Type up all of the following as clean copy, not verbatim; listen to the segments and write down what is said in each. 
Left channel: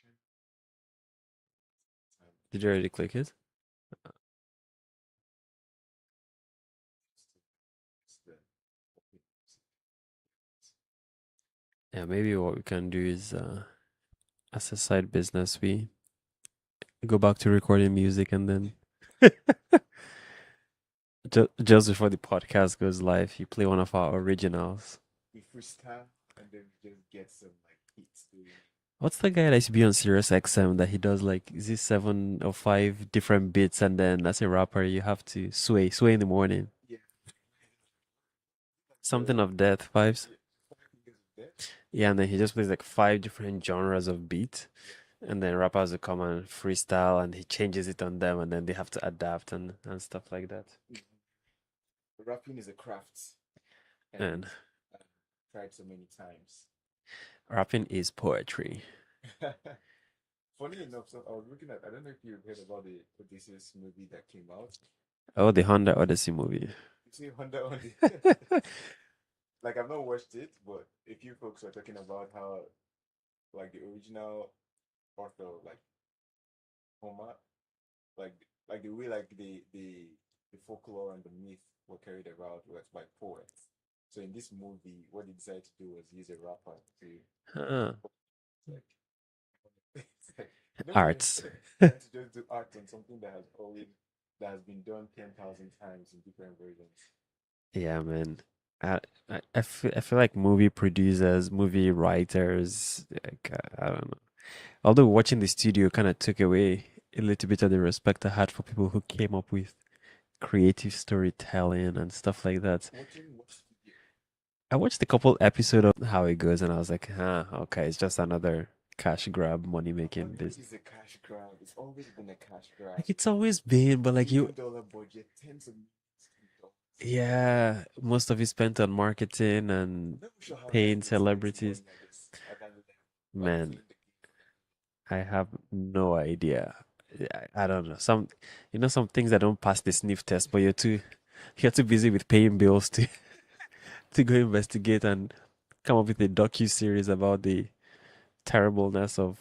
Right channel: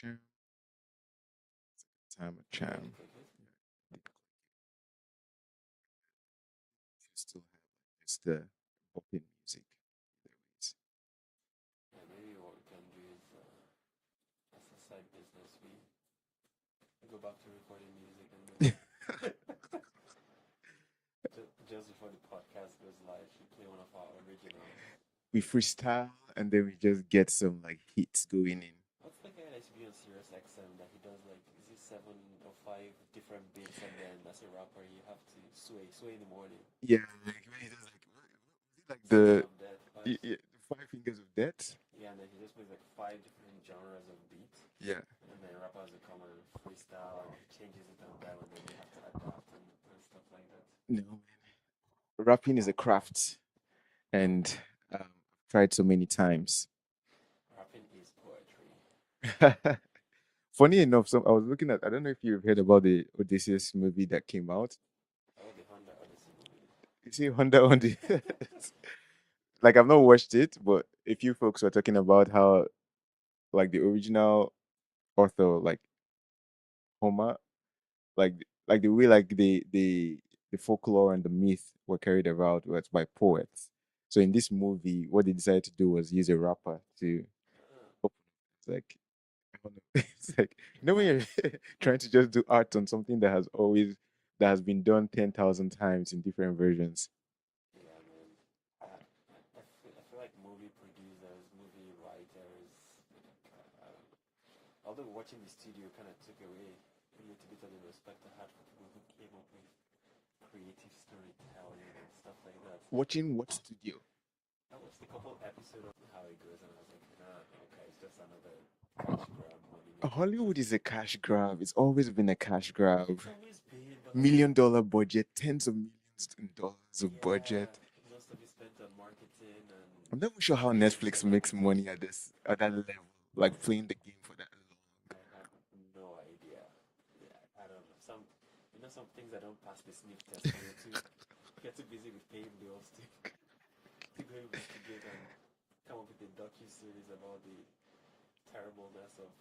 Jam. Time of Did you jam. already click it? You still have just the open music. Yeah, maybe what we can do is, as a side business, we go back to recording music and then just before the podcast goes live, you play one of our originals. We freestyle and then we just get some like hits going in. What's the guy that used to be on Sirius XM that he does like, is this 7 or 5 different beats and then as a rapper you have to sway in the morning. Yeah, like when he does like Something of death vibes. the five fingers of death. Yeah, and then he just plays like 5 different genres of beat. Yeah. And then rappers will come and freestyle and he changes it on them and then they have to adapt and stuff like that. You know, rapping is a craft Man, and um, tried so many times. rapping is poetry. Funny enough, so I was looking at, I don't know if you've heard about the Odysseus movie that came out. Oh, the Honda Odyssey movie. You see Honda on the like I've not watched it, but a few folks were talking about how like the original author, like Homer, like the way like the folklore and the myth were carried about was by poets. So in this movie, what they decided to do was use a rapper to Huh. open. It's like I don't know. It's like when you're Arts. trying to just do art on something that has been done 10,000 times in different versions. Yeah, man. I feel like movie producers, movie writers, like, I don't know. Although watching the studio kind of took away a little bit of the respect I had for people who came up with creative storytelling and stuff like that. Watching what studio? I watched a couple episode of how it goes and I was like, huh, okay, it's just another cash grab, money making Hollywood business. is a cash grab. It's always been a cash grab. Like it's always been, but like $1 million budget, tens of millions in dollars of budget. yeah, most of it spent on marketing I'm and not even sure how paying Netflix makes celebrities. money at that level, like Man, playing the game for that I have no idea. I don't know. Some things that don't pass the sniff test, but you're too busy with paying bills to to go investigate and come up with a docu series about the terribleness of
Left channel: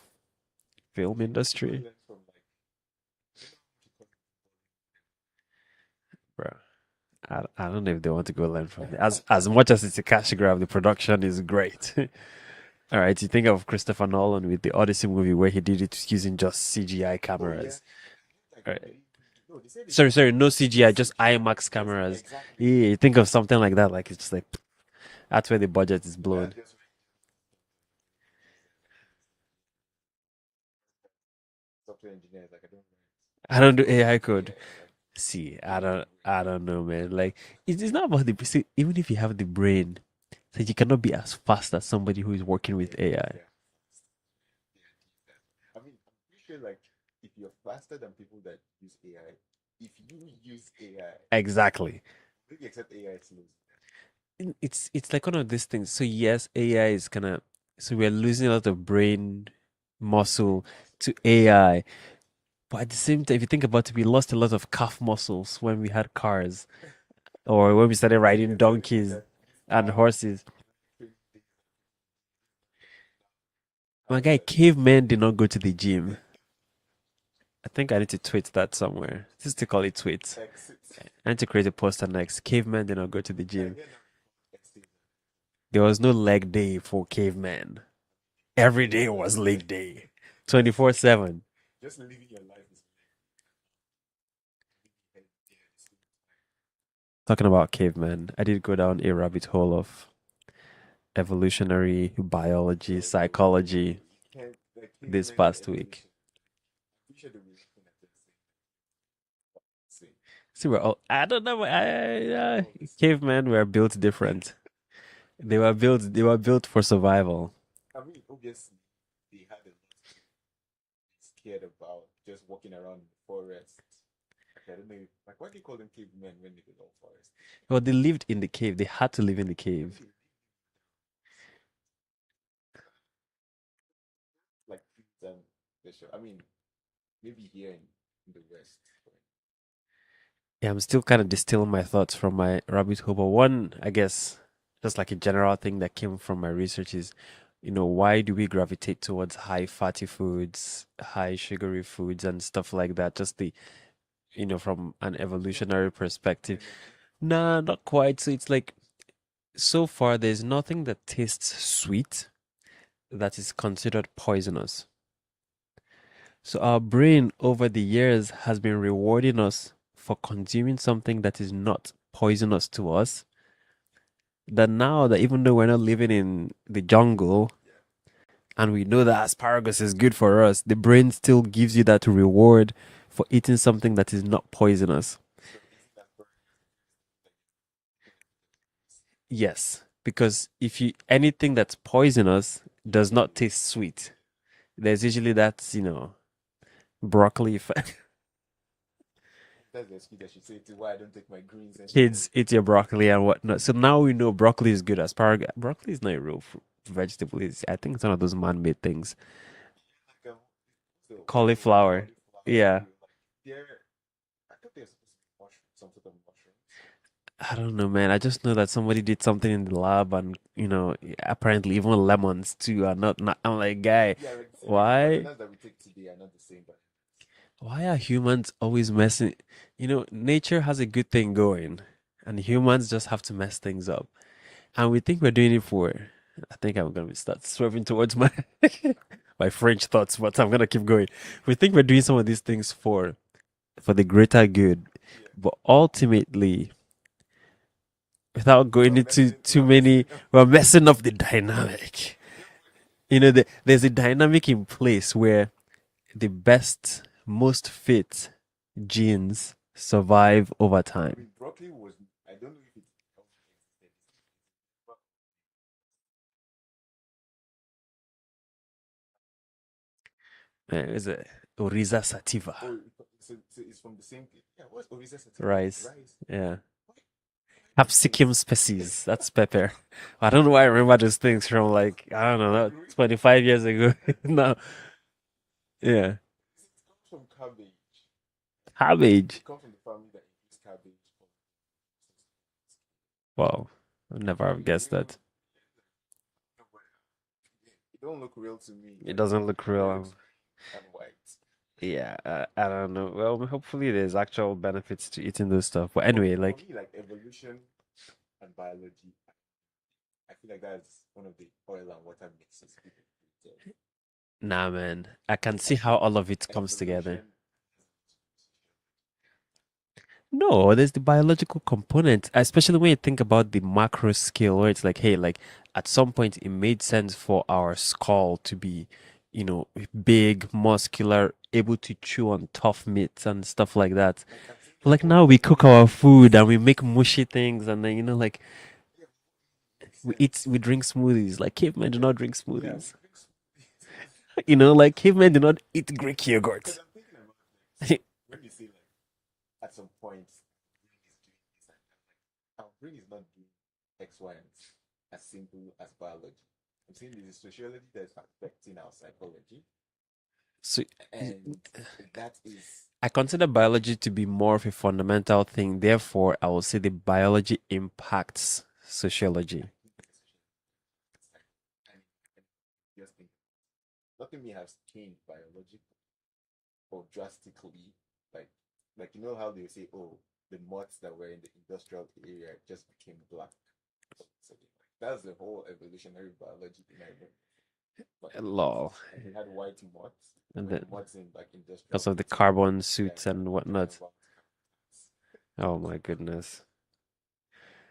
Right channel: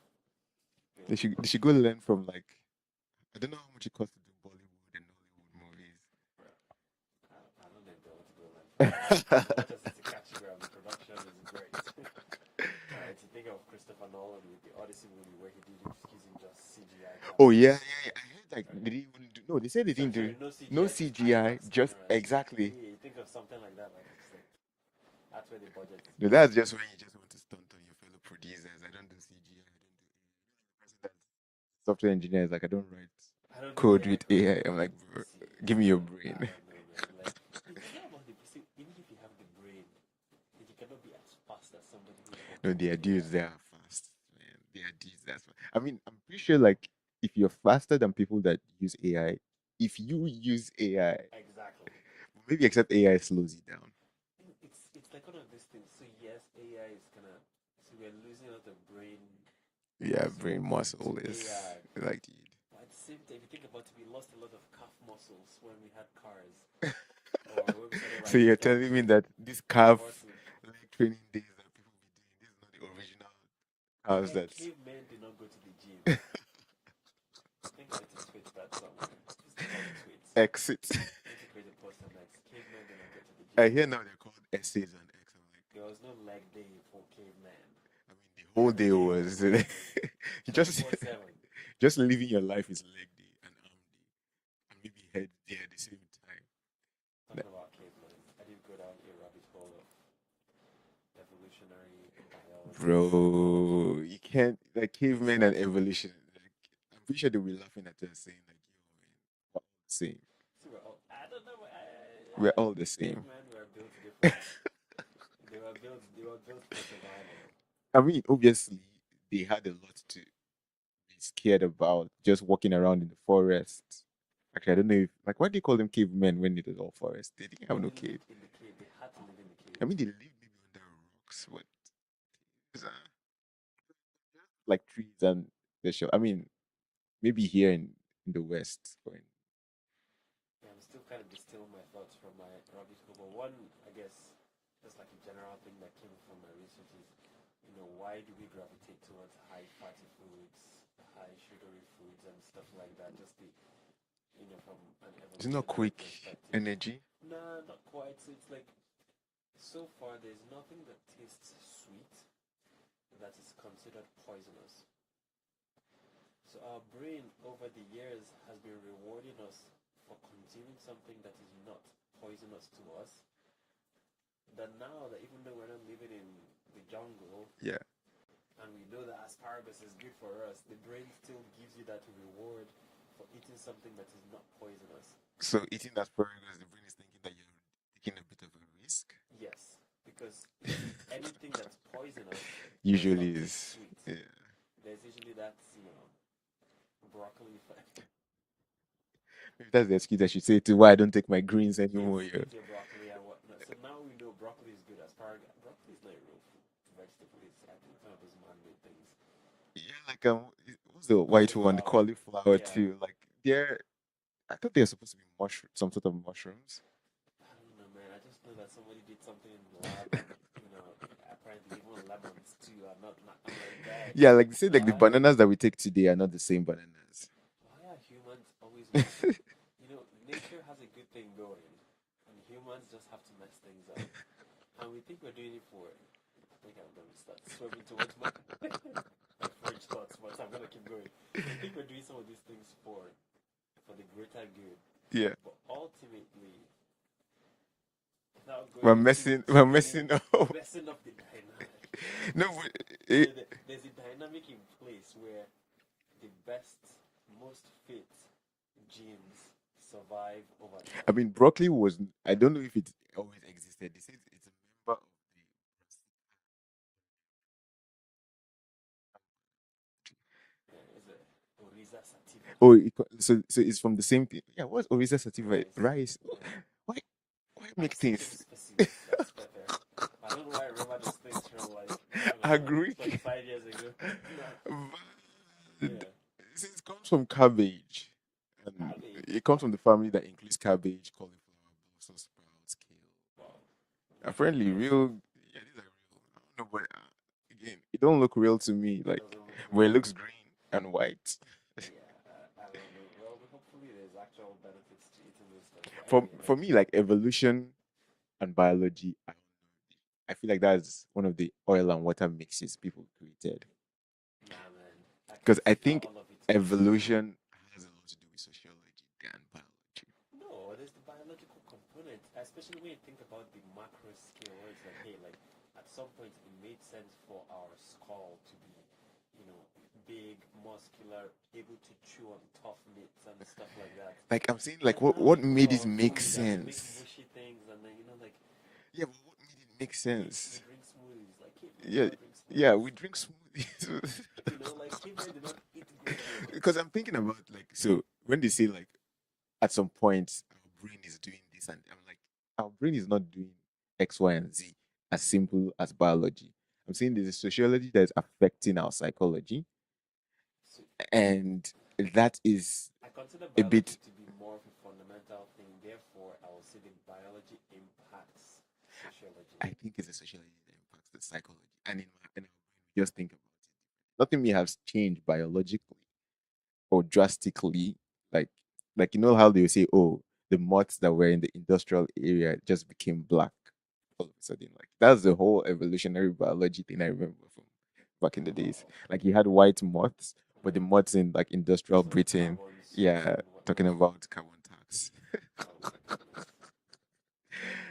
long. film They should go industry. learn from like I don't know how much it costs to do Bollywood and Hollywood movies. Bro, I don't know if they want to go learn from it. As much as it's a cash grab, the production is great. All right, you think of Christopher Nolan with the Odyssey movie where he did it using just CGI Oh yeah, cameras. yeah, yeah. I heard like Right. they didn't even do no, they said they Sorry, didn't do no no CGI, just CGI, IMAX just cameras. exactly. Yeah, you think of something like that, like it's just like that's where the budget is No, blown. that's just when you just want to stunt on your fellow producers. I don't do CGI. I don't do software engineers. Like I don't write I don't do code AI with code. AI. I'm like, "Bro, See, give me your brain." I don't know, man. Like it's not about the see, even if you have the brain, so you cannot be as fast as somebody who is No, working with there are days AI. that are fast, man. There are days that's fast. I mean, I'm pretty sure like if you're faster than people that use AI, if you use AI, Exactly. maybe except AI slows you down. It's like one of these things. So yes, AI is gonna so we're losing a lot of brain Yeah, muscle brain muscle to is AI. like But at the same time, if you think about it, we lost a lot of calf muscles when we had cars or when we started so riding you're telling me donkeys that this and calf horses. leg training days that people be doing, this is not the original My calves guy, that cavemen did not go to the gym. I think I need to tweet that somewhere. Just to call it tweets. exit. I need to create a poster next. Cavemen did not go to the I gym. hear now they're called essays on X. I'm like, There was no leg day for cavemen. I mean, the whole Every day day was was leg day. just 24/7. just living your life is leg day and arm day and maybe head day at the same time. Talking about cavemen, I did go down a rabbit hole of evolutionary biology, Bro, psychology you can't like this cavemen and past week. evolution. Like, I'm pretty sure they'll be laughing at us saying like, "Yo, man, we're all the same. See, I don't know, We're all the same." cavemen were built different. They were built for survival. I mean, obviously, they had a lot to be scared about just walking around in the forest. Actually, I don't know if like why do you call them cavemen when it was all forest? They didn't have Well, no they cave. lived in the cave. They had to live in the I mean, cave. they lived maybe under rocks, what, like trees and the show. I mean, maybe here in the west. Or in, Yeah, I'm still kind of distilling my thoughts from my rabbit hole. But one, I guess, just like a general thing that came from my research is why do we gravitate towards high fatty foods, high sugary foods, and stuff like that? Just from an Is it not evolutionary quick perspective. energy? Nah, not quite. So it's like, so far, there's nothing that tastes sweet that is considered poisonous. So our brain over the years has been rewarding us for consuming something that is not poisonous to us. That now that even though we're not living in the jungle Yeah. and we know that asparagus is good for us, the brain still gives you that reward for eating something that is not poisonous. So eating asparagus, the brain is thinking that you're taking a bit of a risk. Yes, because if you anything that's poisonous does Usually not taste is. sweet. Yeah. There's usually that, broccoli effect. If that's the excuse I should say to why I don't take my greens anymore. Kids eat your broccoli and whatnot. So now we know broccoli is good. Asparagus, broccoli is not a real vegetable. I think it's one of those man-made things. Yeah, like what's the white one? Cauliflower. Cauliflower Yeah. too. Like they're I thought they're supposed to be mushroom, some sort of mushrooms. I don't know, man. I just know that somebody did something in the lab, and apparently even lemons too are not. I'm like, guy, Yeah, like they say like the why? bananas that we take today are not the same bananas. Why are humans always messing? Nature has a good thing going, and humans just have to mess things up. And we think we're doing it for. I think I'm gonna start swerving towards my my French thoughts, but I'm gonna keep going. We think we're doing some of these things for the greater good, Yeah. but ultimately, without We're going into messing too we're many, messing up. we're messing up the dynamic. No, but There's a dynamic in place where the best, most fit genes survive over I time. mean broccoli was I don't know if it always existed. They say it's a member of Is it Oriza sativa? oh so it's from the same thing. Yeah, what's Orisa sativa? Rice. Rice. Yeah. Why why Capsicum Mexicans species. That's pepper. I don't know why I remember those things from, like, I don't know, agree? 25 years ago. No. Like, Yeah. it comes from cabbage. And Cabbage. it comes from the family that includes cabbage, cauliflower, Brussels sprouts, kale. Wow. I'd never have Apparently, guessed real. that. Yeah, these are real. I don't know, but again, it don't look real to me. It Like, doesn't look but it real. looks green and white. Yeah, I don't know. Well, hopefully there's actual benefits to eating those stuff. But For anyway, for like, me, like evolution and biology, I feel like that's one of the oil and water mixes people created. nah, man. I can Because I see how think all of it comes together. evolution has a lot to do with sociology than biology. No, there's the biological component, especially when you think about the macro scale, where it's like, hey, like at some point it made sense for our skull to be, big, muscular, able to chew on tough meats and stuff like that. Like I'm saying, like Like now we what cook made our it make food and we make sense? mushy things, and then like Yeah, but what made it make sense? we drink smoothies. Like cavemen do Yeah, not drink yeah, we smoothies. drink smoothies. Like cavemen do not eat Greek Because yogurt. I'm thinking about like so when they say like at some point our brain is doing this and I'm like our brain is not doing X, Y, and Z as simple as biology. I'm saying there's a sociology that is affecting our psychology, So and that is I consider a bit biology to be more of a fundamental thing. Therefore, I will say the biology impacts sociology. I think it's a sociology that impacts the psychology. And in our brain, just think about it. Nothing may have changed biologically or drastically. Like like you know how they say, oh, the moths that were in the industrial area just became black all of a sudden. Like that's the whole evolutionary biology thing I remember from back in the days. Lol. Like you had white moths, And but the then moths in like industrial because of the Britain, carbon suits yeah, and talking whatnot. about carbon tax. Oh my goodness.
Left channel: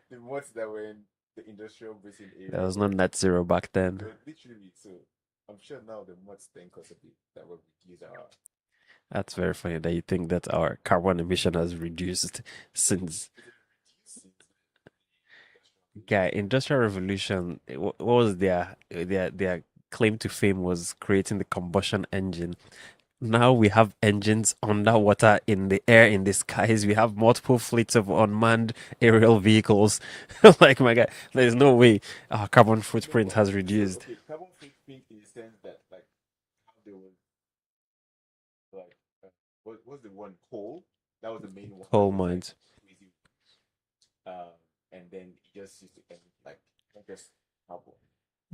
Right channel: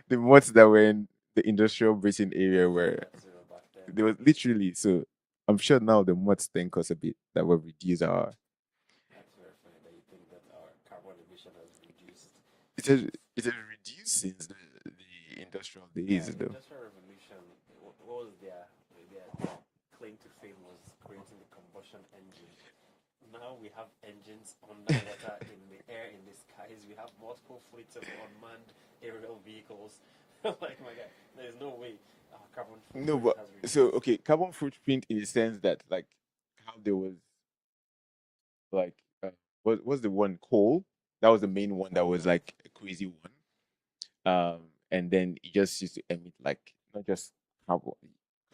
The moths that were in the industrial Britain There area was no were net zero back there then. was literally so I'm sure now the moths thank us a bit that we've reduced our That's very funny that you think that our carbon emission has reduced since, it has reduced since the industrial guy, days though. Industrial Revolution. What was their claim to fame was creating the combustion engine. Now we have engines underwater, in the air, in the skies. We have multiple fleets of unmanned aerial vehicles. Like, my God, there's no way our carbon No, footprint but has so reduced. okay, carbon footprint in the sense that like how there was like what's the one coal? That was the main one that Oh was my. like a crazy one. And then it just used to emit like not just carbon.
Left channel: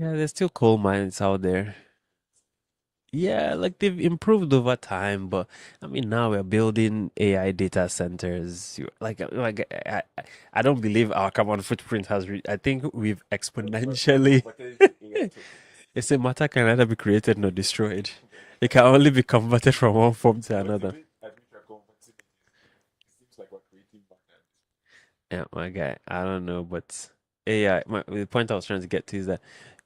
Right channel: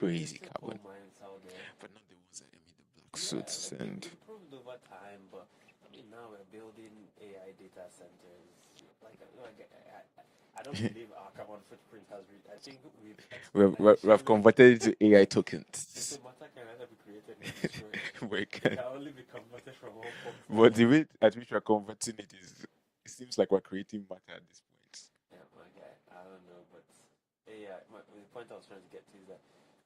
So Yeah, there's yeah, still coal mines out there. but not the ones that emit the black Yeah, soot. like they've And improved over time, but I mean now we're building AI data centers. I don't believe our carbon footprint has I think we've we have exponentially. converted it to AI It's a tokens. matter can neither be created nor destroyed. We It can, can only be converted from one form to but the another. way at which we're converting it is, it seems like we're creating matter at this point. Yeah, my guy. I don't know, but AI. The point I was trying to get to is that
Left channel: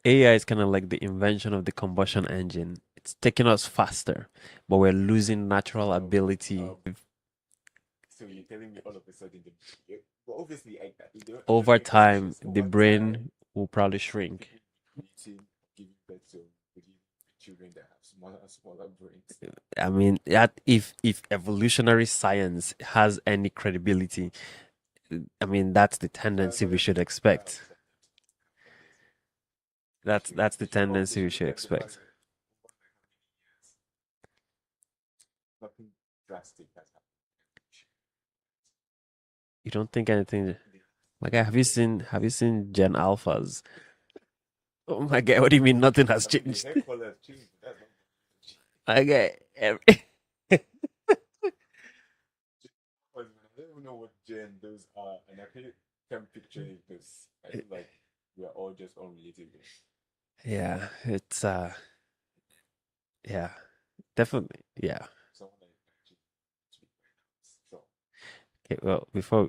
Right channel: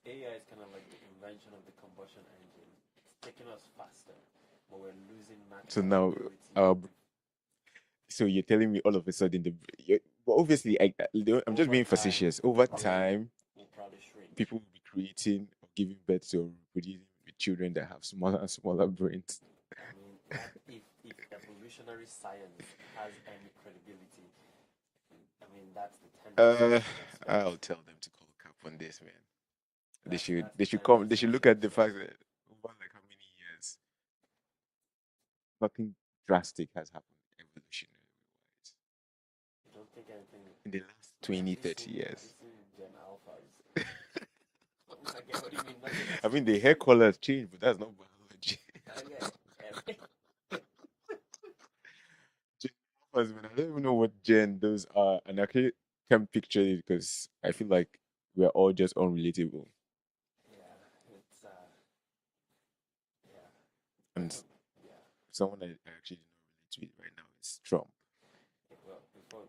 AI is kind of like the invention of the combustion engine. It's taking us faster, but we're losing So natural now, ability so you're telling me all of a sudden but obviously I'm just over being time. facetious. The Over brain time, will probably shrink. people will be creating or giving birth to or reproducing with children that have smaller and smaller brains. I mean, that if evolutionary science has any credibility, I mean that's the tendency we Uh, should I'll expect. tell them to call cap on this, man. They That's should that's they the should come. They tendency should we look should at the fact expect. that over like how many years, nothing drastic has happened evolutionary wise You don't think anything? in the last My guy, 20, 30 have years. you seen Gen Alphas? Oh my god, what do you mean nothing has I mean, the changed? hair color has changed, but that's not biology. My guy, Gen Alphas, man, I don't even know what gen those are, and I can't picture it because I feel like we're all just unrelatable. yeah, it's yeah, And definitely, yeah. someone I actually don't relate with right now is Trump. Okay, well, before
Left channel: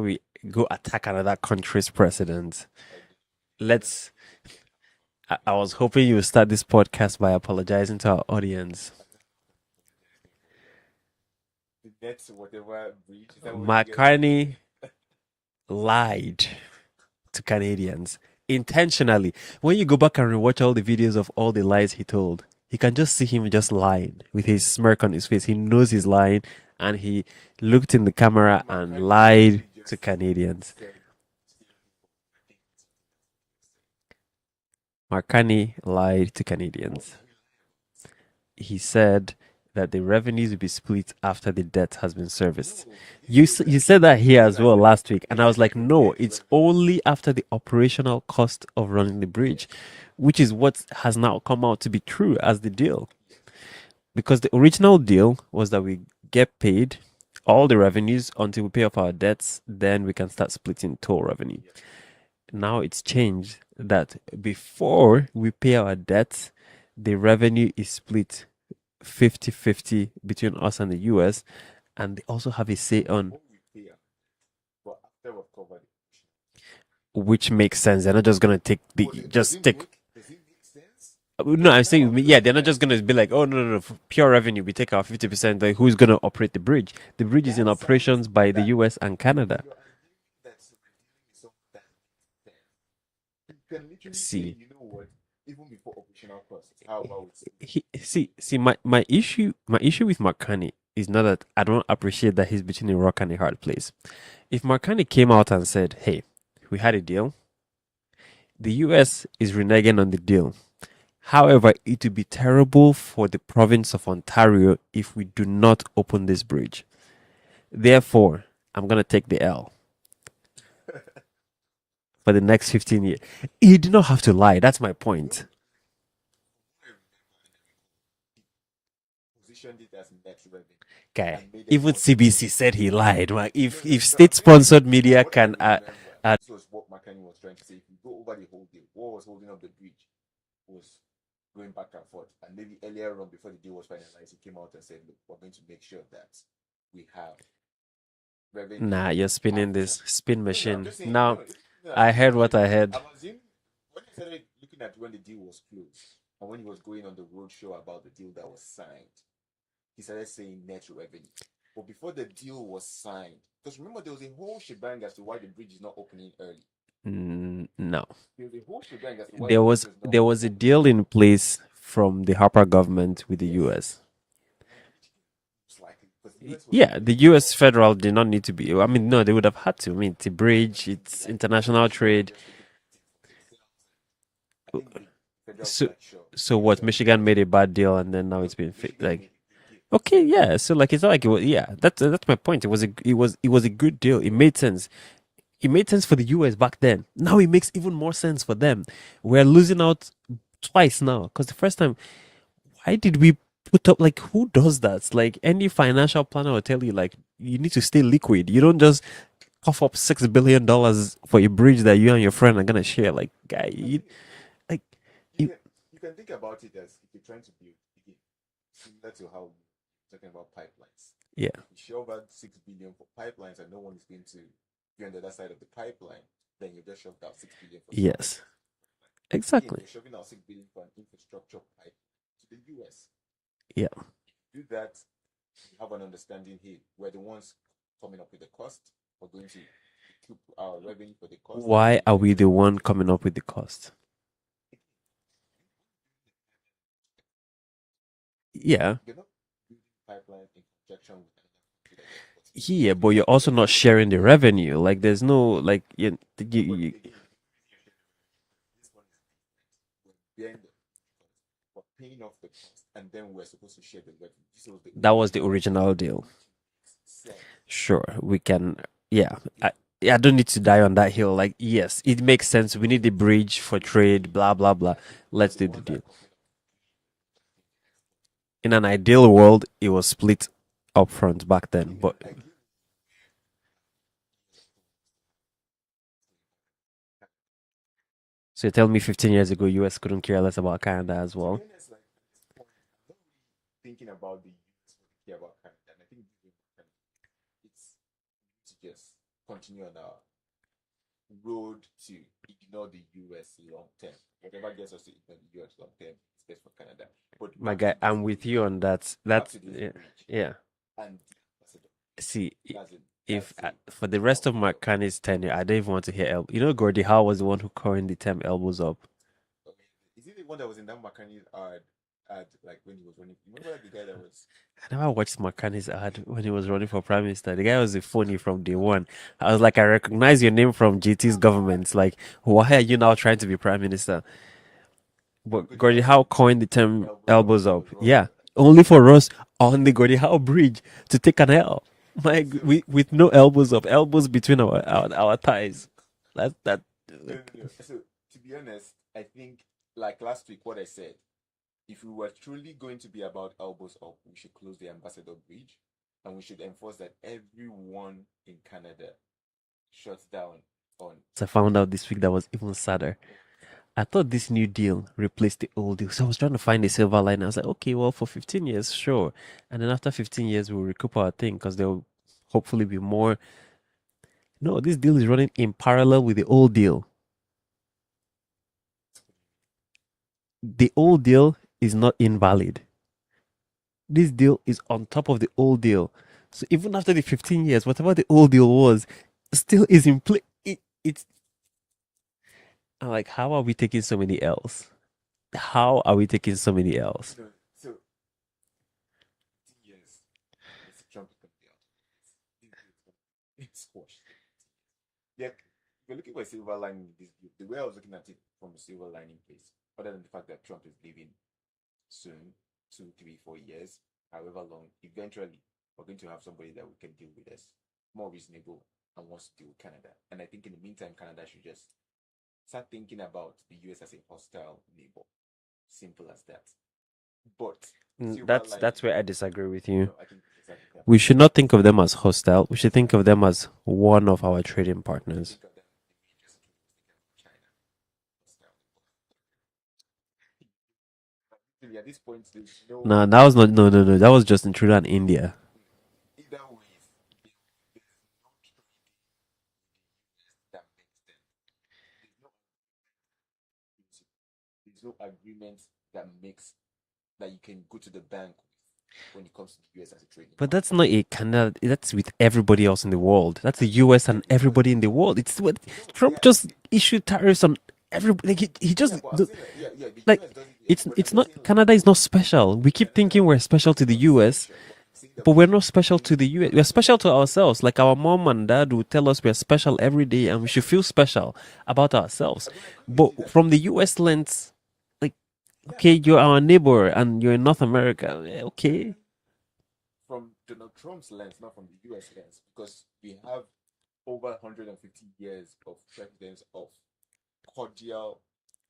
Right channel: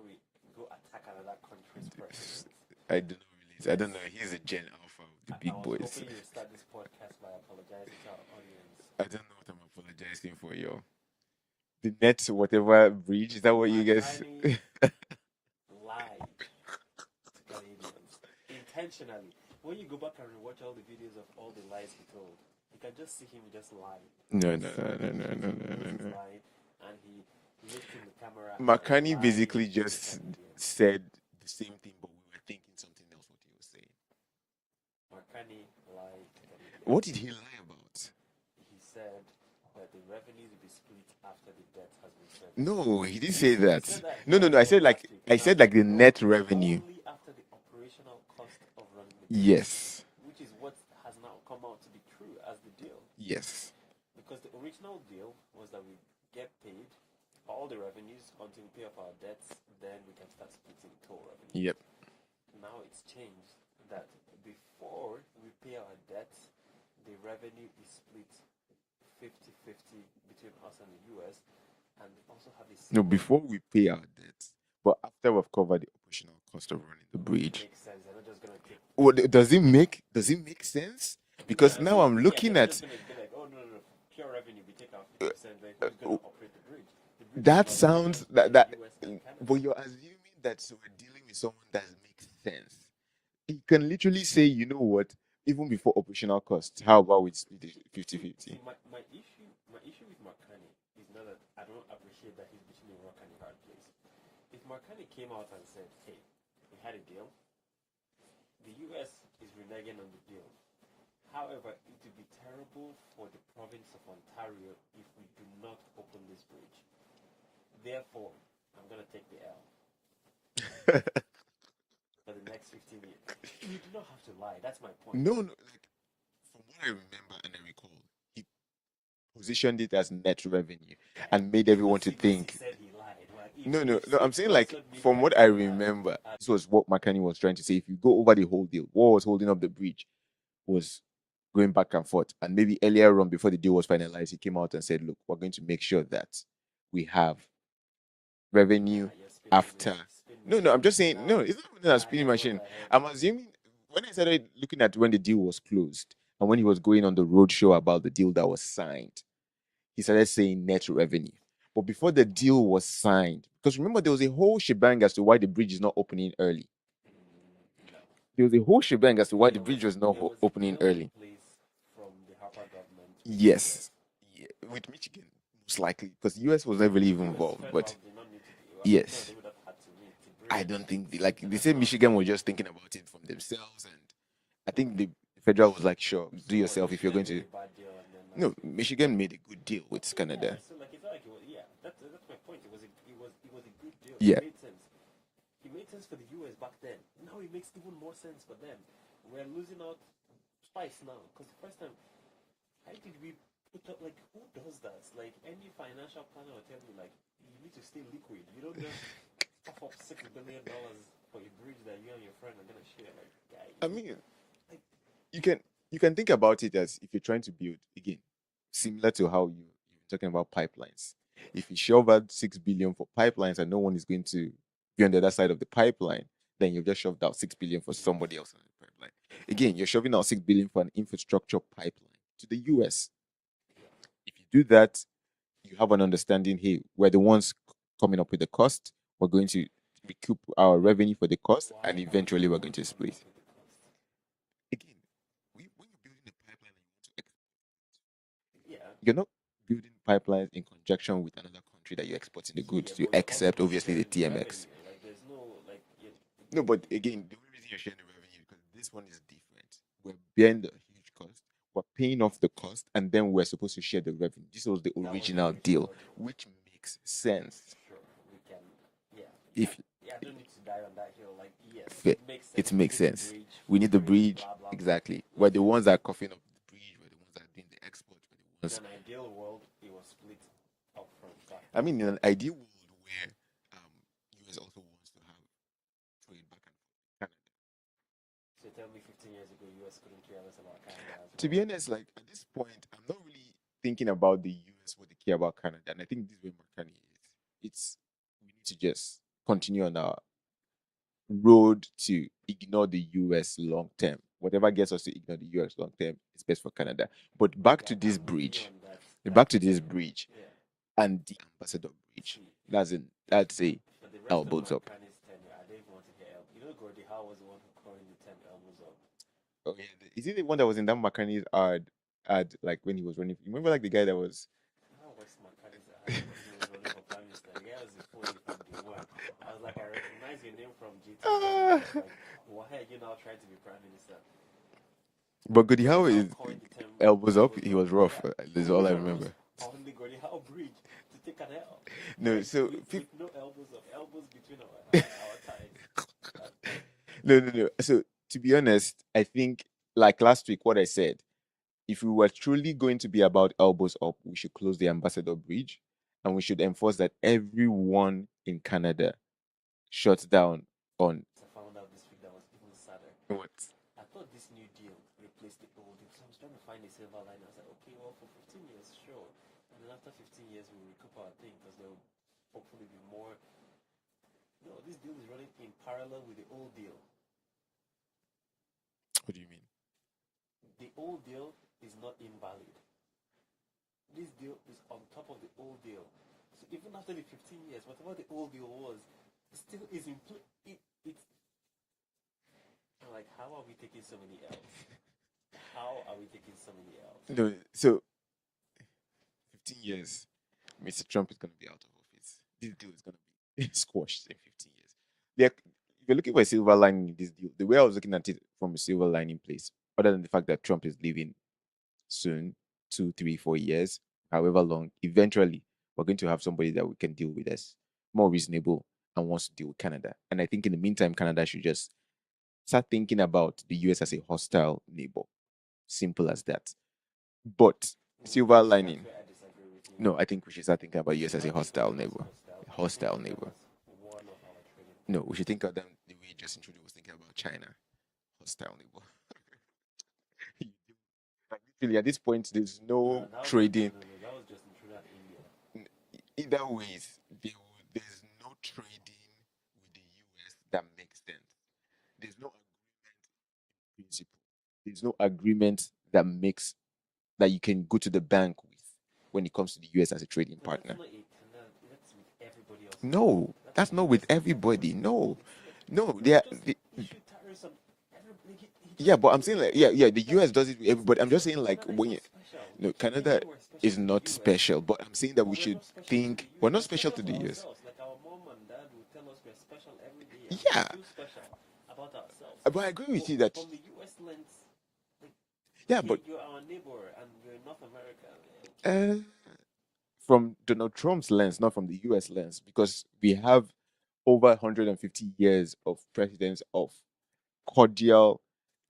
we go attack another country's president, I do not relate. I don't know. let's. He's a Gen Alpha with the I big was boys. hoping you would start this podcast by apologizing to our audience. I don't know what I'm apologizing for, yo. The net whatever bridge, is that what you guys? McCartney lied to Canadians intentionally. When you go back and rewatch all the videos of all the lies he told, you can just see him just lying with No, his no, no, smirk no, on his no, face. no, He no, knows no, he's no. lying, and he looked in the camera and McCartney lied basically to just Canadians. said the same thing, but we were thinking something else what he was saying. McCartney lied to What did Canadians. he lie about? He said that the revenues will be split after the debt has been serviced. No, he didn't say You that. said that No, here no, as no. I well said like last week, I and I was said like, like the no, net it's revenue. only after the operational cost of running the bridge, Yes. which is what has now come out to be true as the deal. Yes. Because the original deal was that we get paid all the revenues until we pay off our debts, then we can start splitting toll revenue. Yep. Now it's changed that before we pay our debts, the revenue is split 50-50 between us and the US, and they also have a say No, on before we pay our debts, but after we've covered the operational cost of running the which bridge. makes sense. They're not just gonna take the What does just it take. make sense? No, Because I'm now I'm saying yeah, they're looking not at just gonna be like, oh no, no, no, for pure revenue, we take our 50%. Like, who's gonna operate the bridge? The bridge is in that sounds operations by like the that. US and But Canada. you're assuming that so we're dealing with someone that makes sense. You can literally say, See, you know what, even before operational costs, how about we split it 50 see, my issue with Marcani is not that I don't appreciate that he's between a rock and a hard place. If Marcani came out and said, "Hey, we had a deal. The US is reneging on the deal. However, it would be terrible for the province of Ontario if we do not open this bridge. Therefore, I'm going to take the L for the next 15 years." He did not have to lie. That's my No, point. like from what I remember and I recall, he positioned it as net revenue Guy, and made even everyone to CBC think. said he lied. Like, No, if no, if no. I'm saying like state-sponsored from media what I can remember, this was what McCartney was trying to say. If you go over the whole deal, what was holding up the bridge was going back and forth. And maybe earlier on, before the deal was finalized, he came out and said, "Look, we're going to make sure that we have revenue nah, you're spinning after." this spin No, no, I'm machine. just saying, Now no, it's not a I spin heard what machine. I heard. I'm assuming when I started looking at when the deal was closed and when he was going on the road show about the deal that was signed, he started saying net revenue. But before the deal was signed, because remember, there was a whole shebang as to why the bridge is not opening early. No, There was a whole shebang as to why the bridge was not there was a opening deal in early. place from the Harper government with the Yes. US. Yeah, with Michigan, most likely, because the US was Yeah, heavily the even US involved. federal But did not need to be. I mean, no, yes, they would have had to. I mean, it's a I don't bridge, think it's like they said international Michigan was trade. just thinking about it from themselves, and I think the federal was So, like, sure, so do what? yourself if you're Michigan going made to. a bad deal, and then now No, it's been Michigan like made a good deal with okay, Canada. yeah. So like it's not like it was. Yeah, that's my point. It was a good deal. It Yeah, made sense. it made sense for the US back then. Now it makes even more sense for them. We're losing out twice now because the first time, why did we put up like who does that? Like any financial planner will tell you, like you need to stay liquid. You don't just cough up $6 billion for a bridge that you and your friend are gonna share. Like, guy, I mean, like you it, can you can think about it as if you're trying to build again, similar to how you're talking about pipelines. yeah, If you shove out 6 billion for pipelines and no one is going to be on the other side of the pipeline, then you've just shoved out 6 billion for somebody yes, else on the pipeline. Again, exactly, you're shoving out 6 billion for an infrastructure pipeline to the US. yeah. If you do that, you have an understanding, hey, we're the ones coming up with the cost. We're going to recoup our revenue for the cost, and Why are we eventually the we're going one to coming split. up with the cost? Again, when you're building a pipeline, Yeah, you're not building pipelines in conjunction with another country that you're exporting the goods yeah, to, but you're also except not obviously the sharing the TMS. revenue. Like, there's no like No, but again, the only reason you're sharing the revenue because this one is different. We're bearing the huge cost, we're paying off the cost, and then we're supposed to share the revenue. This was the that was the original deal, original deal. which makes sense. Sure, we can. Yeah, I, If I don't need to die on that hill. Like, yes, yeah, it makes it sense. We makes need the sense. bridge We for need the trade. bridge, Blah blah blah. exactly. We're Let's the do the ones that are deal. coughing up the bridge. We're the ones that are doing the exports. We're the In ones an ideal world, it was split up front back I then. mean, in But an ideal world where US also wants to have trade back and forth with Canada. so you tell me 15 years ago, US couldn't care less about Canada as To be well. honest, like at this point, I'm not really thinking about the US what they care about Canada, and I think this is where Marcani is. It's we need to just continue on our road to ignore the US long term. Whatever gets us to ignore the US long term is best for Canada. But My back guy, to this I'm with you bridge, on that. back That's to this yeah, bridge yeah. and the ambassador bridge. See, if That's a for the rest of elbows up. McCartney's tenure, I don't even want to hear You know, Gordie Howe was the one who coined the term elbows up. Oh yeah, is it the one that was in that McCartney's ad like when he was running? You remember like the guy that was I never watched McCartney's ad when he was running for prime minister. The guy was a phony from day one. I was like, I recognize your name from GT's ah, government. Like, why are you now trying to be prime minister? but But Goody Gordie Howe Howe is coined the term elbows up. elbows He up. was rough. Yeah, That's only all I for us remember. on the Gordie Howe Bridge to take an L. No, Like so with no elbows up, elbows between our thighs. That. no. So to be honest, I think like last week, what I said, if we were truly going to be about elbows up, we should close the Ambassador Bridge, and we should enforce that everyone in Canada shuts down on I found out this week that was even sadder. what? I thought this new deal replaced the old deal. So I was trying to find a silver line. I was like, okay, well, for 15 years, sure. And then after 15 years, we'll recoup our thing because there'll hopefully be more. No, this deal is running in parallel with the old deal. What do you mean? The old deal is not invalid. This deal is on top of the old deal. So even after the 15 years, whatever the old deal was, still is in play. It's I'm like, how are we taking so many L's? How are we taking so many L's? No, so 15 years, Mr. Trump is going to be out of office. This deal is going to be squashed in 15 years. If you're looking for a silver lining in this deal, the way I was looking at it from a silver lining place, other than the fact that Trump is leaving soon, 2, 3, 4 years, however long, eventually we're going to have somebody that we can deal with as more reasonable and wants to deal with Canada. And I think in the meantime, Canada should just start thinking about the US as a hostile neighbor. Simple as that. But silver That's lining, where I disagree with you. no, I think we should start thinking about We the US should as a not think of hostile them as neighbor. hostile. We should think Hostile of them neighbor. as one of our trading No, we should partners. think of them the way Justin Trudeau was thinking about China. Hostile neighbor. Like literally at this point, there's No, no that was not. trading. No. That was Justin Trudeau and India. Either ways, there's no trading with the US that makes sense. There's no agreement principle. There's no agreement that makes that you can go to the bank with when it comes to the US as a trading But that's partner. not a Canada. That's with everybody else in the No, world. That's the that's not with US and everybody everybody. in the No, world. It's what no, Trump just issued tariffs on everybody. Like he just yeah, but I'm saying like yeah, the like US does it with it's everybody. I'm it's just not saying like Canada is when not special. no We keep Canada thinking we're special is to the not US, special, but I'm saying that but we we're should not special to think the we're US. We're not special special to to the US. ourselves. Like our mom and dad would tell us we're special every day and we should Yeah, feel special about ourselves. but I agree with But you that from the US lens, like, yeah, okay, but you're our neighbor and you're in North America. Okay. from Donald Trump's lens, not from the US lens, because we have over 150 years of precedence of cordial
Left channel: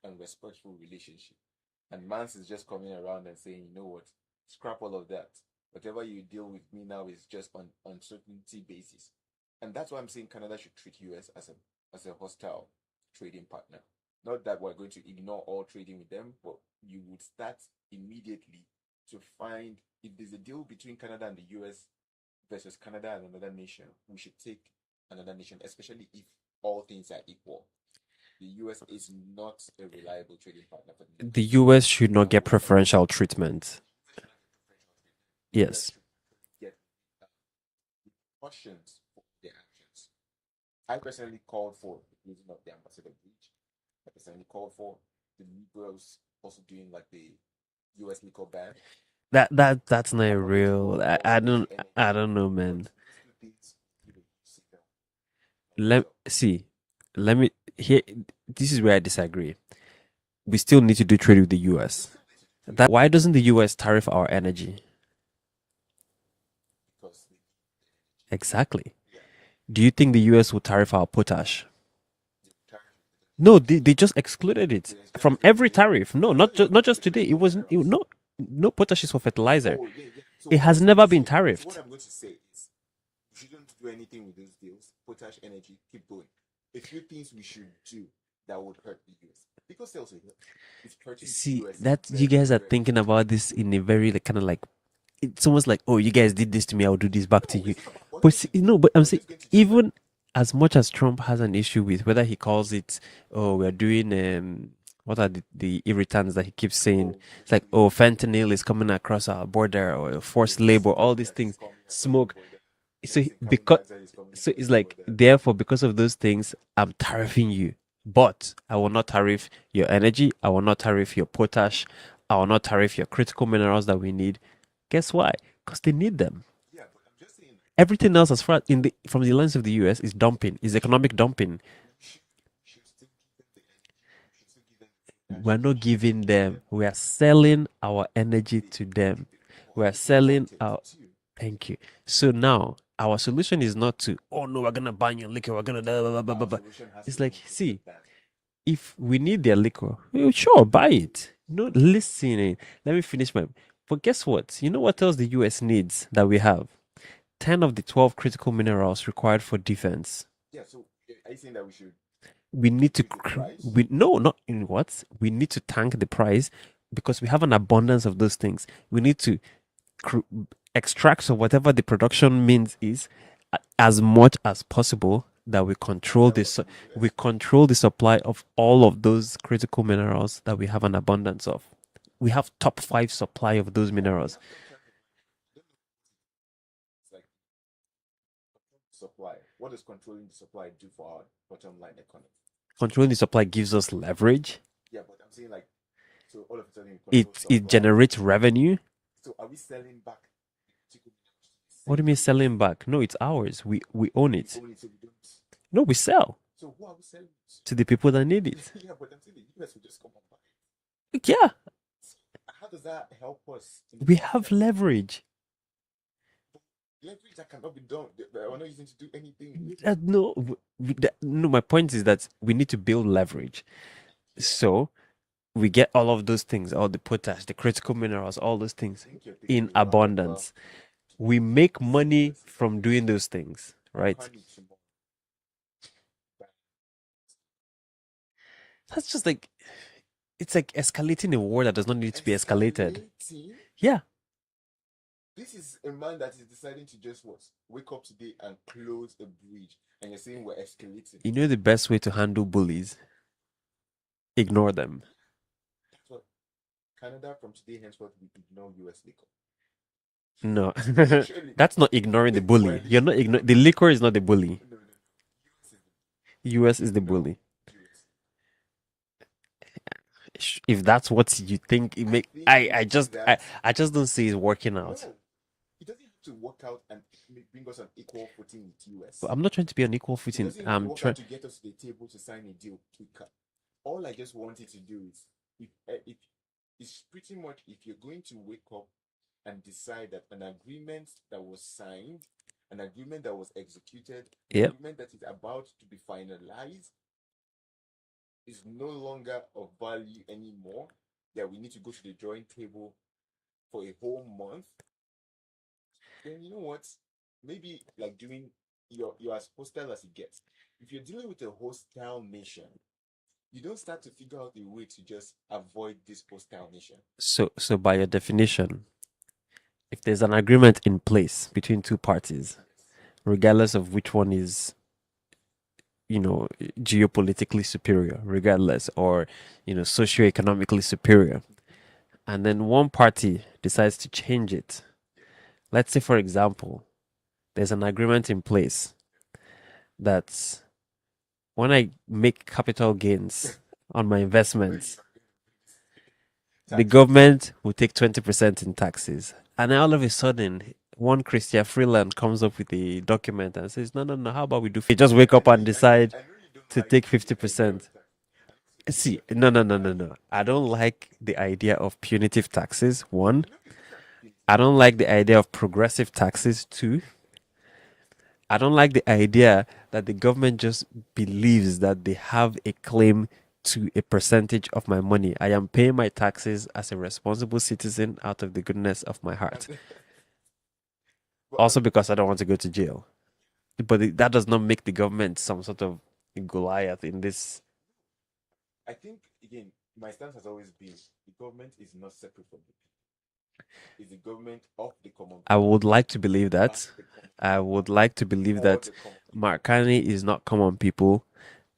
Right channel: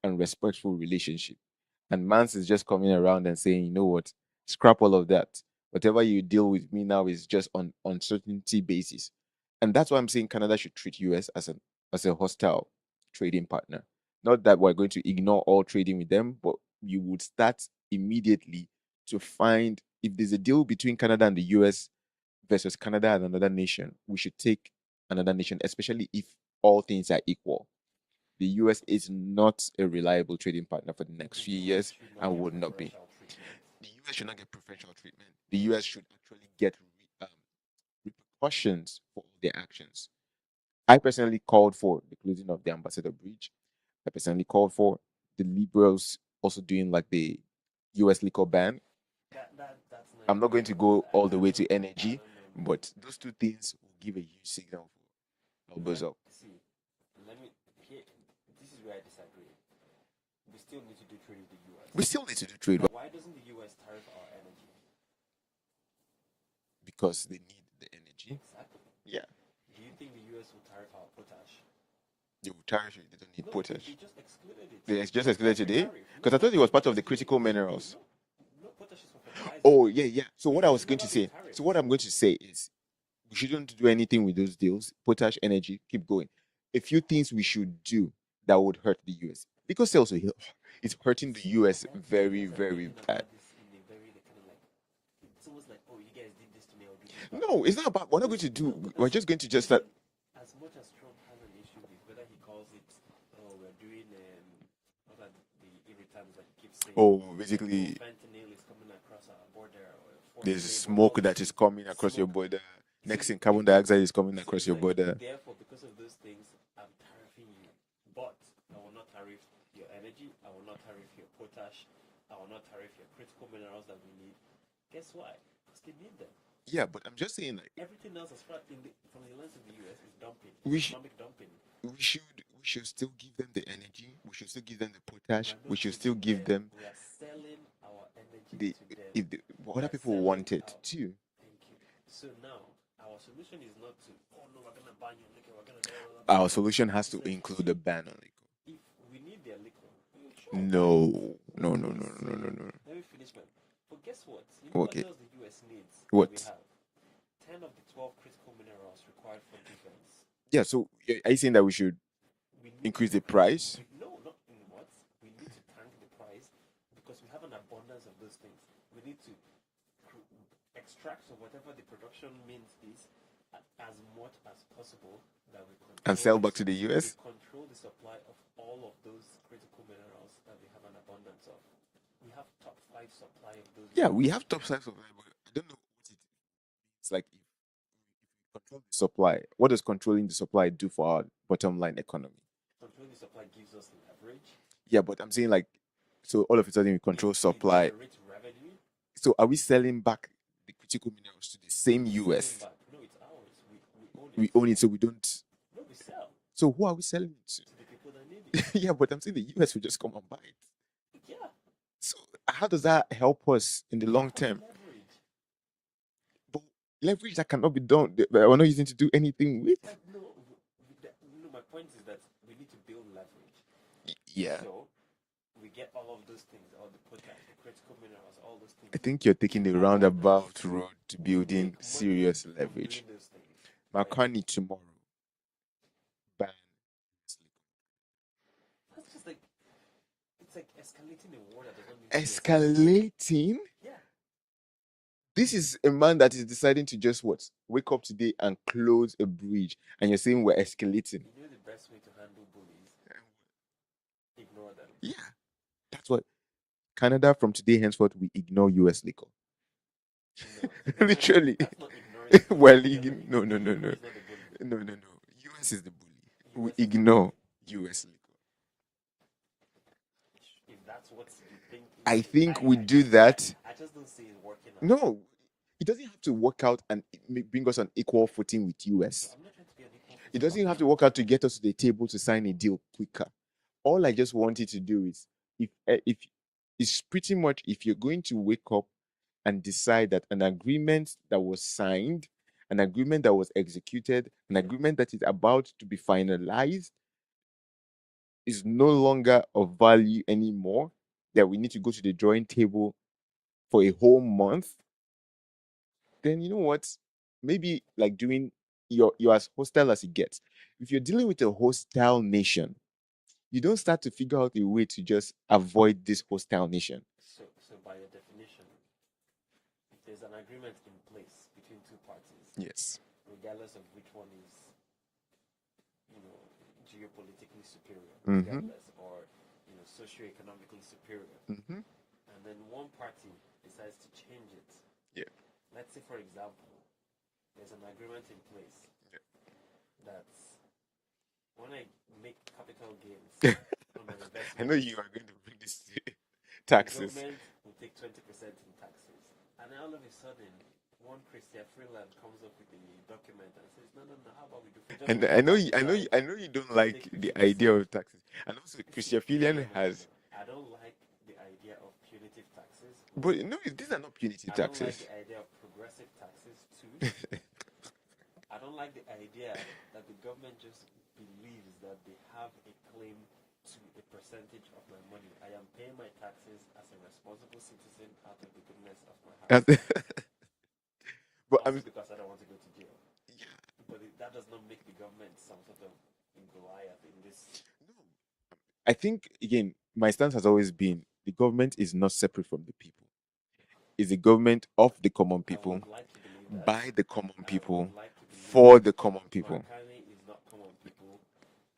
and respectful relationship. And Mance is just coming around and saying, you know what, scrap all of that. Whatever you deal with me now is just on uncertainty basis. And that's why I'm saying Canada should treat US as a hostile trading partner. Not that we're going to ignore all trading with them, but you would start immediately to find if there's a deal between Canada and the US versus Canada and another nation, we should take another nation, especially if all things are equal. The US is not a reliable trading partner for the next The few US years should not and get would not be. preferential treatment. The US should not get preferential treatment. The US Yes. should actually get repercussions for their actions. I personally called for the closing of the Ambassador Bridge. I personally called for the liberals also doing like the US liquor ban. That's not I'm not going to real. go all the way to I energy, don't know, man. but those two things will give a huge signal for what's Let up. see. Let me here. This is where I disagree. We still need to do trade with the US. We still need to do trade Why doesn't the US tariff our energy? because they need the energy. Exactly. Yeah. Do you think the US will tariff our potash? They will tariff it. They don't need No, potash. they just excluded it They just from excluded every today? tariff. No, Because I not thought it was not part of just the today. It critical was minerals. no potash is for fertilizer. Oh, yeah, yeah. So It what I has was never going to been say- tariffed. So what I'm going to say is we shouldn't do anything with those deals. Potash, energy, keep going. A few things we should do that would hurt the US. Because also it's hurting the See, US. that very, you guys are very thinking bad. about this in a very like kind of like it's almost like, oh, you guys did this to me, I'll do this back to No, you. it's not about what But I'm going see, to do. no, but I'm We're saying just going to just even as much as Trump has an issue with whether he calls it, oh, we're doing what are the irritants that he keeps saying? It's like, oh, fentanyl is coming across our border or forced labor, all these things. Coming across your Smoke. border. So Next thing, carbon dioxide is coming so across it's your like, border. therefore, because of those things, I'm tariffing you. But I will not tariff your energy. I will not tariff your potash. I will not tariff your critical minerals that we need. Guess why? Because they need them. Yeah, but I'm just saying, like, Everything else, as far from the lens of the US, is dumping, is We should- economic dumping. we should still give them the energy. We should still give them the potash. We're We not should still giving give them. We are selling our energy the- to them. if the- what We are people selling wanted our. too. Thank you. So now our solution is not to, oh no, we're gonna ban your liquor. We're gonna blah, blah, blah, blah, Our blah. solution has It's to like, include see, the ban on liquor. If we need their liquor, well, sure, buy it. No, Listen. no. Let me finish my. But guess what? You know what Okay. else the US needs that we What? have? 10 of the 12 critical minerals required for defense. Yeah, so are you saying that we should We need increase to the price? No, not in what? We need to tank the price because we have an abundance of those things. We need to extract so whatever the production means is as much as possible that we control sell back this. to the US? We control the supply of all of those critical minerals that we have an abundance of. We have top 5 supply of those minerals. Yeah, we have top 5 supply, but I don't know what it's like. Control the supply. What does controlling the supply do for our bottom line economy? Controlling the supply gives us leverage. Yeah, but I'm saying like, so all of a sudden we control supply. It generates revenue. So are we selling back the critical minerals to the same? What do you mean US? selling back? No, it's ours. We own it. We own it, so we don't. No, we sell. So who are we selling it to? To the people that need it. Yeah, but I'm saying the US will just come and buy it. Yeah. So how does that help us in the We long have term? leverage. But leverage that cannot be done. We're not using to do anything with. No, no. My point is that we need to build leverage. Yeah. So we get all of those things, all the potash, the critical minerals, all those things. I think you're taking in the abundance. roundabout road to We building make money serious from leverage. doing those things. Right? Makani tomorrow. Ban. That's just like it's like escalating a war that does not need to be escalated. Escalating? Yeah. This is a man that is deciding to just what? Wake up today and close a bridge. And you're saying we're escalating. You know the best way to handle bullies? Ignore them. Yeah. That's what Canada from today henceforth we ignore US liquor. No. Literally. That's not ignoring the bully. Well, You're not ignoring no, the no, liquor no. is not the bully. No. US is the bully. US is the Ignore bully. US liquor. If that's what you think, I think we do that. I just don't see it working out. No. It doesn't have to work out and bring us on equal footing with US. I'm not trying to be on equal It footing. doesn't have to work out to get us to the table to sign a deal quicker. All I just wanted to do is, if it's pretty much if you're going to wake up and decide that an agreement that was signed an agreement that was executed, an Yeah. agreement that is about to be finalized, is no longer of value anymore, that we need to go to the drawing table for a whole month, then you know what? Maybe like doing you're as hostile as it gets. If you're dealing with a hostile nation, you don't start to figure out a way to just avoid this hostile nation. So by your definition, if there's an agreement in place between two parties, Yes. regardless of which one is, geopolitically superior, regardless, or, socioeconomically superior, Mm-hmm. and then one party decides to change it. Yeah. Let's say, for example, there's an agreement in place that when I make capital gains on my I know you investments, are going to bring this the taxes. government will take 20% in taxes. And then all of a sudden, one Christian Freeland comes up with a document and says, no, no, no, how about we do? Just wake up and decide I know you don't to take like the idea 50%. of taxes. And also See, Christian no, no, Freeland no, no, has no. I don't like the idea of punitive taxes, but one. no, these are not punitive I don't like taxes. the idea of progressive taxes, two. I don't like the idea that the government just believes that they have a claim to a percentage of my money. I am paying my taxes as a responsible citizen out of the goodness of my heart. That's- but Also because I don't want to go to jail. yeah, But that does not make the government some sort of Goliath in this. I think again, my stance has always been the government is not separate from the people. It's the government of the common I people, would like to believe by that. the common I would people, like to believe for that the common people. Marcani is not common people,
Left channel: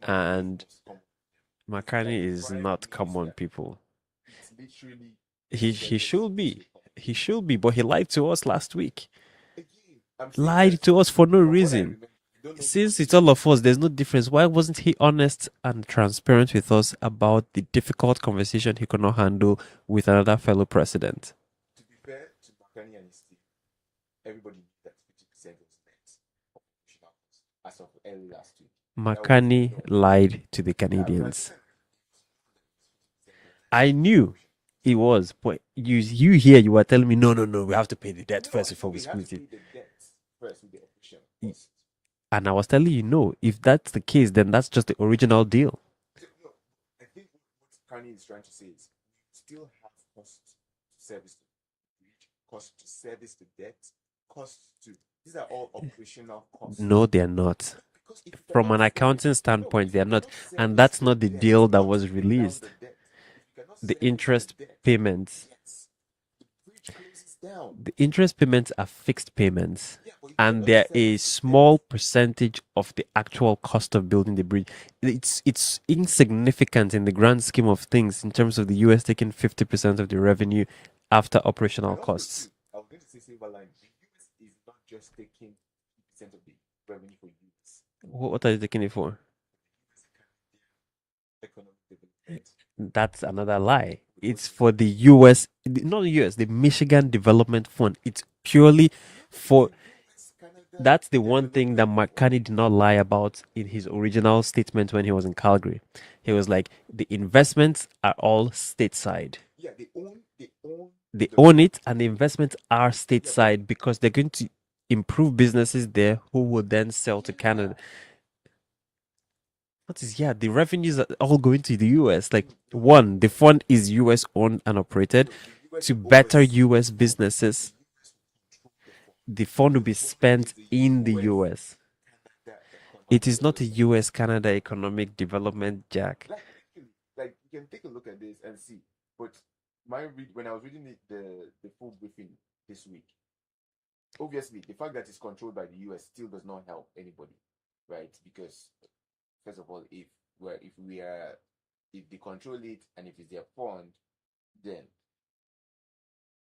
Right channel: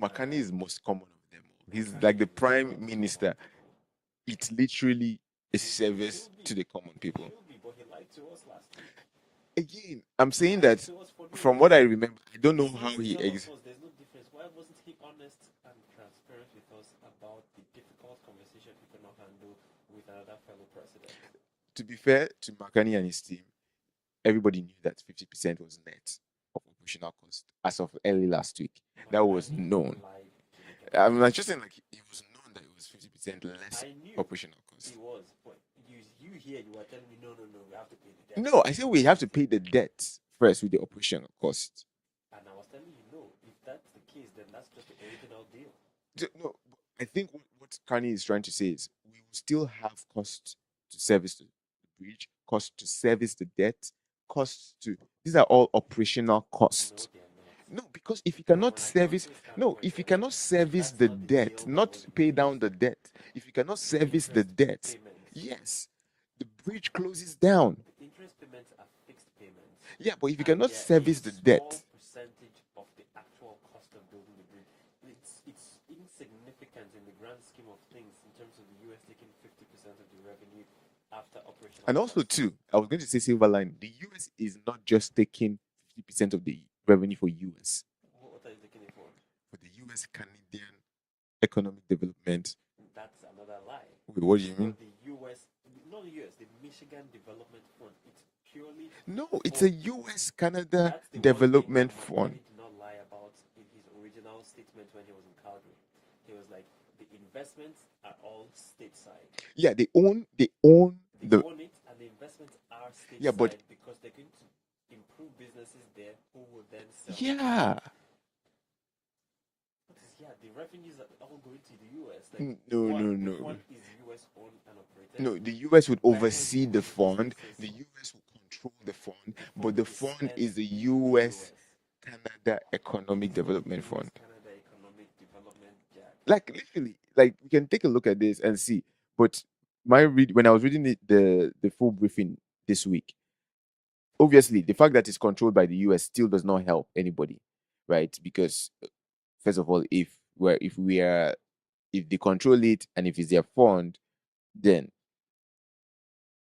Makani is and most common of them all. He's like Marcani the is prime not common minister. people. It's literally a He service should to be. the common He people. should be, but he lied to us last week. Again, I'm saying Lied that to us for no from what I reason. remember, I don't know Since how it's he all of us, there's no difference. Why wasn't he honest and transparent with us about the difficult conversation he could not handle with another fellow president? to be fair to Makani and his team, everybody knew that 50% was net of operational cost as of early last week. That was Makani known. lied to the I'm not Canadians. just saying like it was known that it was 50% less. I knew operational cost. it was, but you here you were telling me no, we have to pay the debt No, first I said before we have to split it. pay the debt first with the operational cost. And I was telling you, no, if that's the case, then that's just the original deal. No, I think what Carney is trying to say is we will still have cost to service the bridge, cost to service the debt, costs to these are all operational costs. No, they're not. No, because if you From cannot an service, accounting no, standpoint, if they're you not. cannot service And that's the not the debt, deal that not was pay down released. the debt. If you cannot The service interest the debt, payments. yes, the bridge closes down. The interest payments are fixed payments. Yeah, but if you And cannot they're a service the small debt, percentage of the actual cost of building the bridge. It's insignificant in the grand scheme of things in terms of the US taking 50% of the revenue after operational and also costs. too, I was going to say silver line. The US is not just taking 50% of the revenue for US. What are you taking it for? For the US Canadian economic development. That's another lie. Wait, what It's do you for mean? the US, not the US, the Michigan Development Fund. It's purely No, for. it's a US Canada. That's the one thing that development McCartney fund. did not lie about in his original statement when he was in Calgary. He was like, the investments are all stateside. Yeah, they own They the own it, and the investments are but- stateside because they're going to improve businesses there who will then sell to Canada. yeah. What is the revenues are all going to the US. Like No, one, no, the no. fund is US owned and operated. No, the US to will better oversee the US fund. businesses. The US will control the fund. The fund So will be fund spent is the in the US. Canada economic It is not a development US fund. Canada economic development, Jack. Like literally, like we can take a look at this and see. But when I was reading the full briefing this week, obviously the fact that it's controlled by the US still does not help anybody, right? Because first of all, if they control it and if it's their fund, then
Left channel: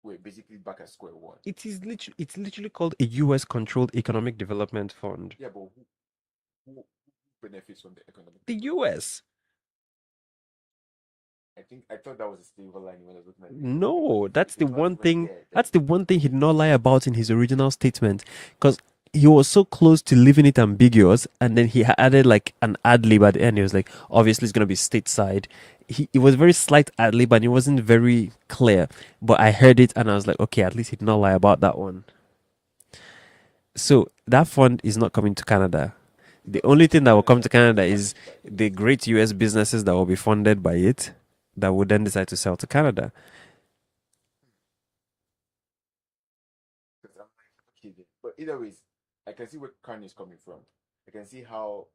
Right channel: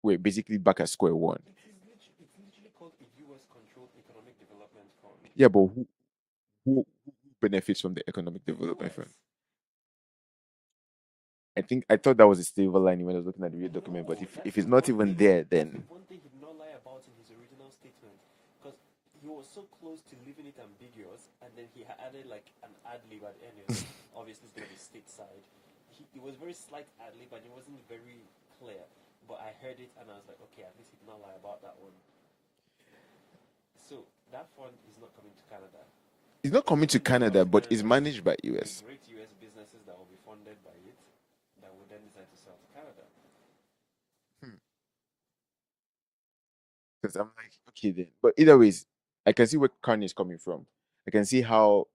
we're basically back at square one. It's literally called a US controlled economic development fund. Yeah, but who benefits from the economic The development fund? US. I thought that was a silver lining when I was looking at the document. No, If that's it's the not one even thing. there, That's then the one thing he did not lie about in his original statement, because he was so close to leaving it ambiguous, and then he added like an ad lib at the end. He was like, obviously, it's gonna be stateside. It was very slight ad lib, and it wasn't very clear. But I heard it, and I was like, okay, at least he did not lie about that one. So that fund is not coming to Canada. It's The not only coming to thing that will come Canada, to but it's Canada is managed by the US. great US businesses that will be funded by it that would then decide to sell to Canada. Because I'm like, okay then. But either ways, I can see where Kanye is coming from. I can see how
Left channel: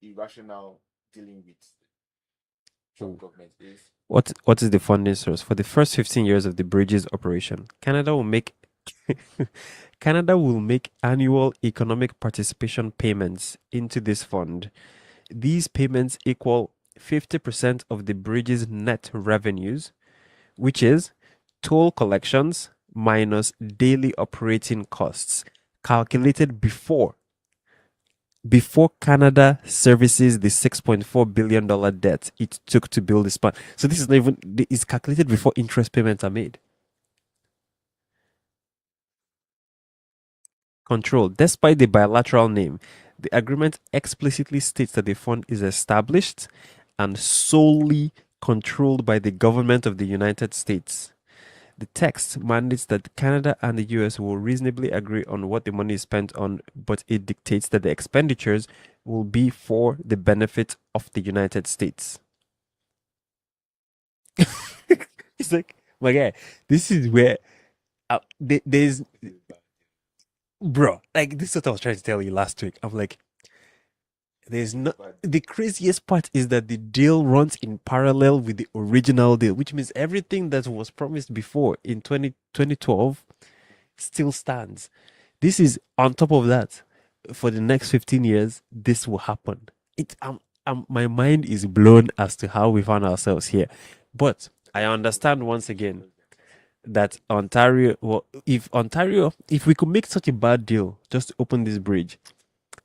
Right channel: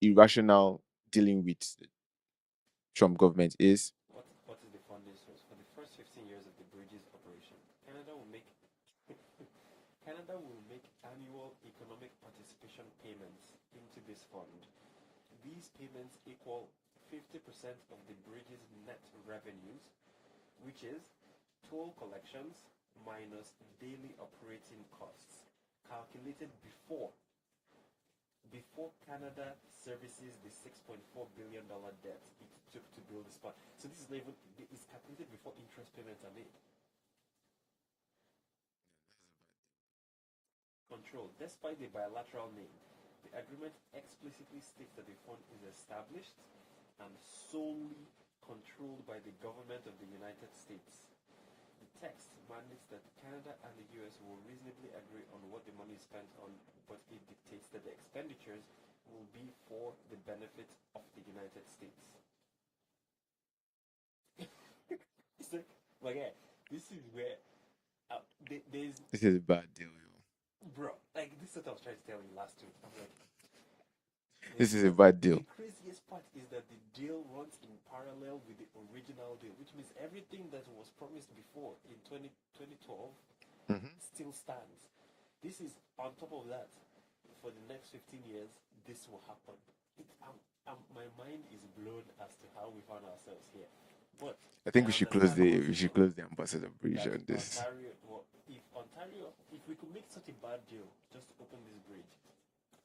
irrational dealing with the Trump government is. What is the funding source? For the first 15 years of the bridge's operation, Canada will make annual economic participation payments into this fund. These payments equal 50% of the bridge's net revenues, which is toll collections minus daily operating costs, calculated before Canada services the $6.4 billion debt it took to build this plant. So this is not even, it's calculated before interest payments are made. Control. Despite the bilateral name, the agreement explicitly states that the fund is established and solely controlled by the government of the United States. The text mandates that Canada and the US will reasonably agree on what the money is spent on, but it dictates that the expenditures will be for the benefit of the United States. It's like, my guy, this is where there's, This is a bad deal. bro, like, this is what I was trying to tell you last week. I'm like, This there's is no, a bad deal. the craziest part is that the deal runs in parallel with the original deal, which means everything that was promised before in 2012 still stands. This is on top of that. For the next 15 years, this will happen. My mind is blown as to how we found ourselves here. But I understand once again close the ambassador bridge that on this. Ontario, well, if we could make such a bad deal just to open this bridge,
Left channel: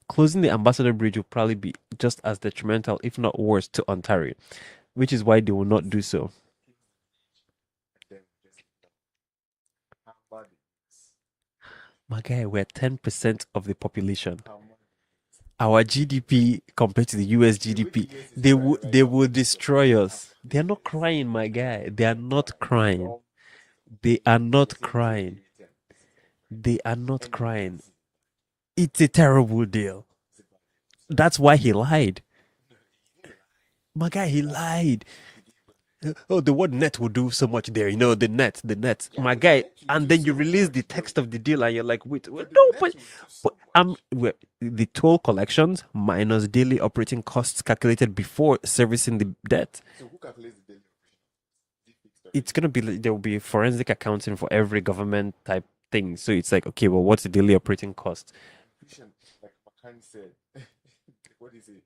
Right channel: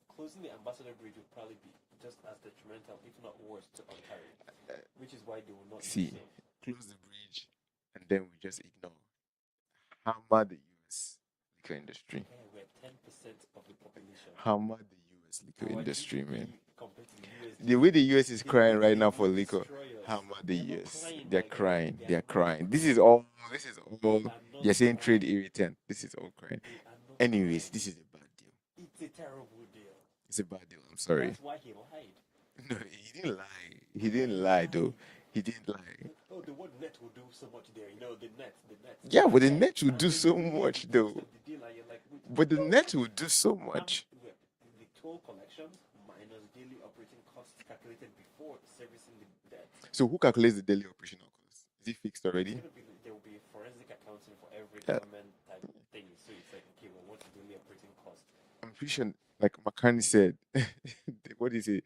closing the ambassador bridge will probably be just as detrimental, if not worse, to Ontario, which is why they will not do so. Close the bridge, and then we just ignore. Hammer the US liquor industry. My guy, we're 10% of the population. Hammer the US liquor Our industry, GDP man. compared to the US The way the GDP, US is they crying will right they now will for liquor, destroy us. hammer the They're not US. crying, They're my guy. crying. They are They're not crying. crying. This is all. They are not You're saying trade crying. irritant. This is all crying. They are not Anyways, crying. this is a bad deal. It's a terrible deal. It's a bad deal. I'm sorry. That's why he lied. No, he didn't lie. My guy, he lie, though. lied. He didn't lie. Oh, the word net will do so much there. You know, the net. Yeah, My but the guy. net will And do then so you release the much, text though. of the deal and you're like, wait, But the no, net but- will do so but, much. the toll collections minus daily operating costs calculated before servicing the debt. So who calculates the daily operational cost? Is it fixed already? It's gonna be there will be forensic accounting for every government type thing. So it's like, okay, well, what's the daily operating cost? I'm pretty sure, like McCartney said, what is it?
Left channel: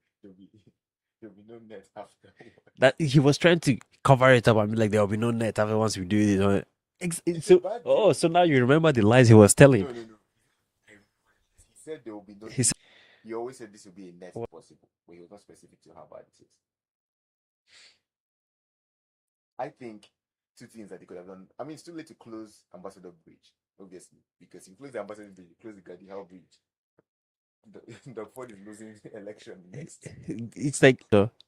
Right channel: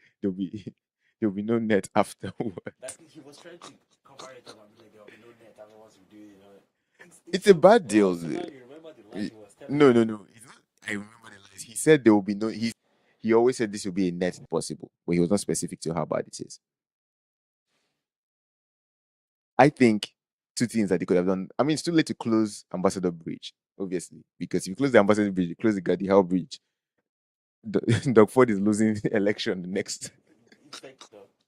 There'll be no net afterwards. That he was trying to cover it up and be like, there will be no net after once we do it. You know? It's a bad deal. Oh, so now you remember the lies he was telling. No. It's not, I remember the lies. He said there will be no. He always said this will be a net possible, but he was not specific to how bad it is. I think two things that they could have done. I mean, it's too late to close Ambassador Bridge, obviously, because if you close the Ambassador Bridge, you close the Gordie Howe Bridge. Doug Ford is losing the election next. It's like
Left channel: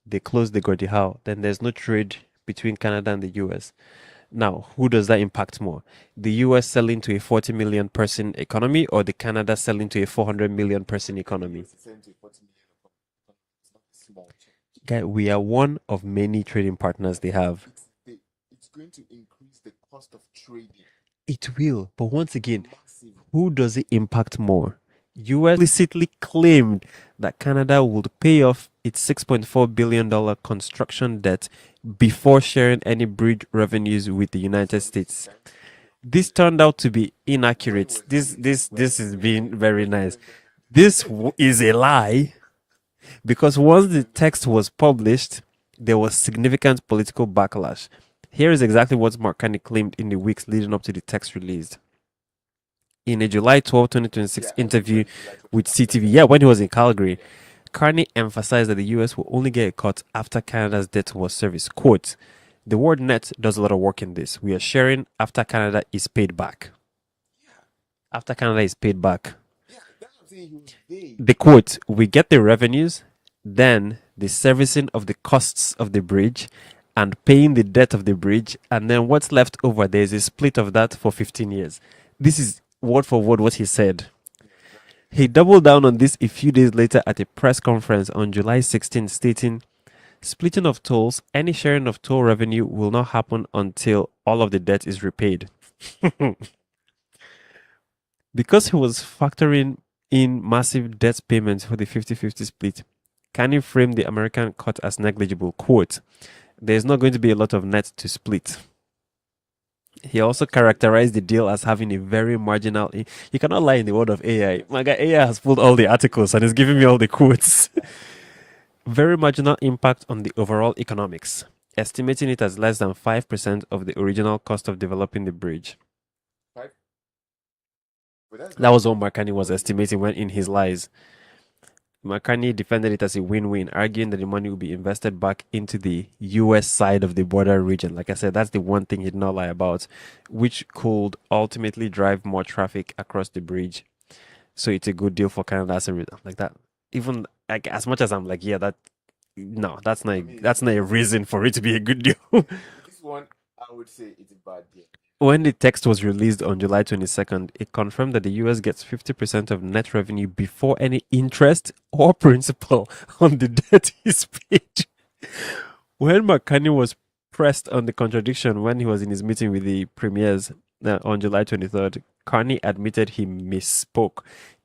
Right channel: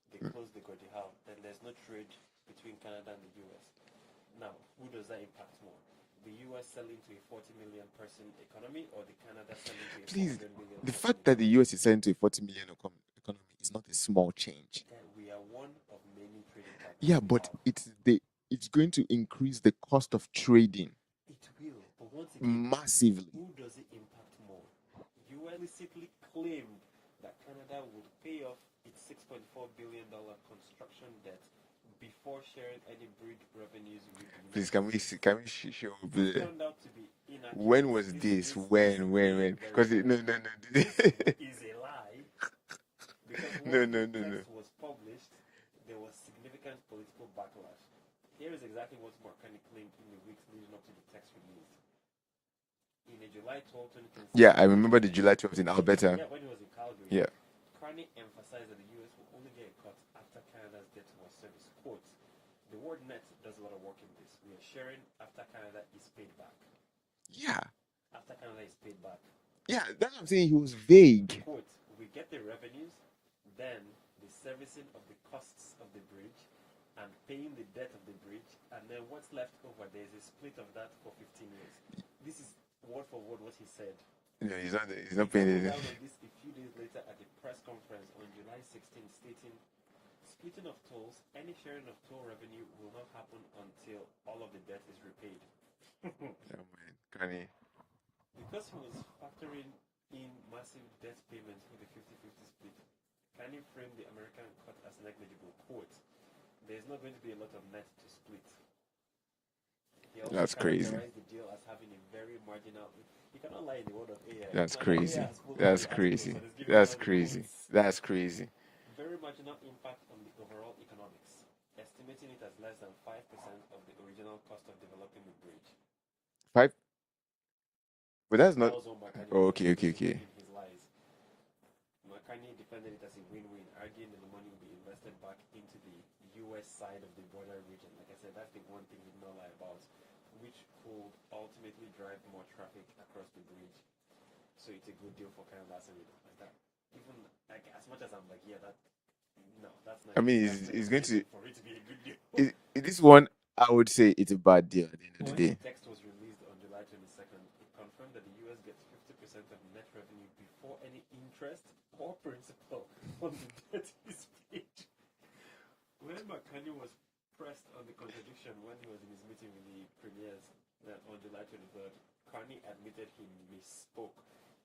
they close the Gordie Howe, then there's no trade between Canada and the US. Now, who does that impact more? The US selling to a 40 million person economy or the Canada selling to a 400 million person The fact economy? that the US is selling to a 40 million economy is not a small change. Guy, we are one of many trading partners they have. It's going to increase the cost of trading. It will, but once again, massively. Who does it impact more? US explicitly claimed that Canada would pay off its $6.4 billion construction debt before sharing any bridge revenues with the United States. This turned out to be inaccurate. This is being very nice. This is a lie because once the text was published, there was significant political backlash. Here is exactly what Mark Carney claimed in the weeks leading up to the text released. In a July 12, 2026 interview with CTV, when he was in Calgary, Carney emphasized that the US will only get a cut after Canada's debt was serviced. Quote, the word net does a lot of work in this. We are sharing after Canada is paid back. Yeah. After Canada is paid back. Yeah, that's what I'm saying. He was vague. The quote, we get the revenues, then the servicing of the costs of the bridge and paying the debt of the bridge, and then what's left over, there's a split of that for 15 years. This is word for word what he said. Yeah, he's He not doubled paying. down on this a few days later at a press conference on July 16, stating, splitting of tolls, any sharing of toll revenue will not happen until all of the debt is repaid. Oh, man. Kanye. Because he was factoring in massive debt payments for the 50-50 split, Kanye framed the American cut as negligible. Quote, there's not going to be a lot of net to split. He also That's crazy. characterized the deal as having a very marginal. You cannot lie in the world of AI. That's My guy, AI crazy. has pulled all That's the articles crazy. and is giving me That's all the crazy. quotes. That's crazy. Very marginal impact on the overall economics, estimating it as less than 5% of the original cost of developing the bridge. Five, but that's That not. was what Marcani Oh, was okay, okay, estimating when okay. in his lies. McCartney defended it as a win-win, arguing that the money will be invested back into the US side of the border region. Like I said, that's the one thing he did not lie about, which could ultimately drive more traffic across the bridge. So it's a good deal for Canada as a result. Like that. Even like as much as I'm like, yeah, that no, I mean, that's not a reason for it to be a good deal. this one, I would say it's a bad deal at the end of When the the day. text was released on July 22nd, it confirmed that the US gets 50% of net revenue before any interest or principal on the debt is paid. When McCartney was pressed on the contradiction when he was in his meeting with the premiers on July 23rd, Carney admitted he misspoke,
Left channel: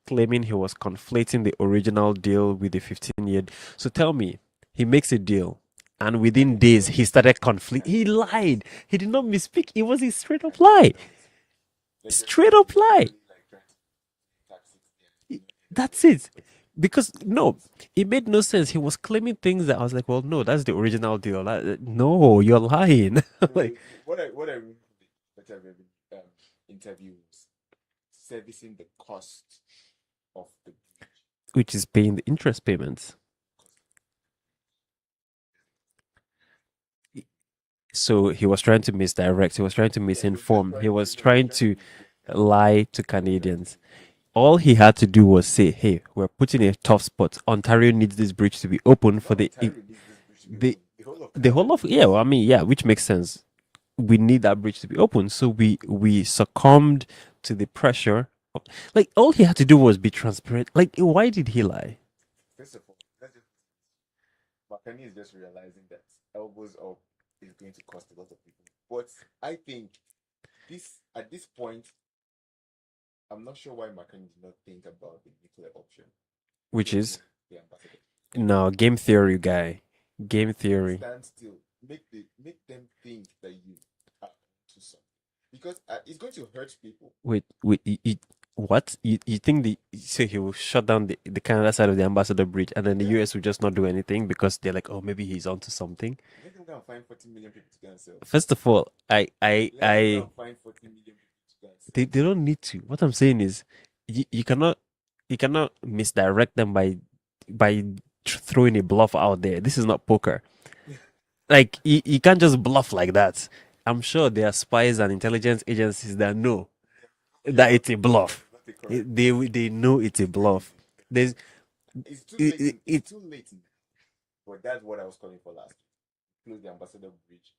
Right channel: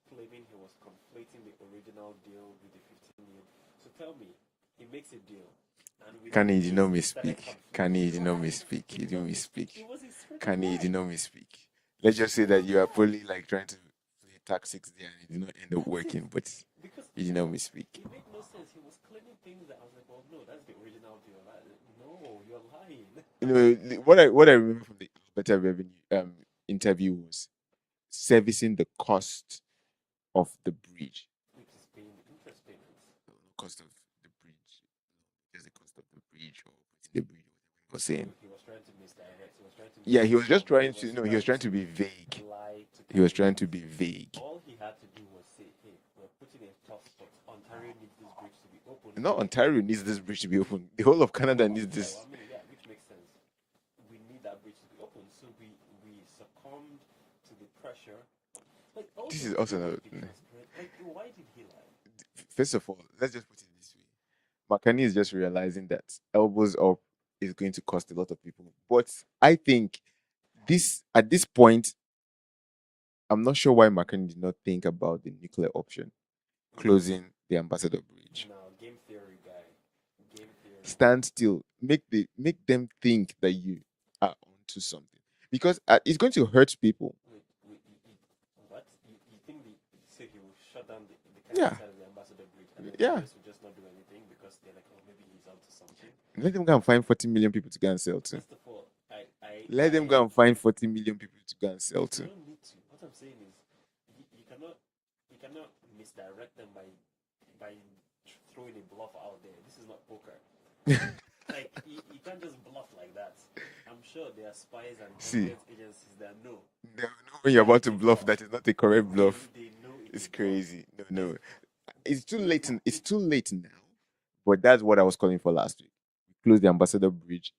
claiming he was conflating the original deal with the 15-year. So tell me, he makes a deal, and within Kanye did days not he started misspeak. conflict. He Kanye did not lied. misspeak. He He did did not not misspeak. misspeak. It was a straight up Kanye did lie. not misspeak. Let's just say Straight that up you are lie. probably like trying to play tactics there and it did not end up That's working, it. but Because you did not no, misspeak. it made no sense. He was claiming things that I was like, well, no, that's the original deal. No, you're lying. No, Like, what I remember from the better revenue interview was servicing the cost of the bridge. which is paying the interest payments. Cost of the bridge. Just the cost of the bridge or putting the bridge or So paying. he was trying to misdirect. He was trying to Yeah, he was just misinform. He trying to was no, he was trying trying to to be vague. lie to He was trying to Canadians. be vague. All he had to do was say, "Hey, we're putting a tough spot. Ontario needs this bridge to be open for No, Ontario needs this bridge to be the open. The whole of the Canada whole of needs yeah. Well, this. I mean, yeah, which makes sense. We need that bridge to be open. So we succumbed to the pressure. Like all he had to do Also, was be transparent. Like why did he lie? first of all, let's just put it this way. McCartney is just realizing that elbows up is going to cost a lot of people. But I think this at this point, I'm not sure why McCartney did not think about the nuclear option, Which is closing the Ambassador Bridge. no game theory guy. Game theory. Stand still. Make them think that you are onto something because it's going to hurt people. Wait, what? You think so he will shut down the Canada Yeah, side of the Ambassador Bridge and then the yeah. US will just not do anything because they're like, oh, maybe he's onto something. Let them go and find 40 million people to go and sell to. First of all, Let them go and find 40 million people to go and sell they to. don't need to. What I'm saying is, you cannot misdirect them by throwing a bluff out there. This is not poker. Like you can't just bluff like that. I'm sure there are spies and See, intelligence agencies that know they know when you're that about it's to a bluff, bluff. that is not a correct They bluff. they know it's a It's bluff. crazy. No, There's no. It's too late. It's too late now. But that's what I was calling for last week. We closed the Ambassador Bridge.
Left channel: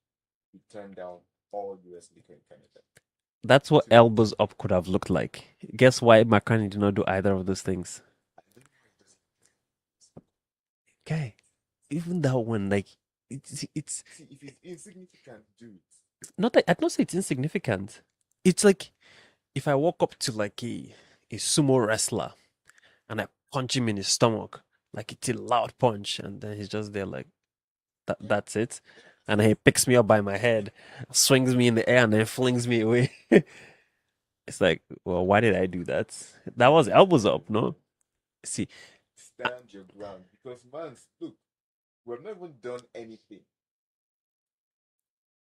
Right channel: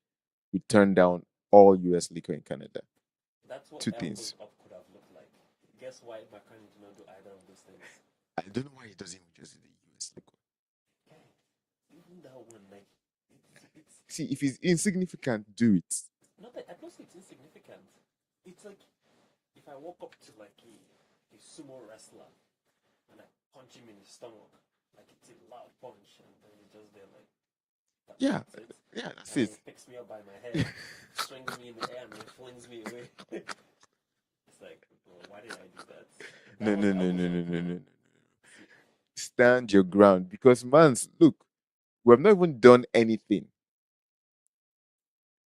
We turned down all US liquor in Canada. That's what 2 days. elbows up could have looked like. Guess why McCartney did not do either of those things? I don't know why he doesn't just do the US liquor. Guy, even that one, like, it's See, if it's insignificant, do it. not that I'd not say it's insignificant. It's like if I walk up to like a sumo wrestler and I punch him in his stomach, like it's a loud punch, and then he's just there like Yeah, that's it. yeah, that's And then he it. picks me up by my head, swings me in the air, and then flings me away. It's like, well, why did I do that? That No, was no, no, elbows no, no, up, no, no, no? no. See, Stand your ground because, man, look, we have not even done anything.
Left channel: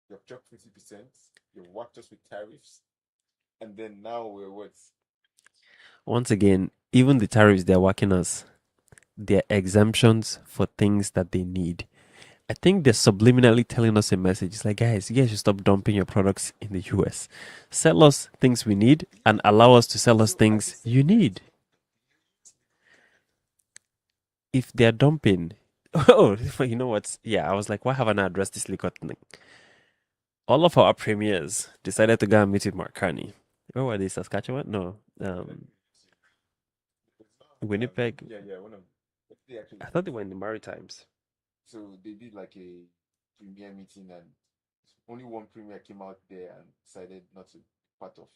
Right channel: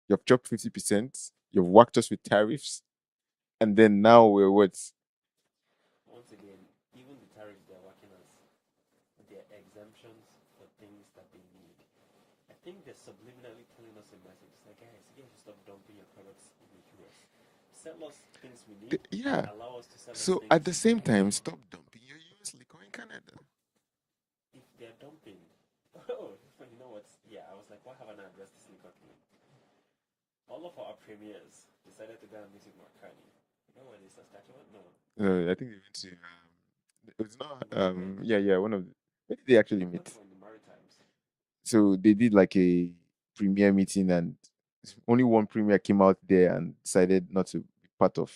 You've chopped 50%. You've whacked us with tariffs, and then now we're what? once again, even the tariffs they're working us, they're exemptions for things that they need. I think they're subliminally telling us a message. It's like, guys, you guys should stop dumping your products in the US. Sell us things we need and Yeah. allow us to sell us So at the things same you time, need. stop dumping your US liquor in Canada. If they're dumping, oh, you know what? Yeah, I was like, why haven't I addressed this liquor thing? All of our premiers decided to go and meet with Mark Carney. Where were they? Saskatchewan? No. No, I think they went to It's not. Winnipeg. Yeah. One of. Where did they actually I thought they meet? were in the Maritimes. So they did like a premier meeting, and only one premier came out there and decided not to be part of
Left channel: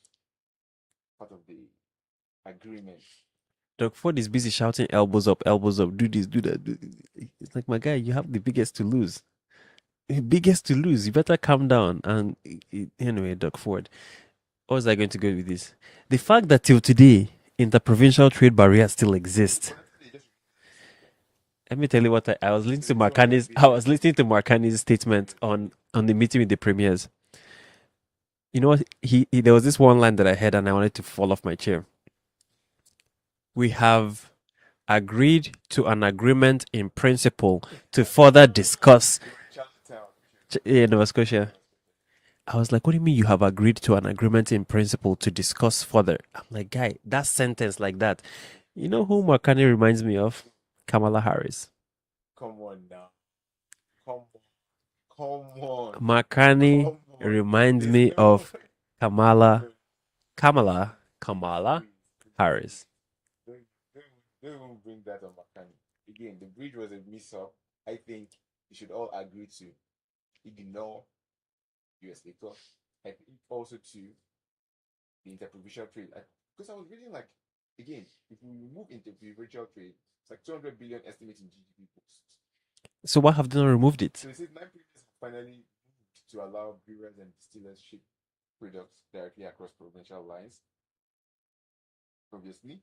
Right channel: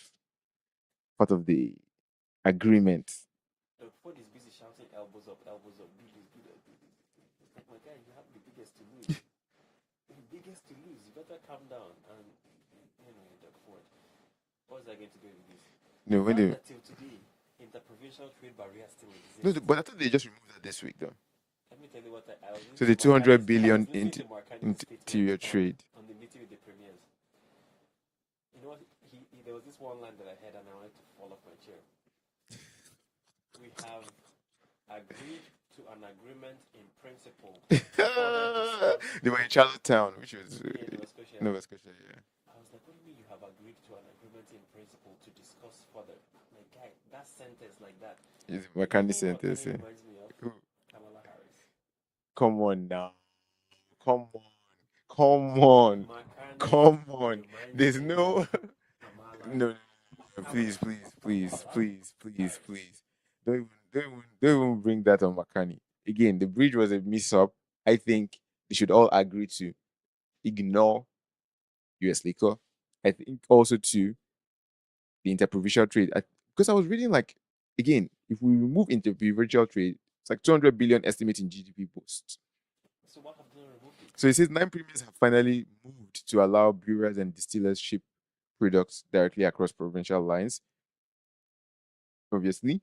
the agreement. Doug Ford is busy shouting elbows up, do this, do that. It's like, my guy, you have the biggest to lose. Biggest to lose. You better calm down. And anyway, Doug Ford, what was I going to go with this? The No, when fact they that till today, interprovincial trade barriers still no, exist. but I thought they just removed that this week though. Let me tell you what I was So listening the to 200 Marcani's. I billion was listening to Marcani's statement interior trade. on the meeting with the premiers. You know what? He there was this one line that I heard and I wanted to fall off my chair. We have agreed to an agreement in principle to further discuss. They were in Charlottetown, which was Nova Scotia. Nova Scotia. Yeah. I was like, what do you mean you have agreed to an agreement in principle to discuss further? I'm like, guy, that sentence like that. It's You know who sentence, Marcani yeah. reminds me of? Who? Kamala Harris. Come on now. Come on. Come on. Marcani Come on. reminds There's me no of Kamala. no, Kamala. please, Kamala please. Harris. Don't even bring that on Makani. Again, the bridge was a mix-up. I think they should all agree to ignore US liquor. I think also to the interprovincial trade. Because I was reading like, again, if we remove interprovincial trade, it's like 200 billion estimate in GDP boost. So why have they not removed it? So it says 9 premiers have finally moved to allow brewers and distillers ship products directly across provincial lines. Obviously,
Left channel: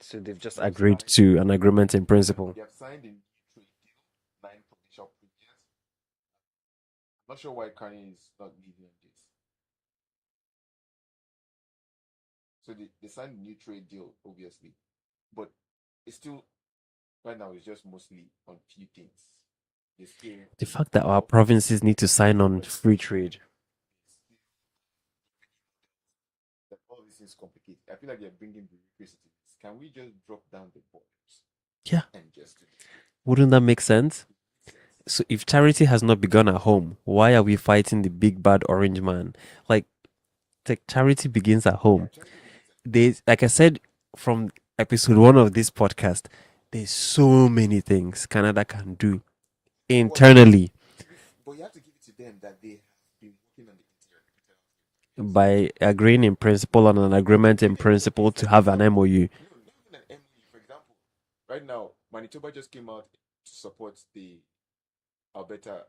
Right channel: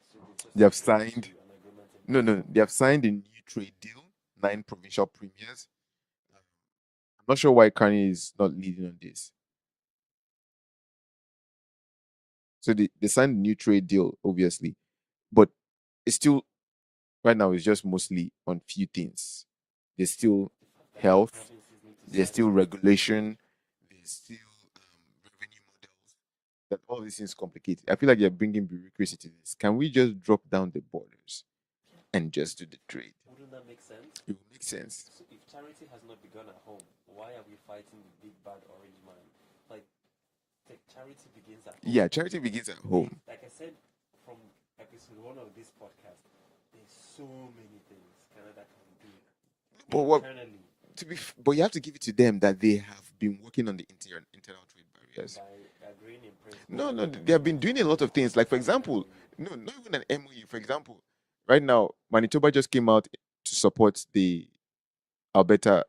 So they've just they have agreed signed to an agreement in no, principle. they have signed a new trade deal. 9 provincial premiers. I'm not sure why Carney is not leading on this. So they signed a new trade deal, obviously, but it's still right now. It's just mostly on few things. There's still The fact that our health, provinces need to there's sign still on free regulation, trade. there's still revenue models. That all these things complicated. I feel like you're bringing bureaucracy to this. Can we just drop down the borders? Yeah. And just do the trade? Wouldn't that make sense? It would make sense. So if charity has not begun at home, why are we fighting the big bad orange man? Like charity begins at home. Yeah, charity begins at home. There's, like I said from episode 1 of this podcast, there's so many things Canada can do internally. But you have to give it to them that they have been working on the internal trade barriers. By agreeing in principle on an agreement in principle to have an MOU. No, not even an MOU. For example, right now, Manitoba just came out to support the Alberta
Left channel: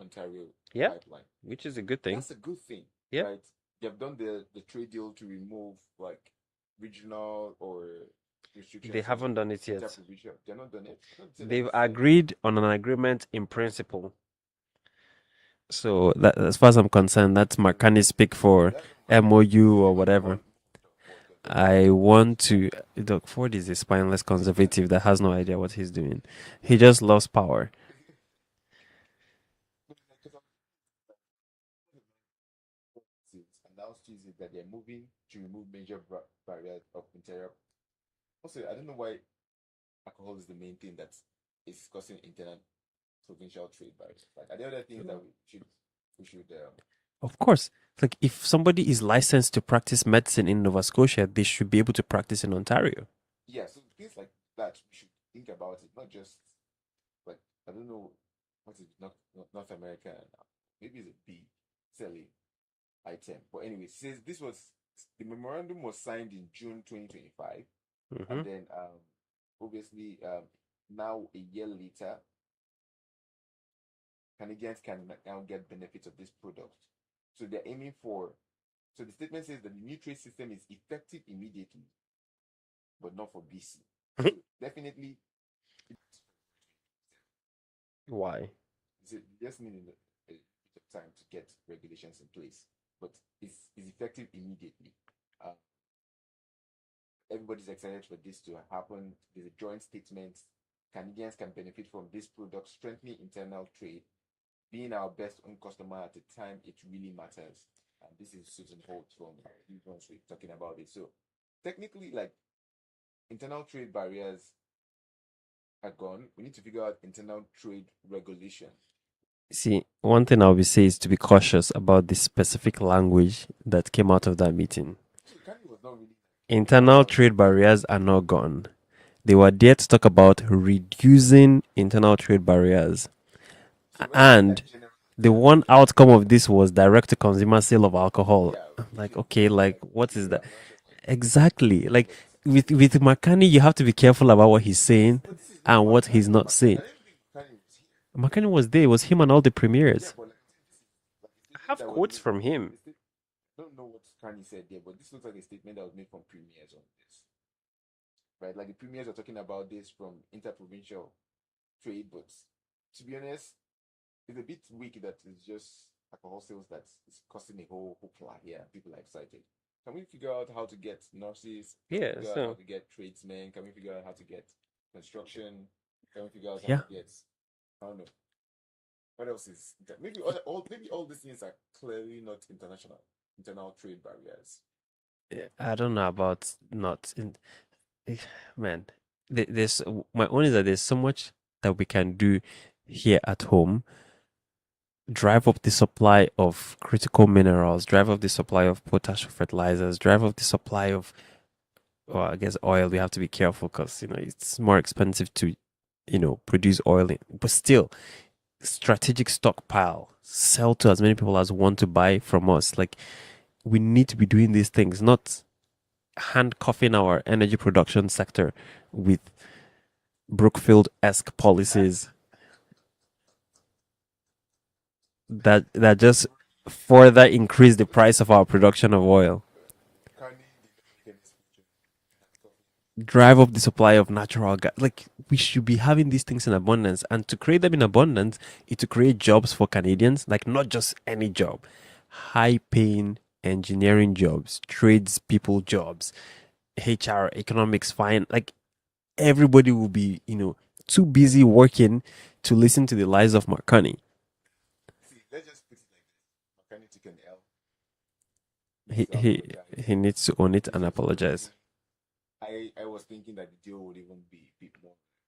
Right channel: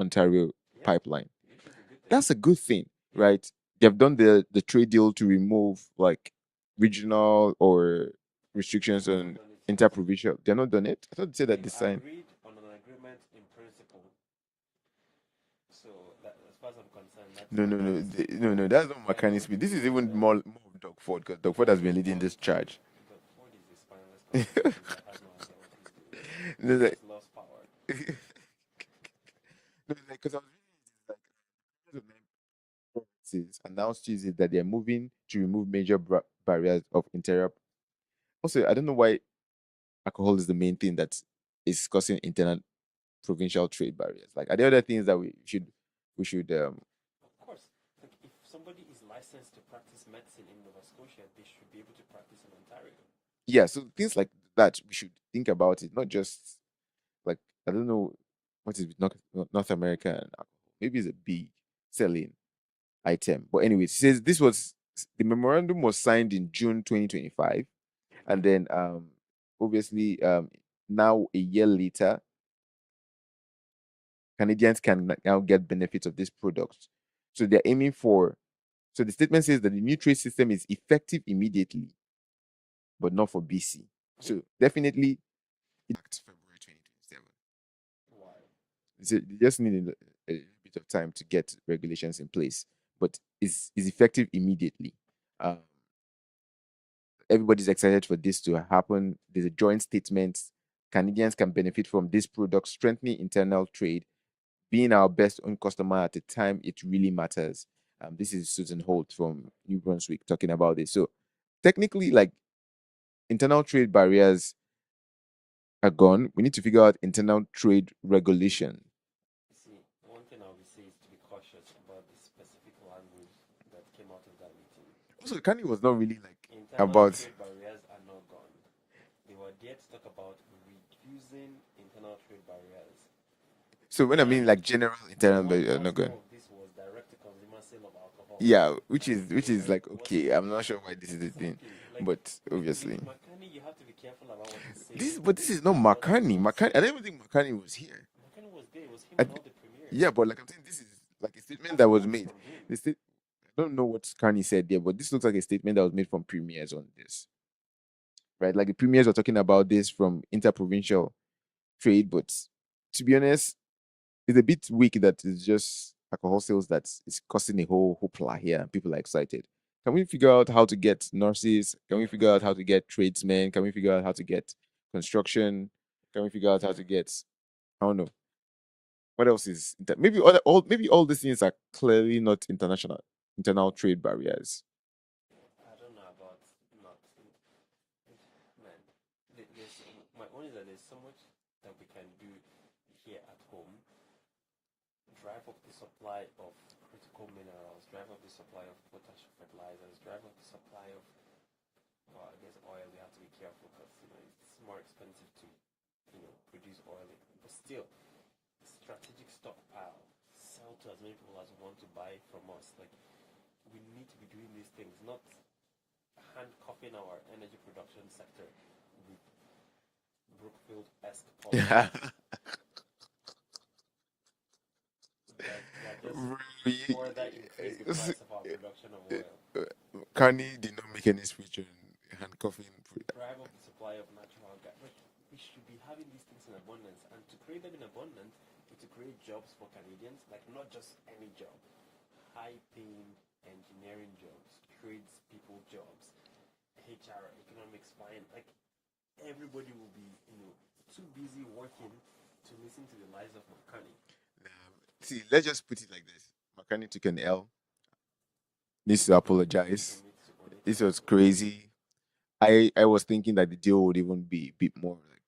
Ontario pipeline, which is a good thing. That's a good thing, right? They've done the trade deal to remove like regional or restrictions. They haven't done it yet. Interprovincial. They're not done it. I thought they said They've that agreed on an agreement in principle. So that, as far as I'm concerned, that's Marcani speak for MOU or whatever. I want to. Doug Ford is a spineless conservative that has no idea what he's doing. He just loves power. Because announced Tuesday that they're moving to remove major barriers of interior. Also, I don't know why alcohol is the main thing that is causing internal provincial trade barriers. Like, are there other things that we should Of course, like if somebody is licensed to practice medicine in Nova Scotia, they should be able to practice in Ontario. Yeah, so things like that, we should think about it, not just like, I don't know what is North America and alcohol. Maybe it's a big selling item. But anyway, it says the memorandum was signed in June 2025. And then obviously now a year later, Canadians can now get benefits of this product. So they're aiming for, so the statement says that the new trade system is effective immediately, but not for BC. So definitely it's February 2027. Why? So they just need a bit of time to get regulations in place, but it's effective immediately. Everybody's excited for this to happen. There's a joint statement. Canadians can benefit from this product, strengthening internal trade, being our best own customer at the time it really matters. This is Susan Holt from New Brunswick talking about this. So technically, like, internal trade barriers are gone. We need to figure out internal trade regulation. See, one thing I would say is to be cautious about the specific language that came out of that meeting. Also, Kanye was not really like Internal about. trade barriers are not gone. They were there to talk about reducing internal trade barriers. So when I'm hearing like And general the internal one trade, I'm not outcome gonna. of this was direct to consumer sale of alcohol. Yeah, I'm which like, is okay, like like what is okay. that? I'm not sure why this is a thing, Exactly. Like but with obviously McCartney, you have to be careful about what he's saying this is not and what he's McCartney. not McCartney. I saying. don't even think McCartney was here. McCartney was there. It was him Like and all the yeah, premiers. but like I'm saying, this is like a I statement have that was quotes made. from him. I don't know what Carney said there, but this looks like a statement that was made from premiers on this, right? Like the premiers were talking about this from interprovincial trade, but to be honest, it's a bit weak that it's just alcohol sales that is causing a whole hoopla here. People are excited. Can we figure out how to get nurses? Can we Yeah, figure out how so to get tradesmen? Can we figure out how to get construction? Can we figure out how yeah. to get I don't know what else is maybe all these things are clearly not internal trade barriers. I don't know about not in man. There's my own is that there's so much that we can do here at home. Drive up the supply of critical minerals, drive up the supply of potash fertilizers, drive up the supply of, well, I guess oil. We have to be careful because it's more expensive to, produce oil. But still, strategic stockpile, sell to as many people as want to buy from us. Like we need to be doing these things, not handcuffing our energy production sector with Brookfield-esque policies that just further increase the price of our production of oil. Carney did not make any speech on handcuffing production. Drive up the supply of natural gas. Like we should be having these things in abundance, and to create them in abundance is to create jobs for Canadians. Like not just any job, high-paying engineering jobs, tradespeople jobs, HR, economics, fine. Like everybody will be, too busy working to listen to the lies of Marconi. See, let's just put it like this: McCartney took an L, needs He to he he apologize. needs to own it This and was apologize. crazy. I was thinking that the deal would even be a bit more like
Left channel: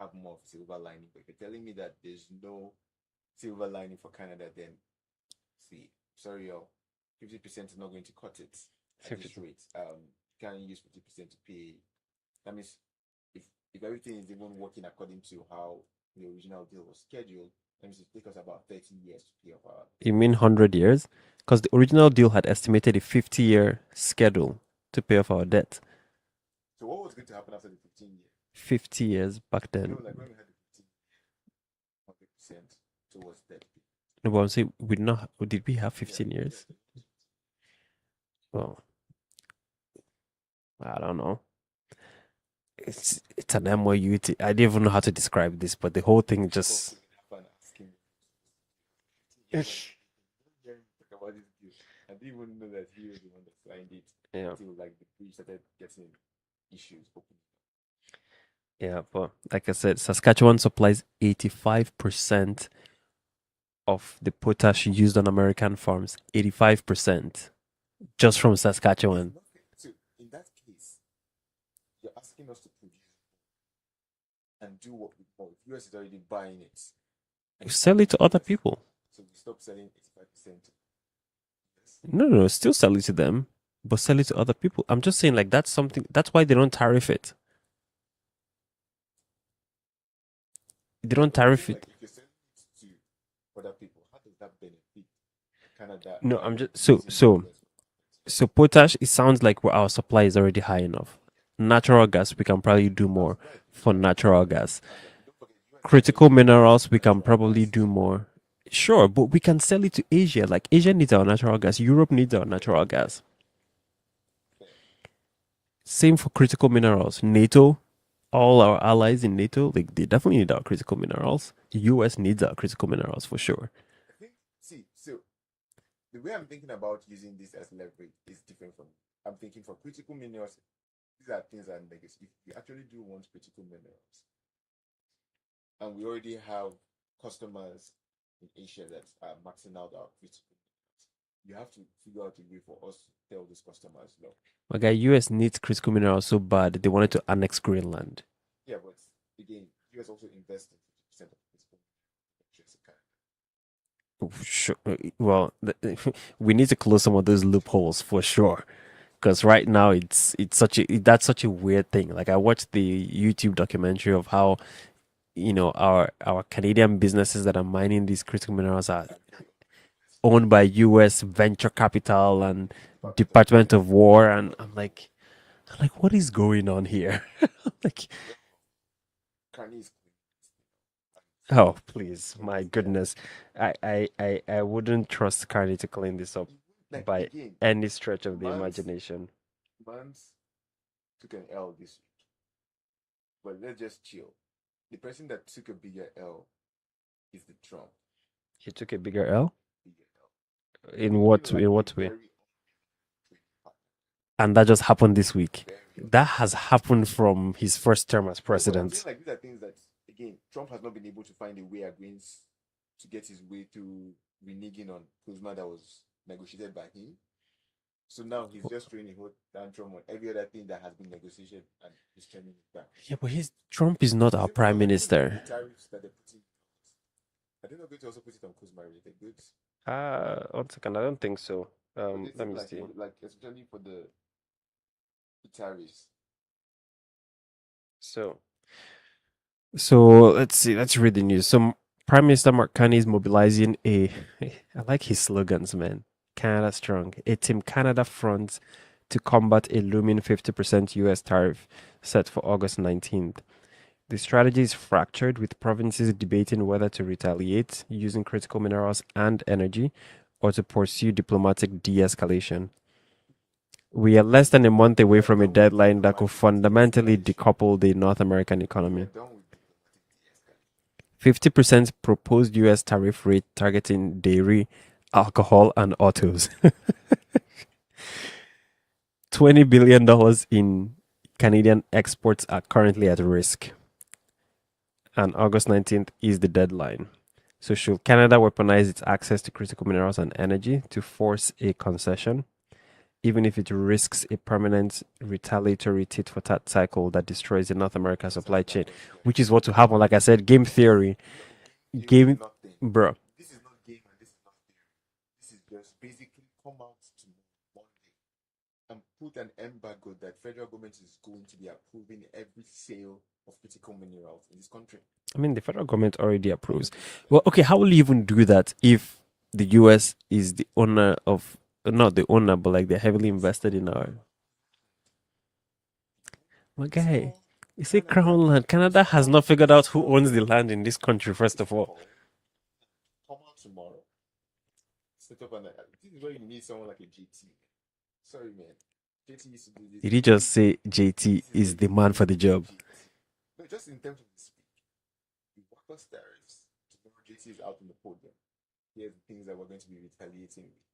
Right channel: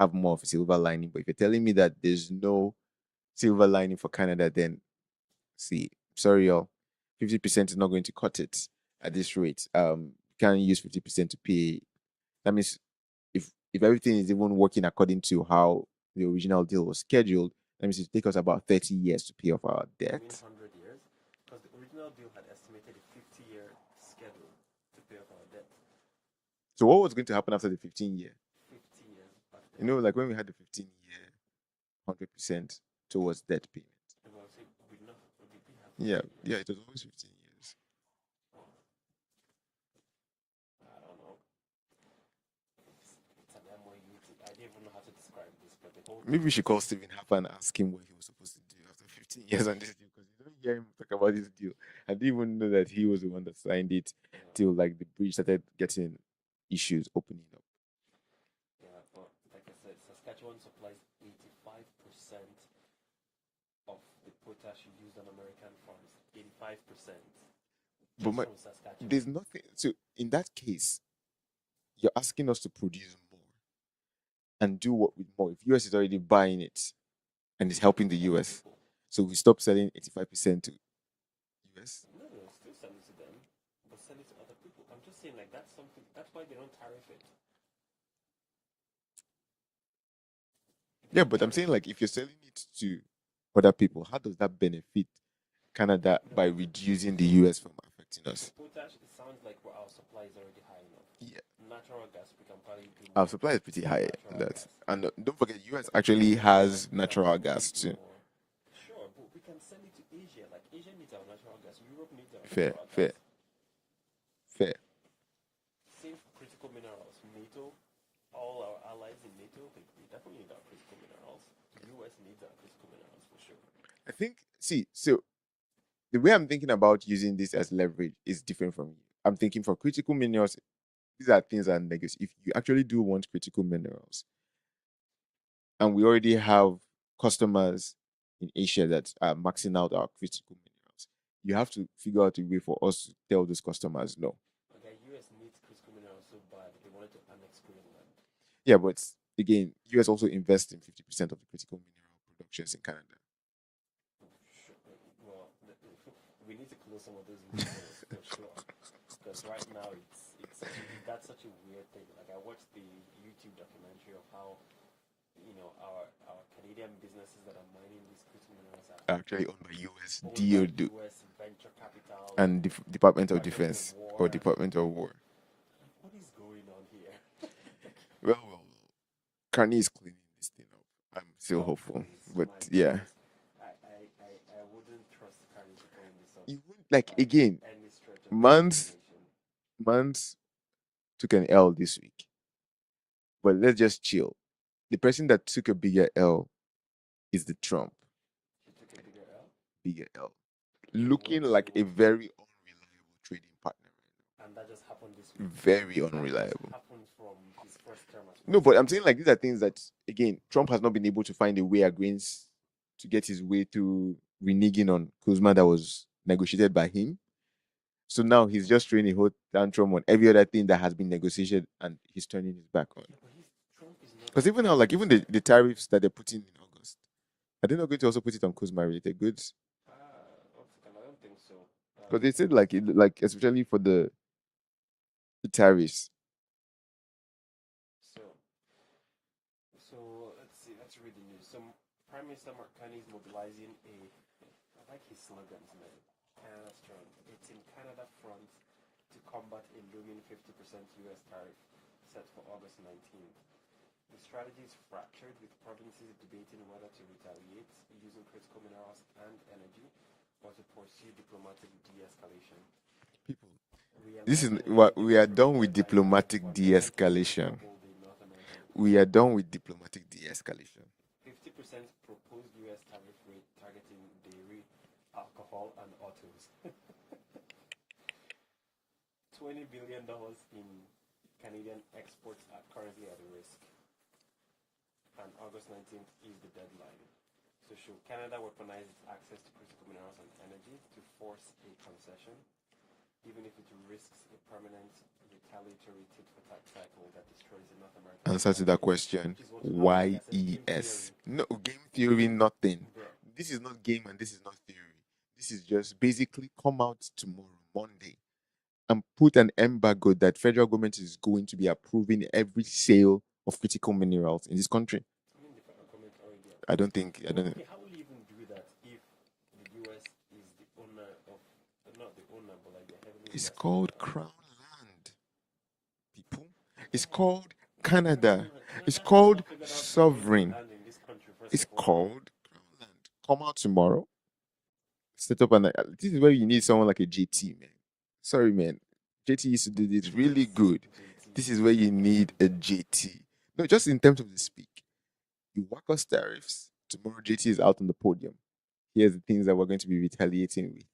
have more of a silver lining. But if you're telling me that there's no silver lining for Canada, then see, sorry y'all, 50% is not going to cut it at this rate. Can't use 50% to pay. That means if everything is even working according to how the original deal was scheduled, that means it take us about 30 years to pay off our You debt. mean 100 years? Because the original deal had estimated a 50-year schedule to pay off our debt. So what was going to happen after the 15 year? 50 years back then. Like when we had the 15 year, 100% towards debt payment. No, but I'm saying did we have Yeah, 15 yeah, years? it was always 15 years. Well, I don't know. It's an MOU. I don't even know how to describe this, but the whole Maybe thing we should call just Stephen Harper and ask him what he was supposed to do after 15 years on this deal because you don't hear him talk about this deal. I didn't even know that he was the one that signed it yeah. till like the bridge started getting issues opening up. Yeah, but like I said, Saskatchewan supplies 85% of the potash used on American farms. 85% just But from there's Saskatchewan. nothing. So in that case, you're asking us to produce more and do what with more. If US is already buying it and We it's sell it helping the to other US, people. so we stop selling 85% to US. No, no, no, still sell it to them, but sell it to other people. I'm just saying, like, that's why they don't tariff it. They Yeah, don't but I'm tariff saying it. like if you're selling it to other people, how does that benefit Canada No, by I'm just so reducing the so US from affecting so us? potash. It sounds like our supply is already high enough. Yeah, Natural gas, we can probably do our more supply is pretty for high for natural that. gas. And don't forget, US Critical actually has minerals, we can natural probably gas do too. more. Sure, but we can sell it to Asia. Like Asia needs our natural gas. Europe needs our Fair, natural fair, gas. fair. Same for critical minerals. NATO, all our allies in NATO, like they definitely need our critical minerals. The US needs our critical minerals for sure. I think, see, so the way I'm thinking about using this as leverage is different from you. I'm thinking for critical minerals, these are things that are negative. If you actually do want critical minerals, and we already have customers in Asia that are maxing out our critical minerals, you have to figure out a way for us to tell those customers no. My guy, US needs critical minerals so bad they wanted to annex Greenland. Yeah, but again, US also invests in 50% of the critical mineral productions in Canada. Oh, sure. Well, we need to close some of those loopholes for sure. because right now that's such a weird thing. Like I watched the YouTube documentary of how our Canadian businesses that are mining these critical minerals are Actually owned by US owned by DOD U.S. venture capital and and Department of Department of Defense War, or and Department of War. I'm like, what is going on here? Like, Well, Carney is cleaning this thing up. I'm so oh hopeful. please, But my yeah, goodness, I wouldn't trust Carney to clean this up you won't, like by again, any stretch of the Mans imagination. Mans took an L this week. But let's just chill. The person that took a bigger L is the Trump. He took a bigger L. Bigger L. In Looking in like a what way? very unreliable trading partner. And that just happened this week. Very That has unreliable. happened from his first term as No, but I'm saying president. like these are things that again Trump has not been able to find a way against to get his way through reneging on Kuzma that was negotiated by him. So now he's just throwing a whole tantrum on every other thing that has been negotiated and he's turning his back on. Yeah, but Trump is not Because our even now, prime like even the minister. tariffs that they're putting in August, are they not going to also put it on Kuzma related goods? 1 second, I don't think so. Because they Let said me like see. like especially for the tariffs. So, let's see. Let's read the news. So, Prime Minister Mark Carney is mobilizing a. I like his slogans, man. Canada strong. A Team Canada front to combat a looming 50% U.S. tariff set for August 19th. The strategy is fractured, with provinces debating whether to retaliate using critical minerals and energy or to pursue diplomatic de escalation. People, We are this less is than a month we away are from a done with deadline that could diplomatic fundamentally de-escalation. decouple the North American We are economy. done with diplomatic de-escalation. 50% proposed US tariff rate targeting dairy, alcohol, and autos. $20 billion in Canadian exports are currently at risk. And August 19th is the deadline. So, should Canada weaponize its access to critical minerals and energy to force a concession, even if it risks a permanent retaliatory tit for tat cycle that destroys the North American Answer supply to that chain? question. Which is what will happen. Like I said, game YES. theory. No, game theory, Game, nothing. bro. This is not game and this is not theory. This is just basically come out tomorrow, Monday, and put an embargo that federal government is going to be approving every sale of critical minerals in this country. I mean, the federal government already I approves. don't think. Well, okay, how will you even do that if the US is the owner of, not the owner, but like they're heavily It's invested in called our. Crown Land. People, My it's guy, called is it Canada. Crown Land? It's Canada has called not figured out who owns the sovereign. land in this country, first It's of all. called Crown Land. Come out tomorrow. Set up an. This is where you need someone like a JT, man. Sorry, man. JT used to do this Did he really just say good. JT This is where is the you man for need the a job? JT. No, just in terms of the speak. You whack us tariffs. Tomorrow, JT is out on the podium. Here's the things that we're going to be retaliating with:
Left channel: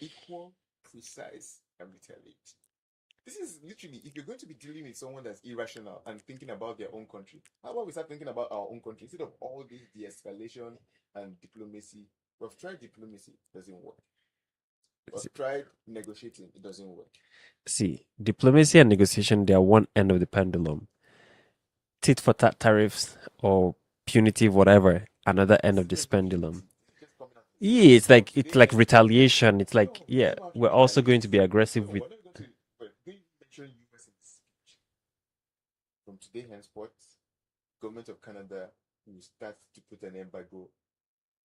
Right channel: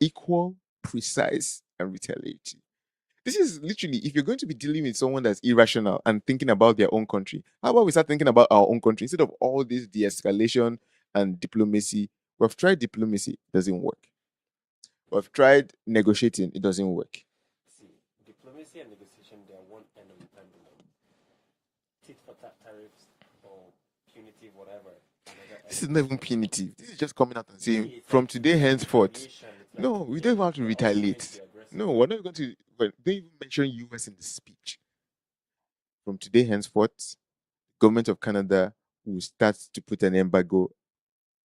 equal, precise, and retaliatory. This is literally, if you're going to be dealing with someone that's irrational and thinking about their own country, how about we start thinking about our own country instead of all this de-escalation and diplomacy? We've tried diplomacy, it doesn't work. We've tried negotiating, it doesn't work. See, diplomacy and negotiation, they are one end of the pendulum. Tit for tat tariffs or punitive, whatever, another end This of is the not even pendulum. punitive. This is just coming out and Yeah, saying from it's today like henceforth. retaliation. It's like, No, we yeah, don't even have to we're also going to be retaliate. aggressive No, with. we're not going to. Don't even mention US in the speech. From today henceforth, government of Canada will start to put an embargo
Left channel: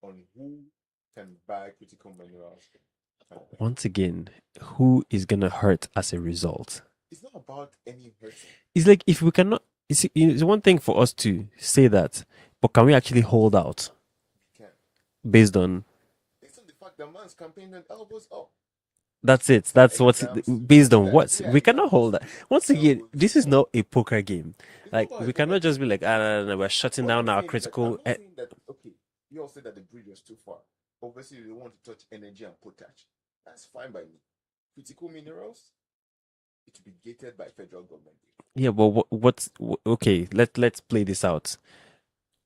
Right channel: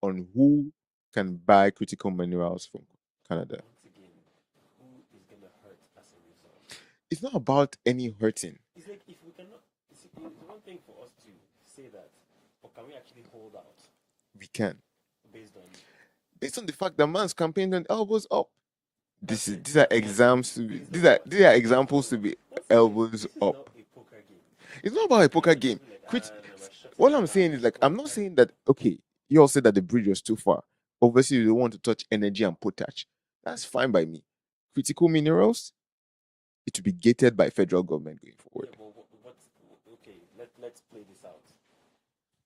on who can buy critical minerals from Canada. Once again, who is gonna hurt as a result? It's not about any hurting. It's like, if we cannot, it's one thing for us to say that, but can we actually hold out We can. based on Based on the fact that man's campaign went elbows up. that's it? These are That's what's exams. based on what These are we cannot examples hold to that. be Once again, elbows this is up. not a poker game. It's not Like, about a we poker cannot game. just be like, no, we're shutting What I'm down our saying is, like, I'm critical. not saying that, okay, you all said that the bridge was too far. Obviously, you don't want to touch energy and potash. That's fine by me. Critical minerals, it will be gated by federal government going forward. Yeah, but okay? Let's play this out.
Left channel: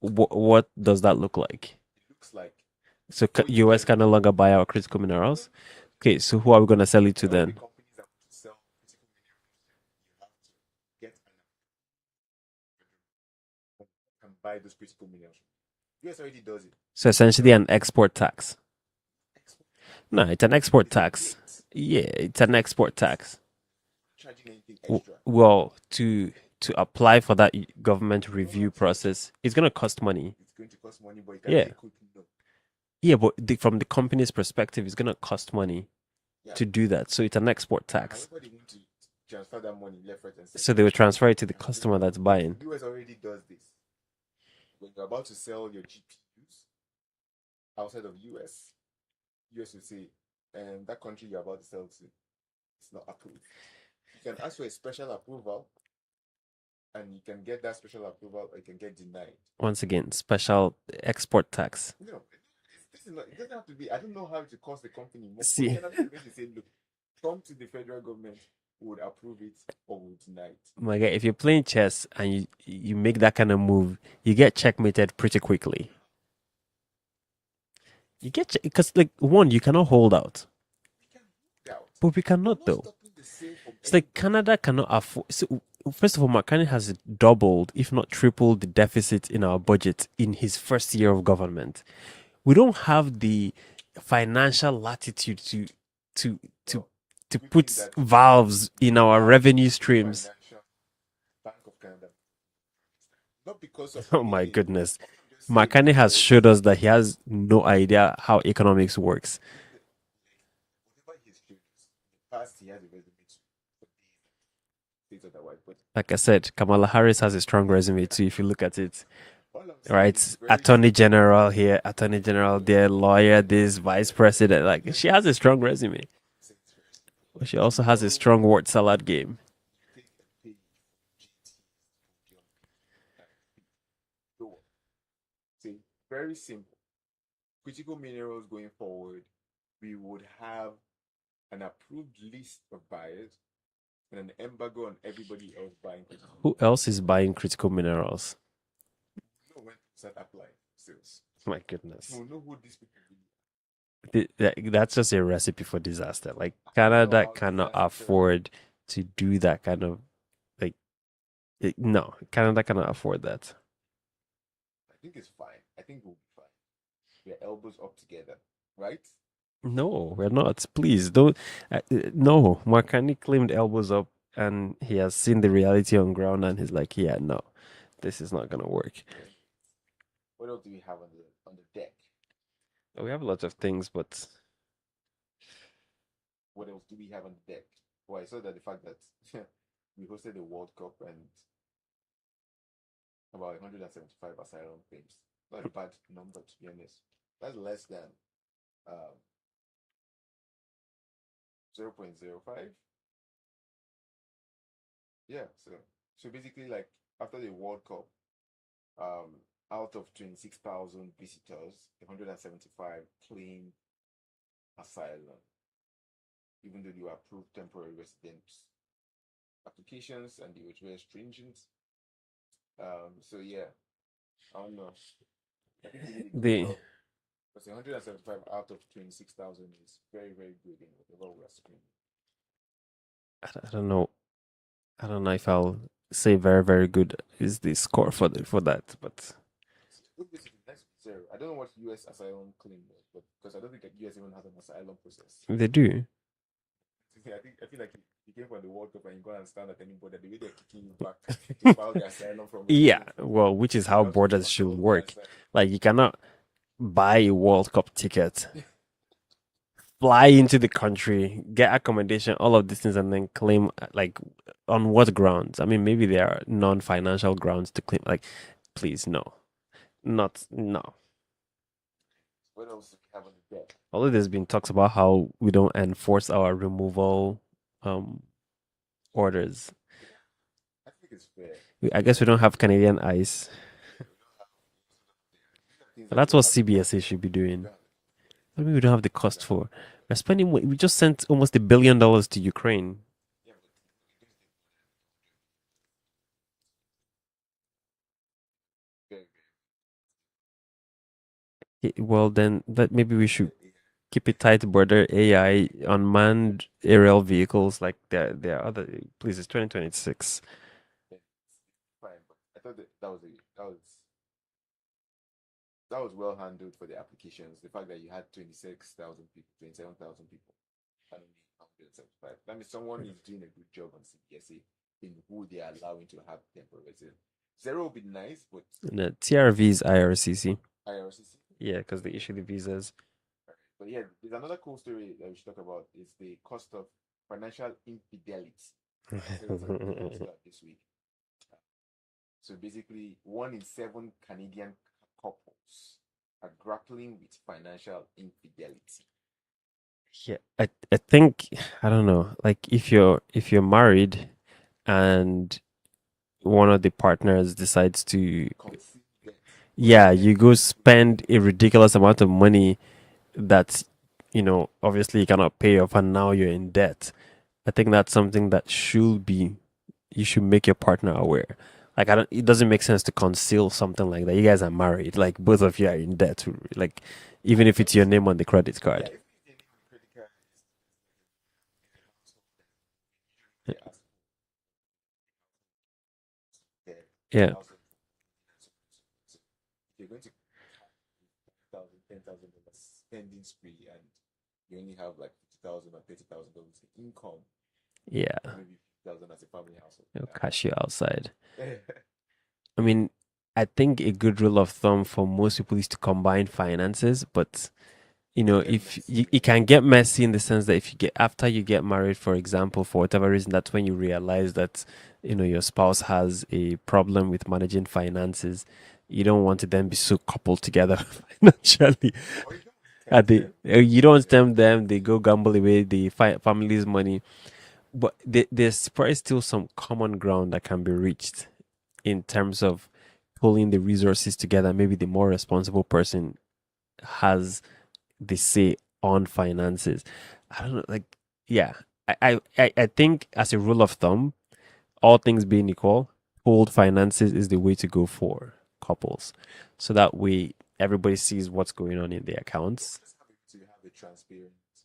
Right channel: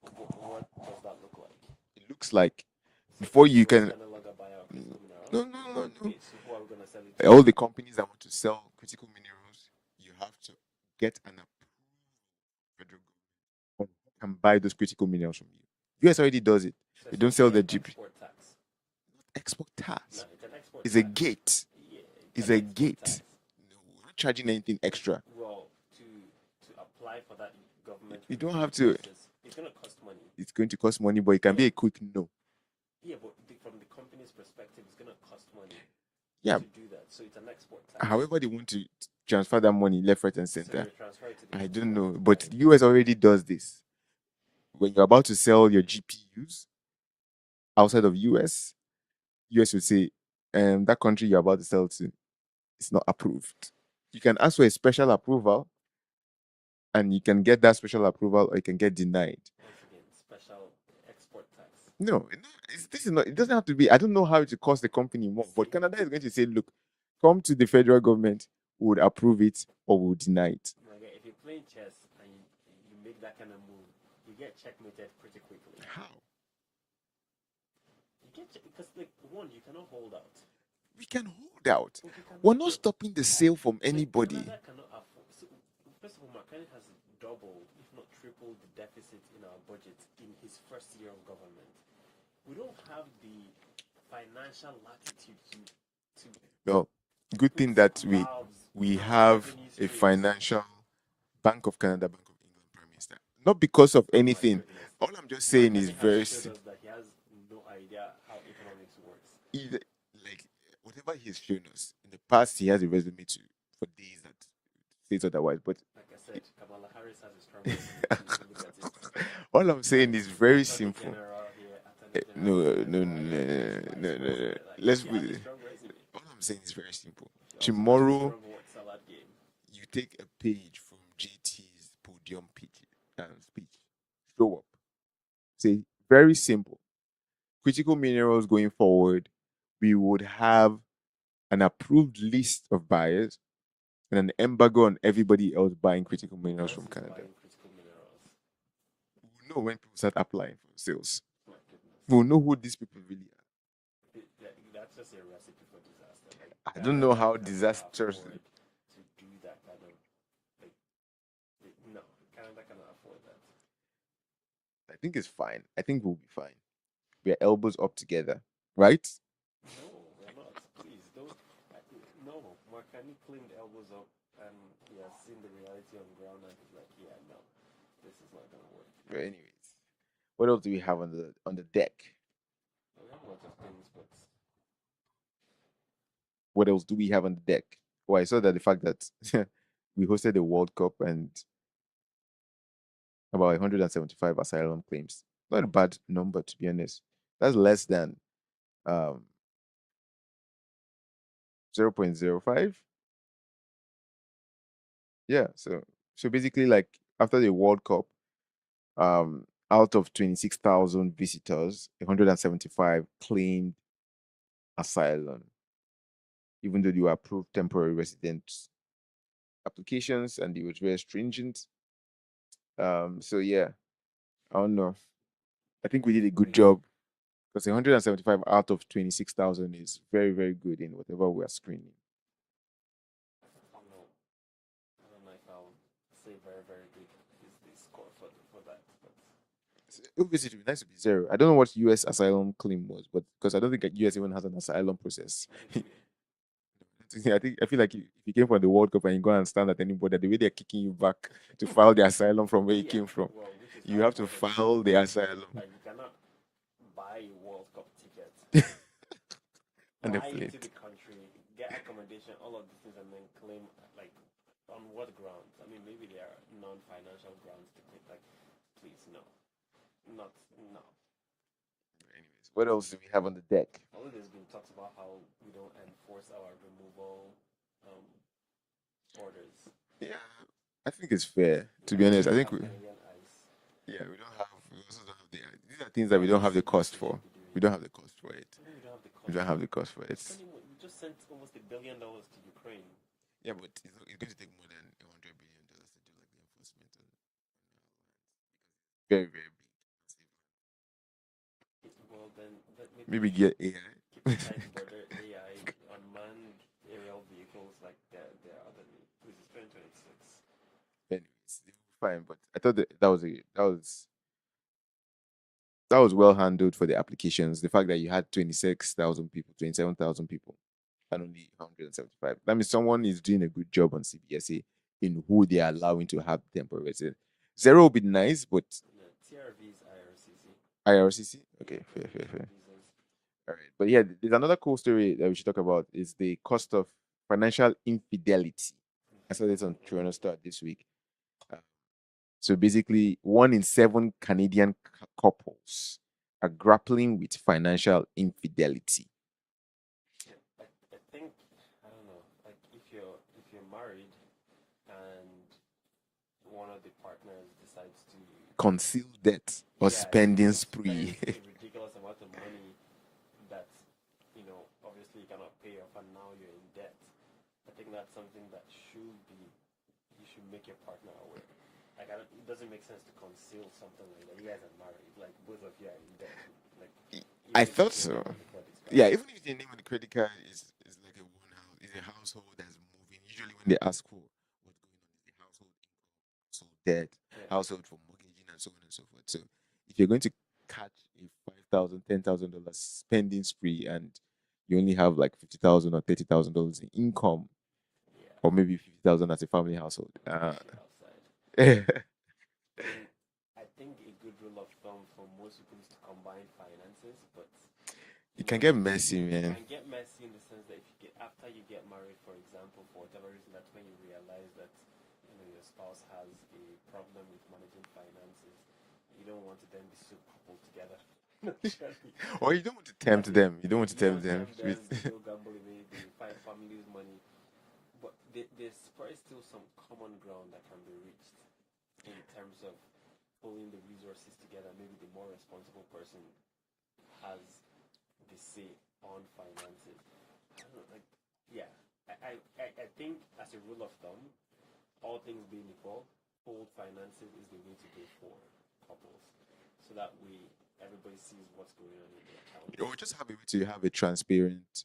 What does that look like? It looks like So before you US can. can no longer buy our critical minerals. No. Okay, so who are we gonna sell it to All then? the companies that want to sell critical minerals, you have to get an approved federal government on who can buy those critical minerals from you. US already does it. So They go sell essentially, them an to export tax. export tax. No, it's an export It's a tax. gate. Yeah, it's It's an a export gate. tax. No, we're not charging anything extra. Well, to apply for that government You don't review have to. process, it's gonna cost money. It's going to cost money, but it can be Yeah, a quick no. yeah, but from the company's perspective, it's gonna cost money Yeah. to do that. So it's an export tax. However, they want to transfer that money left, right, and center. So they will transfer it to the I don't customer know, that's but buying. US already does this. When you're about to sell your GPUs outside of US will say, that country you're about to sell to is not approved. You can ask for a special approval, and you can get that special approval, or you can get denied. Once again, special export tax. No, this is not. It doesn't have to be. I don't know how it will cost the company more, See. but Canada is going to say, look, come to the federal government, we would approve it or we would deny it. My guy, if you're playing chess and you make that kind of move, you get checkmated pretty quickly. How? You get because like one, you cannot hold out, We can hold out. but we We're cannot not though. stopping the sale from It's like anybody. Canada cannot afford. So, first of all, McCartney has doubled, if not tripled, the deficit in our budget in his first year of government. We don't have the financial latitude to No, to good put thing that valves we in our have revenue a streams. financial Bank of Canada, Bank of England Prime Minister. Not because of Oh anything. my goodness. All I'm just saying McCartney is has showed us that he has no idea how economics works. like whatever he's shown us in the past, he has a resume for days that says otherwise. But Like I said, Kamala Harris has a strong resume too. If you look at it, all I'm saying right? is very Attorney simple. General here, Attorney General there, lawyer this, vice president. Like Let's she has be- a strong resume. All I'm saying is very simple. But she also has a strong word salad game. You take a page from JT's podium speech, show up. Say very simple. Critical minerals going forward, we would have an approved list of buyers and an embargo on everybody else buying critical Who minerals. else is buying critical minerals? We'll know when people start applying for sales. My goodness. We'll know who these people really are. That's just a recipe for disaster. Like I don't know Canada how cannot disastrous- afford to do that kind of no, Canada cannot afford that. I think it's fine. I think we'll be fine. We're elbows up together, right? No, we're not. Please don't. No, Marcani claimed elbows up, and he has seen the reality on ground, and he's like, "Yeah, no, this is not gonna work." But anyways, what else do we have on the deck? We have a lot of things, but What else do we have on the deck? Oh, I saw that the fact that we hosted the World Cup and about 175 asylum claims. Not a bad number, to be honest. That's less than 0.05. Yeah, so basically, like after the World Cup, out of 26,000 visitors, 175 claimed asylum, even though they were approved temporary resident applications and they were very stringent. So yeah, I don't know. I think we did a good job because 175 out of 26,000 is very, very good in whatever we are screening. I don't know. I don't know if I'll say very, very good is the score for that, but Obviously, it would be nice to be zero. I don't know what US asylum claim was, but because I don't think US even has an asylum process. they do. I feel like if you came from the World Cup and you go and stand at any border, the way they're kicking you back to file the asylum from where you came from. Well, which is you how have to borders should file the work. asylum. Like you cannot buy a World Cup ticket, fly into the country, get accommodation, all of these things, and then claim like on what grounds? I mean, maybe there are non-financial grounds to claim. Like, please, no. Anyways, what else do we have on the deck? Although there's been talks about how we don't enforce our removal orders. Yeah, I think it's fair. I guess we don't have Canadian ice. Yeah, we don't have. We also don't have these are things that That's we what don't have the cost CBSA for. should be doing. We don't have the cost for it. I mean, we don't have the We cost don't have for. the cost for We're it. spending. We just sent almost $1 billion to Ukraine. Yeah, but it's going to take more than $100 billion to do like the enforcement. Very, very Well, then that maybe we should AI. keep it tight border AI unmanned aerial vehicles. Like there are other. Please, it's 2026. Anyways, fine, but I thought that was that was well handled for the applications. The fact that you had 26,000 people, 27,000 people, and only 175. That means someone is doing a good job on CBSA in who they are allowing to have temporary residence. Zero would be nice, but No, TRV is IRCC. IRCC. Yeah, because they issue the visas. All right, but yeah, there's another cool story that we should talk about is the cost of financial infidelity. I saw this on Joanna Start this week. Uh, so basically, 1 in 7 Canadian couples are grappling with financial infidelity. Yeah, I think I don't know. Like if you're married and one of the partners decides to Conceal debt or yeah, you go spending spree. spend a ridiculous amount of money that obviously you cannot pay off and now you're in debt. I think that's something that you should make your partner aware. Like it doesn't make sense to conceal something like that. You guys are married, like both of you are in debt. Like even I if it's thought your so. name on the credit Yeah, card. even if the name on the credit card is like is a household that's moving. Usually when they ask for what's going on, is the household income, so debt, Yeah. household for mortgaging and so on and so forth. So if you're going to catch a $5,000, $10,000 spending spree and you only have like $50,000 or $30,000 in income, Yeah. or maybe 50,000 as a family household, They'll cash you outside. yeah, I mean, I think a good rule of thumb for most people is to combine finances, but it can get if messy, you, it man. can get messy in the sense that if you get after you get married, for example, for whatever reason, that's when you realize that your spouse has a problem with managing finances. You don't want to then be so coupled together financially. Or you don't want to And tempt them. You don't want to you don't tempt them stem them, they with go gamble away the family's money. But there's probably still some common ground that can be reached in terms of pulling the resources together. Maybe the more responsible person has the say on finances. I don't know, like yeah. I think as a rule of thumb, all things being equal, pooled finances is the way to go for couples. So that way everybody sees what's going on in their or accounts. just have a way to have a transparent,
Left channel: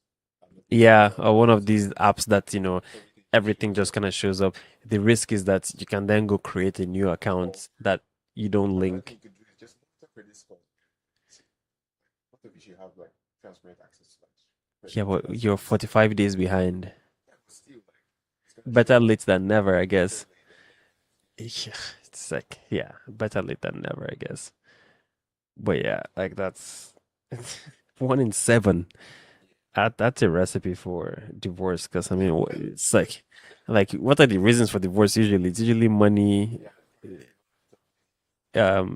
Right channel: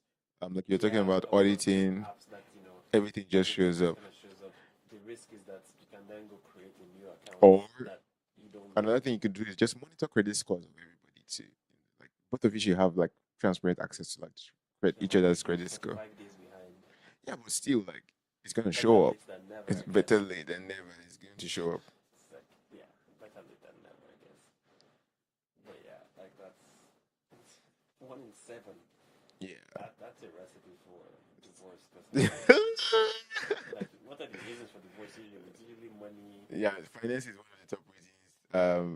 like you're talking Yeah, about or one of these auditing, apps that everything just shows up. kind of shows up. The risk is that you can then go create a new Or account that you don't another thing link. you could do is just monitor credit scores of everybody too. Like both of you should have like transparent access to like Yeah, each but other's you're credit score. 45 days behind. Yeah, but still, like it's gonna Better show up. late than never, I Better guess. late than never. It's going to show Yeah, up. it's like, yeah, better late than never, I guess. But yeah, like that's 1 in 7. Yeah. That's a recipe for divorce. Because I mean, it's like what are the reasons for divorce usually? It's usually money, Yeah, finance is one of the top reasons.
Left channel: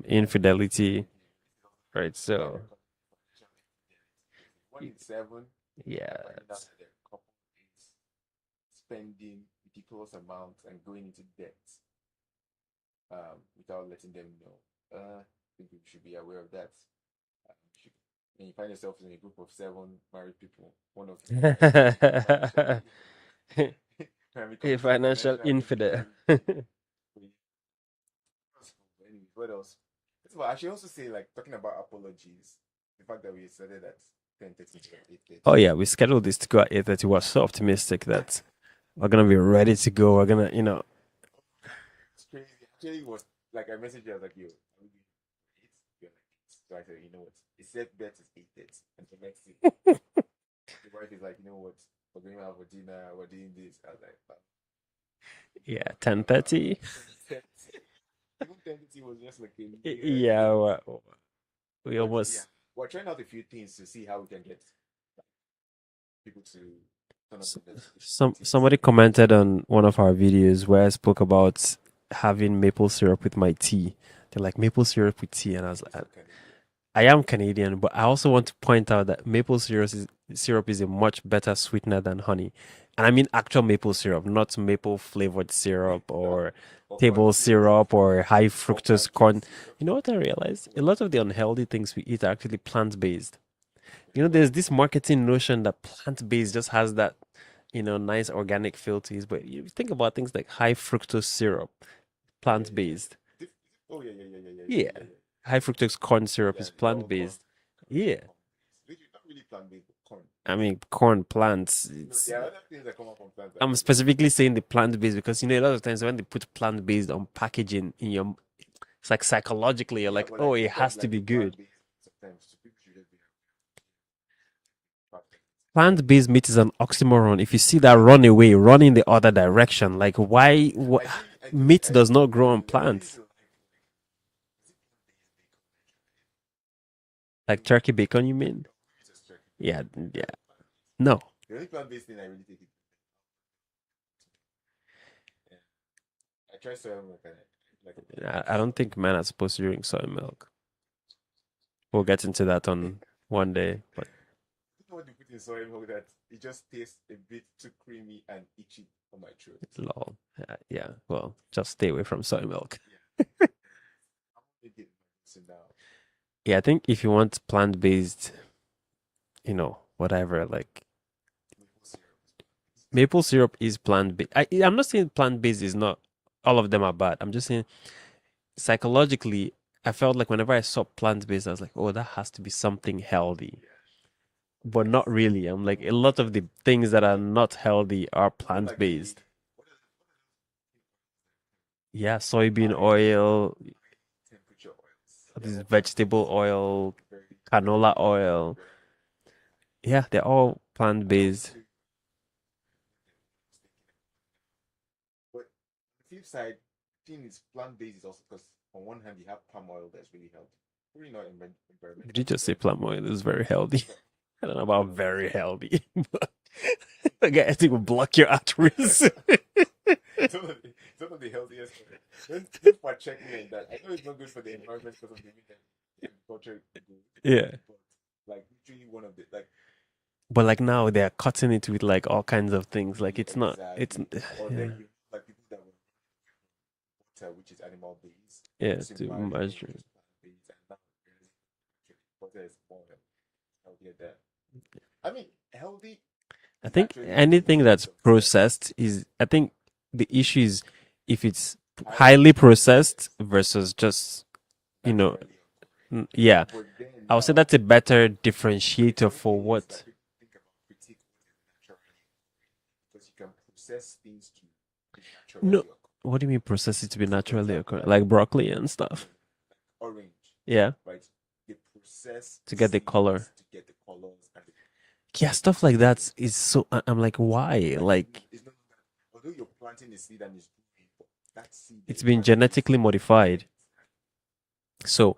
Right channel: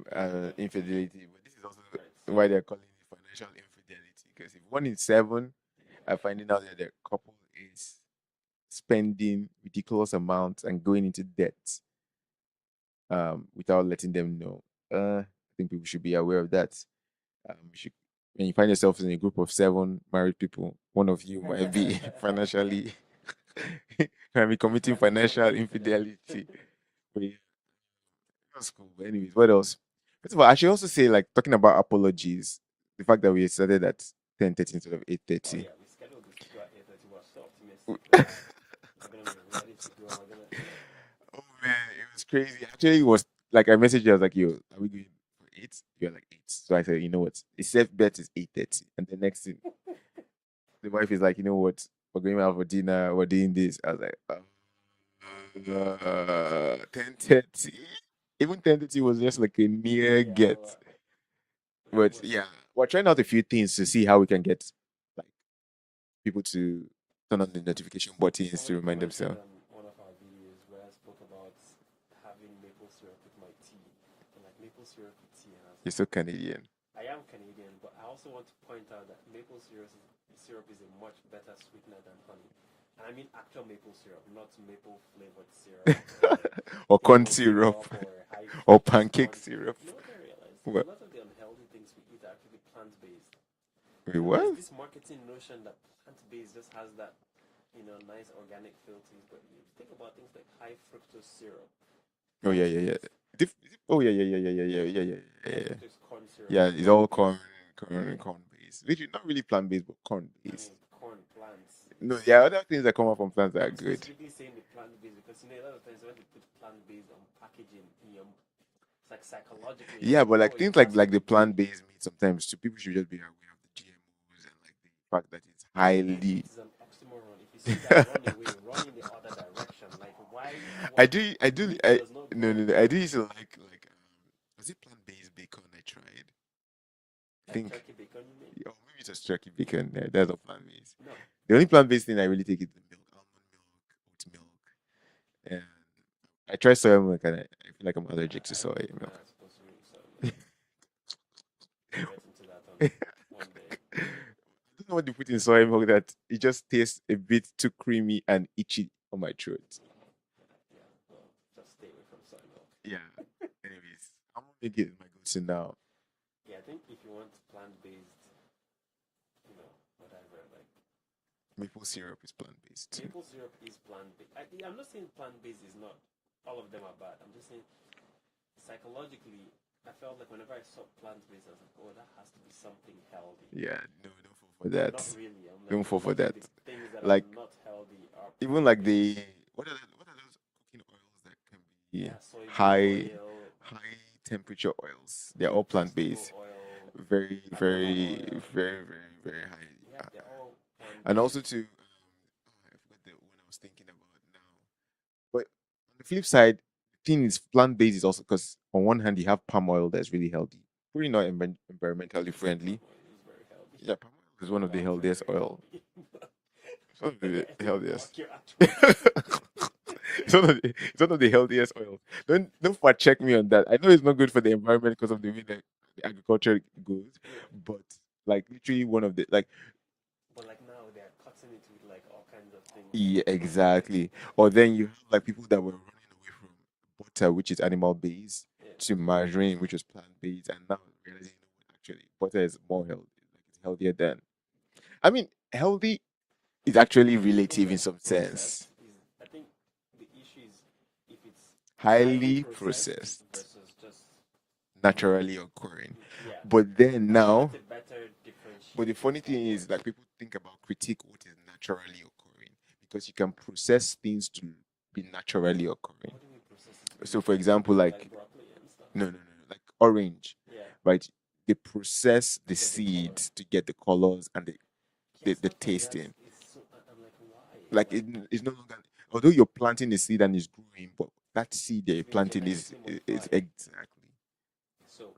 infidelity, Infidelity, but this is also right? why they're So calling it financial infidelity. Because if 1 in 7 yeah, are finding out that their couple is spending ridiculous amounts and going into debt, without letting them know, I think people should be aware of that. You should, when you find yourself in a group of 7 married people, one of you might be financially might be a committing financial financial infidel. infidelity. But yeah, that's cool. But anyways, what else? First of all, I should also say, like, talking about apologies, the fact that we started at 10:30 instead of Oh 8:30. yeah, we scheduled this to go at 8:30. We're so optimistic that we're gonna be ready to go. We're gonna, Oh man, it was crazy. Actually, it was like I messaged you. I was like, "Yo, are we going for 8?" You're like 8. So I said, "You know what? The safe bet is 8:30." And the next thing, the wife is like, "You know what? We're going out for dinner. We're doing this." I was like, yeah, 10:30. 10:30. Even 10:30 was just like a near Yeah, get. we But yeah, almost we're trying out a few things to see how we can get like people to turn on the notification button instead somebody of letting commented themselves. on one of our videos where I spoke about having maple syrup with my tea. They're like maple syrup with tea, and I was It's like, so Canadian. I am Canadian, but I also want to point out that maple syrup is a much better sweetener than honey. And I mean actual maple syrup, not maple flavored syrup or Or corn table syrup syrup or high or fructose pancake corn. syrup. You know what I realized? A What? lot of the unhealthy things we eat are actually plant based. Wait, There's what? this marketing notion that plant based just has that, nice organic feel to it. But you think about things like high fructose syrup, Oh yeah, plant yeah, yeah. based. Oh yeah, yeah, yeah, yeah, yeah, yeah, Yeah. yeah, yeah, High yeah, yeah. fructose corn syrup Yeah, is it's plant all corn, based. Yeah. corn based. Literally, not really plant based, but corn I based. mean, corn plants. No, there are other things that come up from plants that are I'm good. specifically saying the plant based because a lot of times when they put plant based on packaging it's like psychologically you're Yeah, like, but oh, like it things has to like be the good. plant based meat sometimes too. People should just be aware of the GMOs and like the fact that it's Plant-based highly. meat is an oxymoron. If you see that run away, run in the other direction. Like why? Meat does not grow No, on no, no, I do used plants. to like was it plant-based bacon I tried? I Like think, turkey bacon, you mean? oh, maybe it was turkey Yeah, bacon. yeah. That's not plant-based. No, The only plant-based thing I really take is the milk, almond milk, oat milk, and I tried soy milk and I feel like I'm allergic to I don't soy. think men are supposed to drink soy milk. We'll get into that on one day. But I don't know what they put in soy milk that it just tastes a bit too creamy and itchy on my throat. it's lol. Yeah, well, just stay away from soy milk. Yeah. Anyways, I'm gonna get my go-to now. Yeah, I think if you want plant-based, whatever, like Maple syrup is plant-based. maple syrup is plant-based. I'm not saying plant-based is not, all of them are bad. I'm just saying psychologically, I felt like whenever I saw plant-based, I was like, oh, that has to be something healthy. Yeah, no, don't fall for But not that. really. I'm like, Don't a fall for lot of that. the things that are Like not healthy are even like the plant-based. what are those cooking oils that can be Yeah, soybean high oil, high temperature oils? They're this all vegetable plant-based. oil, Very, canola very, oil. very, very, very high. Yeah, they're all And also plant-based. to I forgot the one I was thinking about now. But on the flip side, the thing is plant-based is also because on one hand you have palm oil that's really healthy. Pretty not Did you environmentally just say friendly. palm oil is very healthy? Yeah, palm I oil is don't know one of the about healthiest very oil. healthy. One of Like, the I think will healthiest. block your arteries. It's one of the healthiest oil. Don't fact check me on that. I know it's not good for the environment because of the way that the agriculture goes, Yeah. but like literally one of the like But like now they're cutting it with like all kinds of things. Like yeah, it's not. It's exactly. Or yeah, then you have like people that were running away from butter, which is animal based, yeah. to To margarine, which margarine. was plant based, and now realizing actually butter is more healthy, like it's healthier than. I mean, healthy I is think actually anything relative in that's some sense. processed is. I think the issue is if it's highly Highly processed processed, versus just you know. naturally occurring. Yeah, But then I would say now, that's a better but the differentiator funny for thing is, what. like people think about critique what is naturally occurring because you can process things to be No, naturally occurring. what do you mean process it to be So, for naturally example, occurring? Like broccoli and stuff. no, like orange, Yeah, right? They process to the get the color. seeds to get the colors and Yeah, the stuff like that tasting. is so. I'm like, why? Like Like it's no longer, although you're planting the seed and it's growing, but that seed that it's you're been planting genetically is modified. exactly. So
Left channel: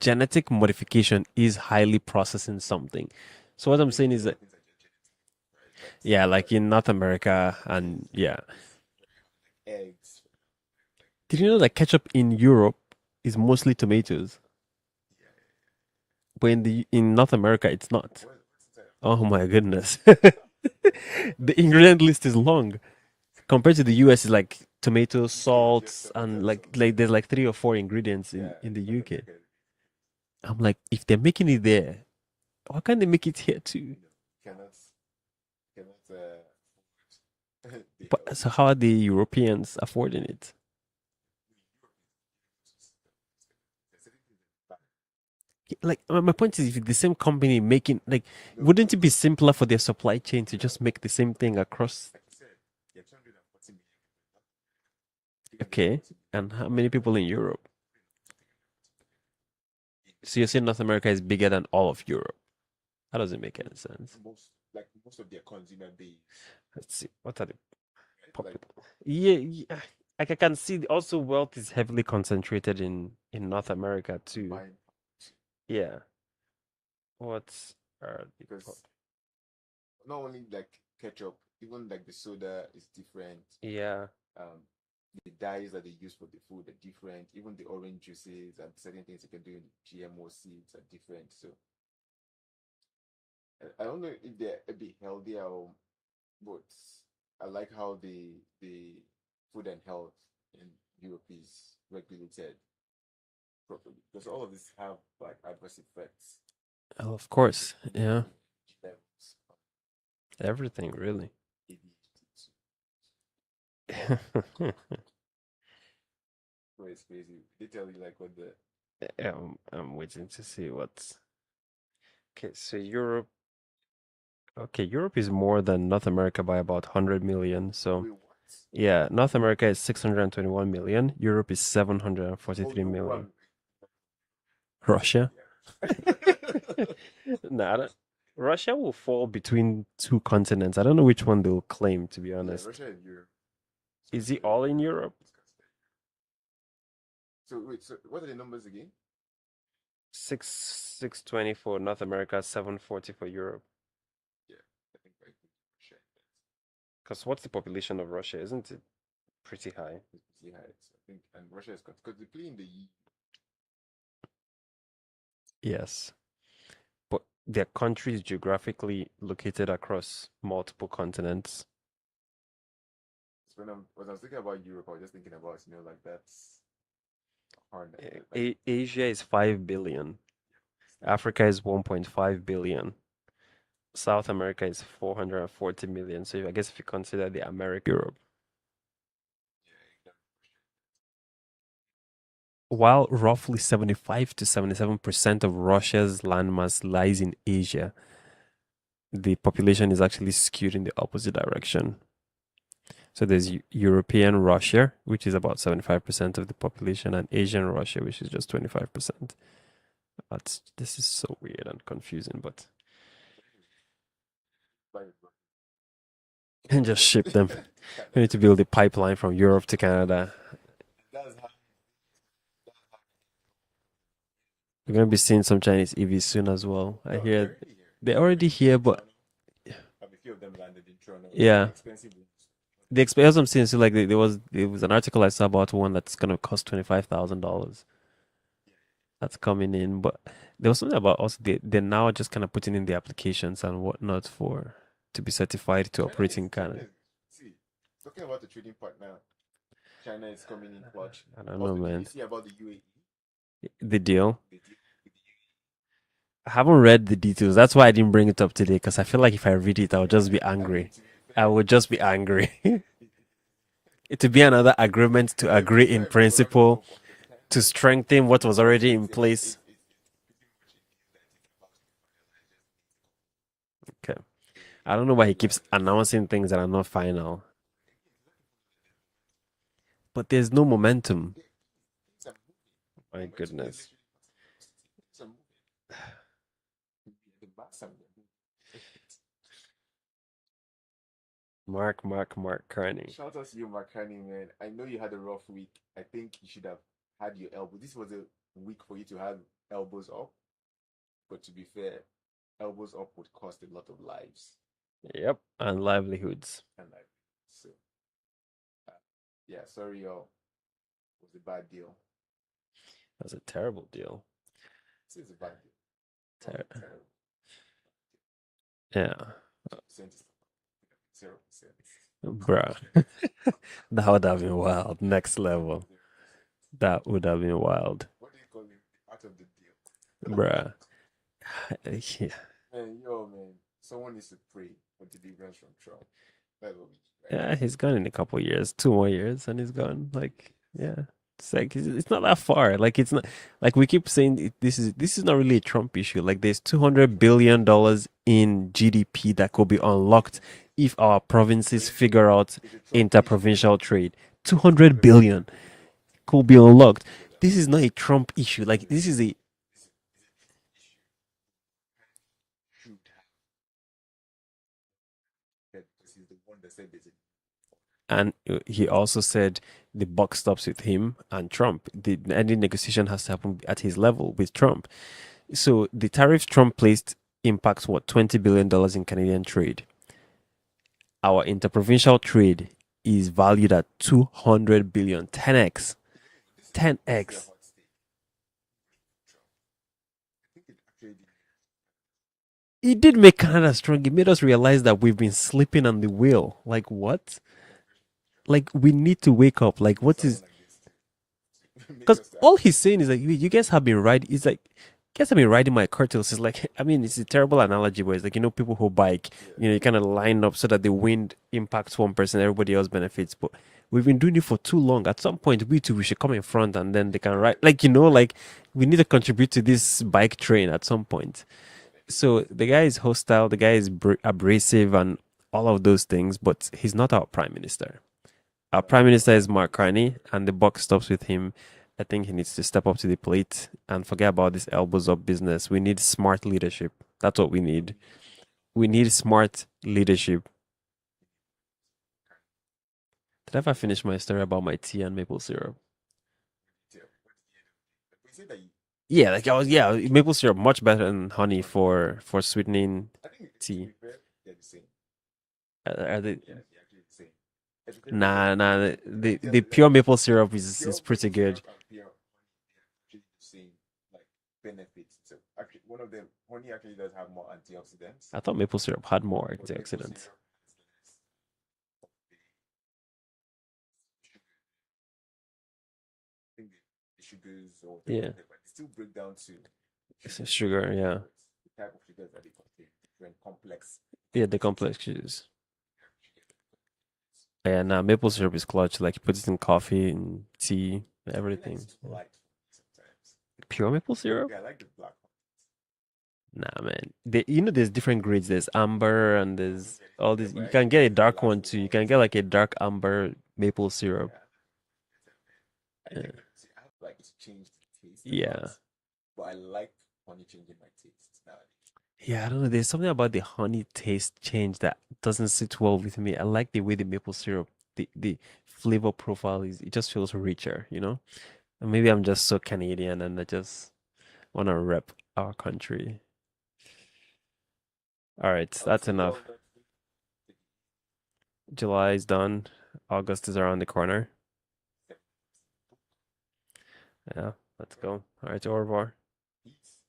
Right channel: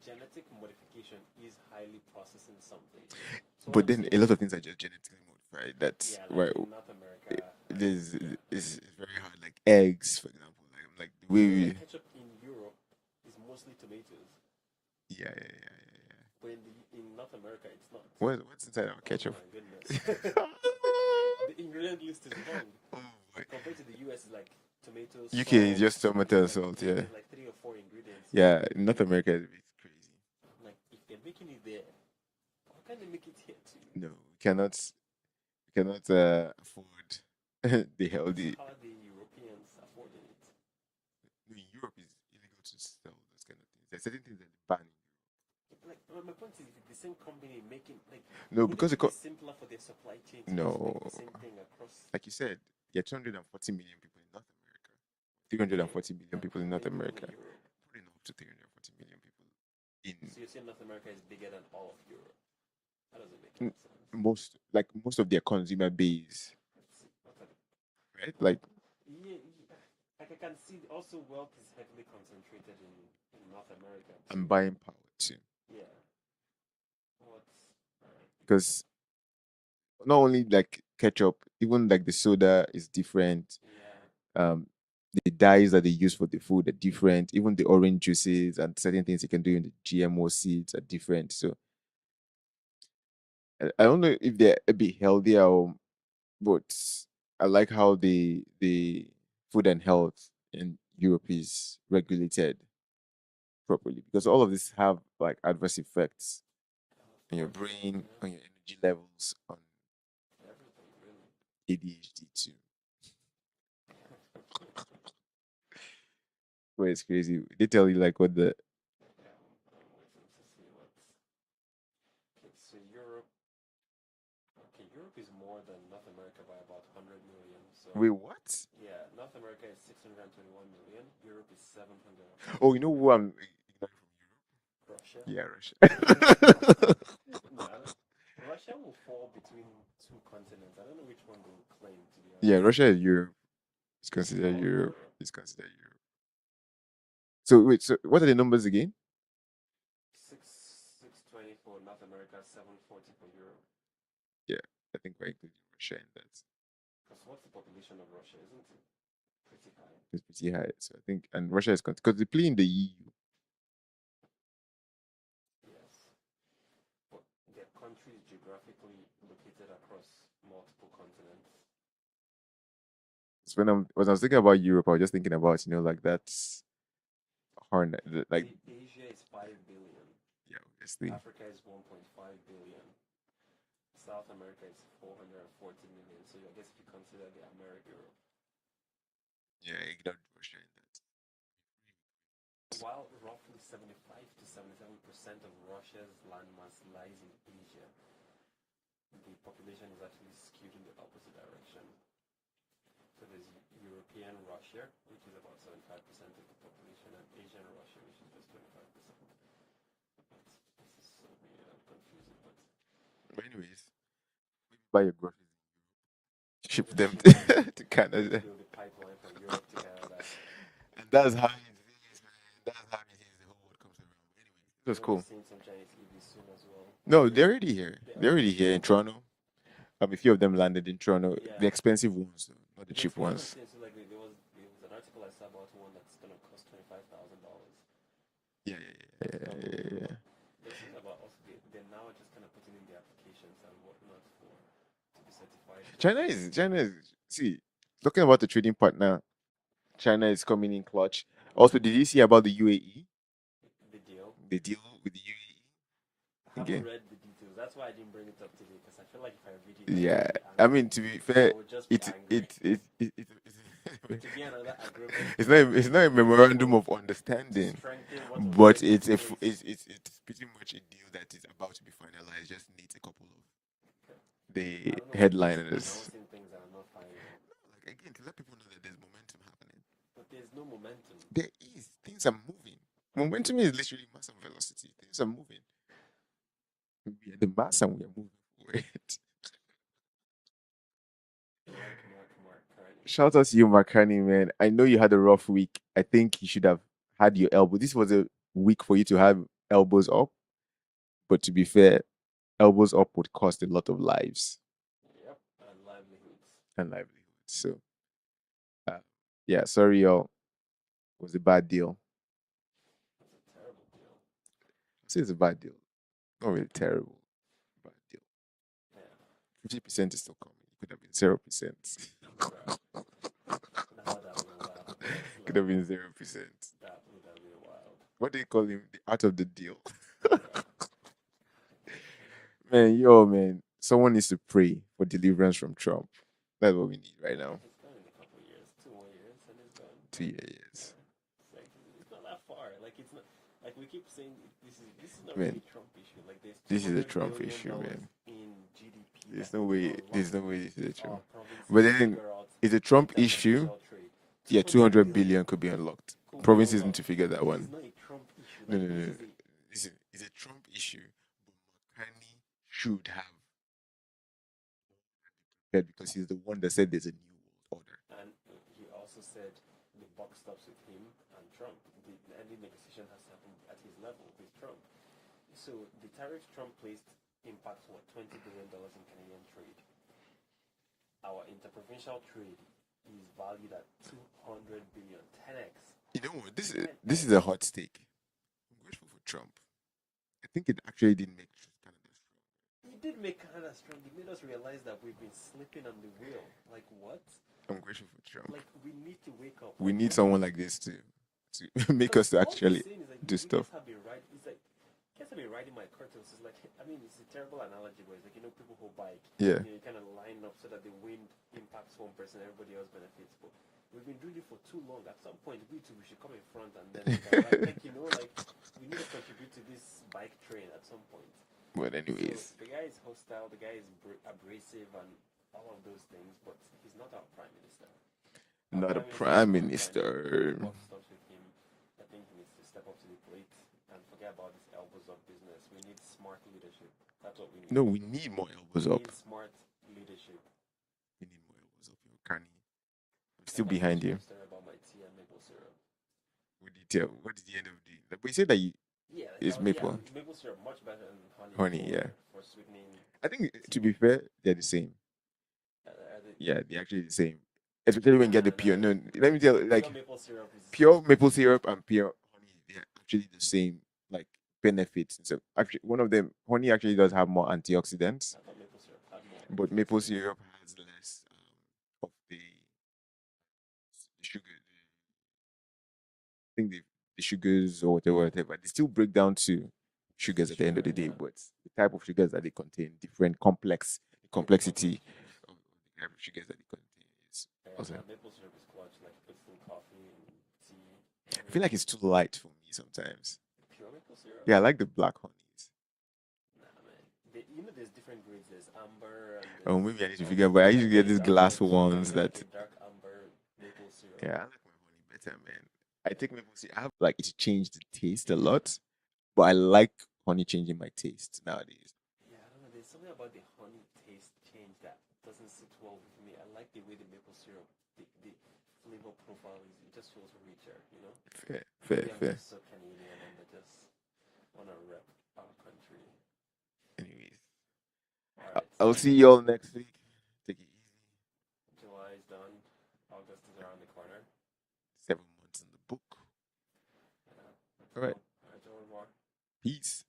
genetic modification is highly processing something. So what But I'm then saying a is lot that of things are just genetically modified. That's yeah, where like in North America it and yeah. is very hard. Like eggs, for example. Like the Did you know that way ketchup in Europe is mostly tomatoes, yeah. but in North America it's not. What's inside our Oh ketchup? my goodness. The ingredient list is long. Oh my Compared to the US, it's like tomato, UK is salt, just tomato and and like salt, like yeah. there's like 3 or 4 ingredients Yeah, in the in North UK. America it's crazy. I'm like, if they're making it there, why can't they make it here too? No, we cannot afford the But so healthy. how are the Europeans affording it? No, in Europe is illegal to sell those kind of things. There's certain things that they ban. Like my point is, if the same company making like, No, wouldn't because it be simpler for their supply chain to just make the no, same thing across? like you said, there are 240 million people in North America. Okay, 340 million and people how in North many people in America. Europe? Probably not up to 340 million people So you're saying North America is bigger than all of Europe? That doesn't make any in sense. most of their consumer base, Let's see. What are the right? Like popul- yeah, like I can see also wealth is heavily concentrated in North America and too. buying power too. Yeah. What are the Because not only like ketchup, even like the soda is different. yeah. Um, the dyes that they use for the food are different. Even the orange juices and certain things you can do in the GMO seeds are different. So I don't know if they're a bit healthier, but I like how the food and health in Europe is regulated properly because all of this have like adverse effects Oh, of on your course. brain, Yeah. on your energy levels, on Everything really. ADHD too. Well, it's crazy. They tell you like what the I'm waiting to see what's okay. So Europe. Okay, Europe is more than North America by about 100 million. So wait what? yeah, North America is 621 million. Europe is Oh, you 743 know who million. I'm ignoring from Europe? Russia? Yeah, Russia. Nah, Russia will fall between two continents. I don't know which one they'll claim, to be Yeah, honest. Russia is Europe. It's Is it considered all in Europe. Europe? It's considered Europe. So wait, so what are the numbers again? 620 for North America, 740 for Europe. Yeah, I think we're including Russia in that. Because what's the population of Russia? Isn't it pretty high? It's pretty high. So I think, and Russia is because they play in the EU. Yes. But their country is geographically located across multiple continents. So when I was thinking about Europe, I was just thinking about like that's horn like Asia is 5 billion. yeah, obviously. Africa is 1.5 billion. South America is 440 million. So I guess if you consider the America, Europe. Yeah, ignore Russia in While roughly 75 to 77% of Russia's landmass lies in Asia, the population is actually skewed in the opposite direction. So there's European Russia, which is about 75% of the population, and Asian Russia, which is just 25%. This is so weird and confusing, but But anyways, buy your groceries, and ship just them ship them. to We need to Canada. build a pipeline from Europe to Canada. And that's how it is, man. That's how it is. The whole world comes around. Anyway, it We're was gonna be cool. seeing some Chinese EVs soon as well. I No, hear they're already here. they're They're already already here here, in but Toronto. A few of them landed in Toronto. The yeah, expensive ones, though, not the the cheap expense I'm ones. seeing. So like there was an article I saw about one that's gonna cost $25,000. Yeah, That's coming in, yeah. but there was something about also they're now just kind of putting in the applications and whatnot for to be certified to operate in China Canada. is see, talking about the trading partner, China is coming in clutch. I don't know, Also, did you man. see about the UAE? The deal. The deal with the I UAE? haven't read the details. That's why I didn't bring it up today because I feel like if I read it, I'll Yeah, just be I mean angry. to be I fair, would just be it's angry. it's It would be another agreement to agree it's not in a memorandum principle of to understanding, strengthen what was but already in place. it's pretty much a deal that is about to be finalized. Just needs a couple of Okay. I the don't know why he keeps headliners. announcing things that are not final. Like again, to let people know that there's momentum happening. But there's no momentum. There is things are moving. My Momentum is goodness. literally mass and velocity. Things are moving. We are the mass and we are moving forward. Mark Carney. Shout out to you, McCartney, man. I know you had a rough week. I think you should have had your elbow. This was a week for you to have elbows up. But to be fair, elbows up would cost a lot of lives Yep. And livelihoods. and livelihoods. So, uh, yeah, sorry, y'all. It was a bad deal. That's a terrible deal. I say it's a bad deal. Not Yeah. really terrible. Bad deal. Yeah. 50% is still coming. It could have been 0%. Bro. That would have been wild. Next Could have level. been 0%. That would have been wild. What do you call him? The art of the deal. Bruh. Yeah. Man. Someone needs to pray for deliverance from Trump. That's what we need right Yeah, now. he's gone in a couple years, 2 more years, and he's gone. So, Like, yes. yeah, it's like it's not that far. Like, it's not like we keep saying this is not really a Trump issue. Like, there's This is a $200 Trump billion issue. in GDP that There's no could be way. There's unlocked no way this is if a Trump. our But provinces then figure out it's a Trump issue. interprovincial trade. Yeah, 200 200 billion billion could be unlocked. could be Provinces need to unlocked. figure that This one. is not a Trump issue. No, Like, no, this no. is a It's a Trump issue. But McCartney should have prepared because he's the one that said there's a new world order. and he also said the buck stops with him and Trump. Any negotiation has to happen at his level with Trump. So the tariffs Trump placed impacts what $20 billion in Canadian trade. Our interprovincial trade is valued at 200 billion, 10x, You know what? This is a 10x. hot stake. I'm grateful for Trump. I think it actually did make Canada strong. It did make Canada strong. It made us realize that we've been sleeping on the wheel. Like what? I'm grateful for Trump. Like we need to wake up. We Like need what someone is? like this to make Because us to all actually he's saying is like do you guys stuff. have been riding. It's like you guys have been riding my coattails. It's like I mean it's a terrible analogy, but it's like people who bike. Yeah. You kind of line up so that the wind impacts one person, everybody else benefits. But we've been doing it for too long. At some point, we should come in front and then they can ride. Like like we need to contribute to this bike train at some point. But anyways, So the guy is hostile. The guy is abrasive and all of those things. But he's not our prime minister. Our not prime a minister is prime Mark Carney, and the minister. buck stops with him. I think he needs to step up to the plate and forget about this elbows up business. We need smart leadership. That's what we No, need. we need more We elbows up. need smart leadership. We need more elbows up. Carney, I'm Did I still ever behind finish my you. story about my tea and maple syrup? What detail? What is the end of the day? Like, we said that Yeah, you like I just was, make yeah, honey, maple syrup much better than honey honey. Yeah, for sweetening I think to tea. be fair, they're the same. Are they? Yeah, they're actually the same. Especially when you get Nah, the pure. nah. No, let me tell The you, like pure maple syrup is pure pretty maple good. syrup and pure honey, they're actually the same like benefits. So actually, one of them, honey actually does have more antioxidants, I thought maple syrup had more but maple antioxidants. syrup has less of the sugar. I think the sugars or whatever, Yeah, whatever, they still break down to it's just sugars at the end of sugar. the day, Yeah, but the type of sugars that they contain, different complex, the yeah, the complexity complex juice. of the type of sugars that they contain is Yeah, also nah, important. maple syrup is clutch. Like you put it in coffee and tea, I feel like it's everything. too light for me sometimes. Pure maple syrup? Yeah, I like the black honeys. Nah, man. There's different grades. There's amber and Oh, there's maybe I need to all figure, this. but I You can usually get get a these dark glass one too. You can ones get like that, a dark amber maple syrup. yeah, I like my honey better, man. I Yeah. think maple syrup, I have like it's changed the taste a Yeah. lot, but I like honey changing my taste nowadays. Yeah, I don't know. There's something about the honey taste change that doesn't sit well with me. I like the way the maple syrup, the flavor profile is, it just feels richer, you know? Fair, And fair, maybe I'm fair. just so Canadian and I just want to rep our country. Anyways, All right, I'll that's see y'all enough. next week. Take it easy. July is done. August is around the corner. 7 months in the book. Yeah, let's All right. go. All right, au revoir. Peace.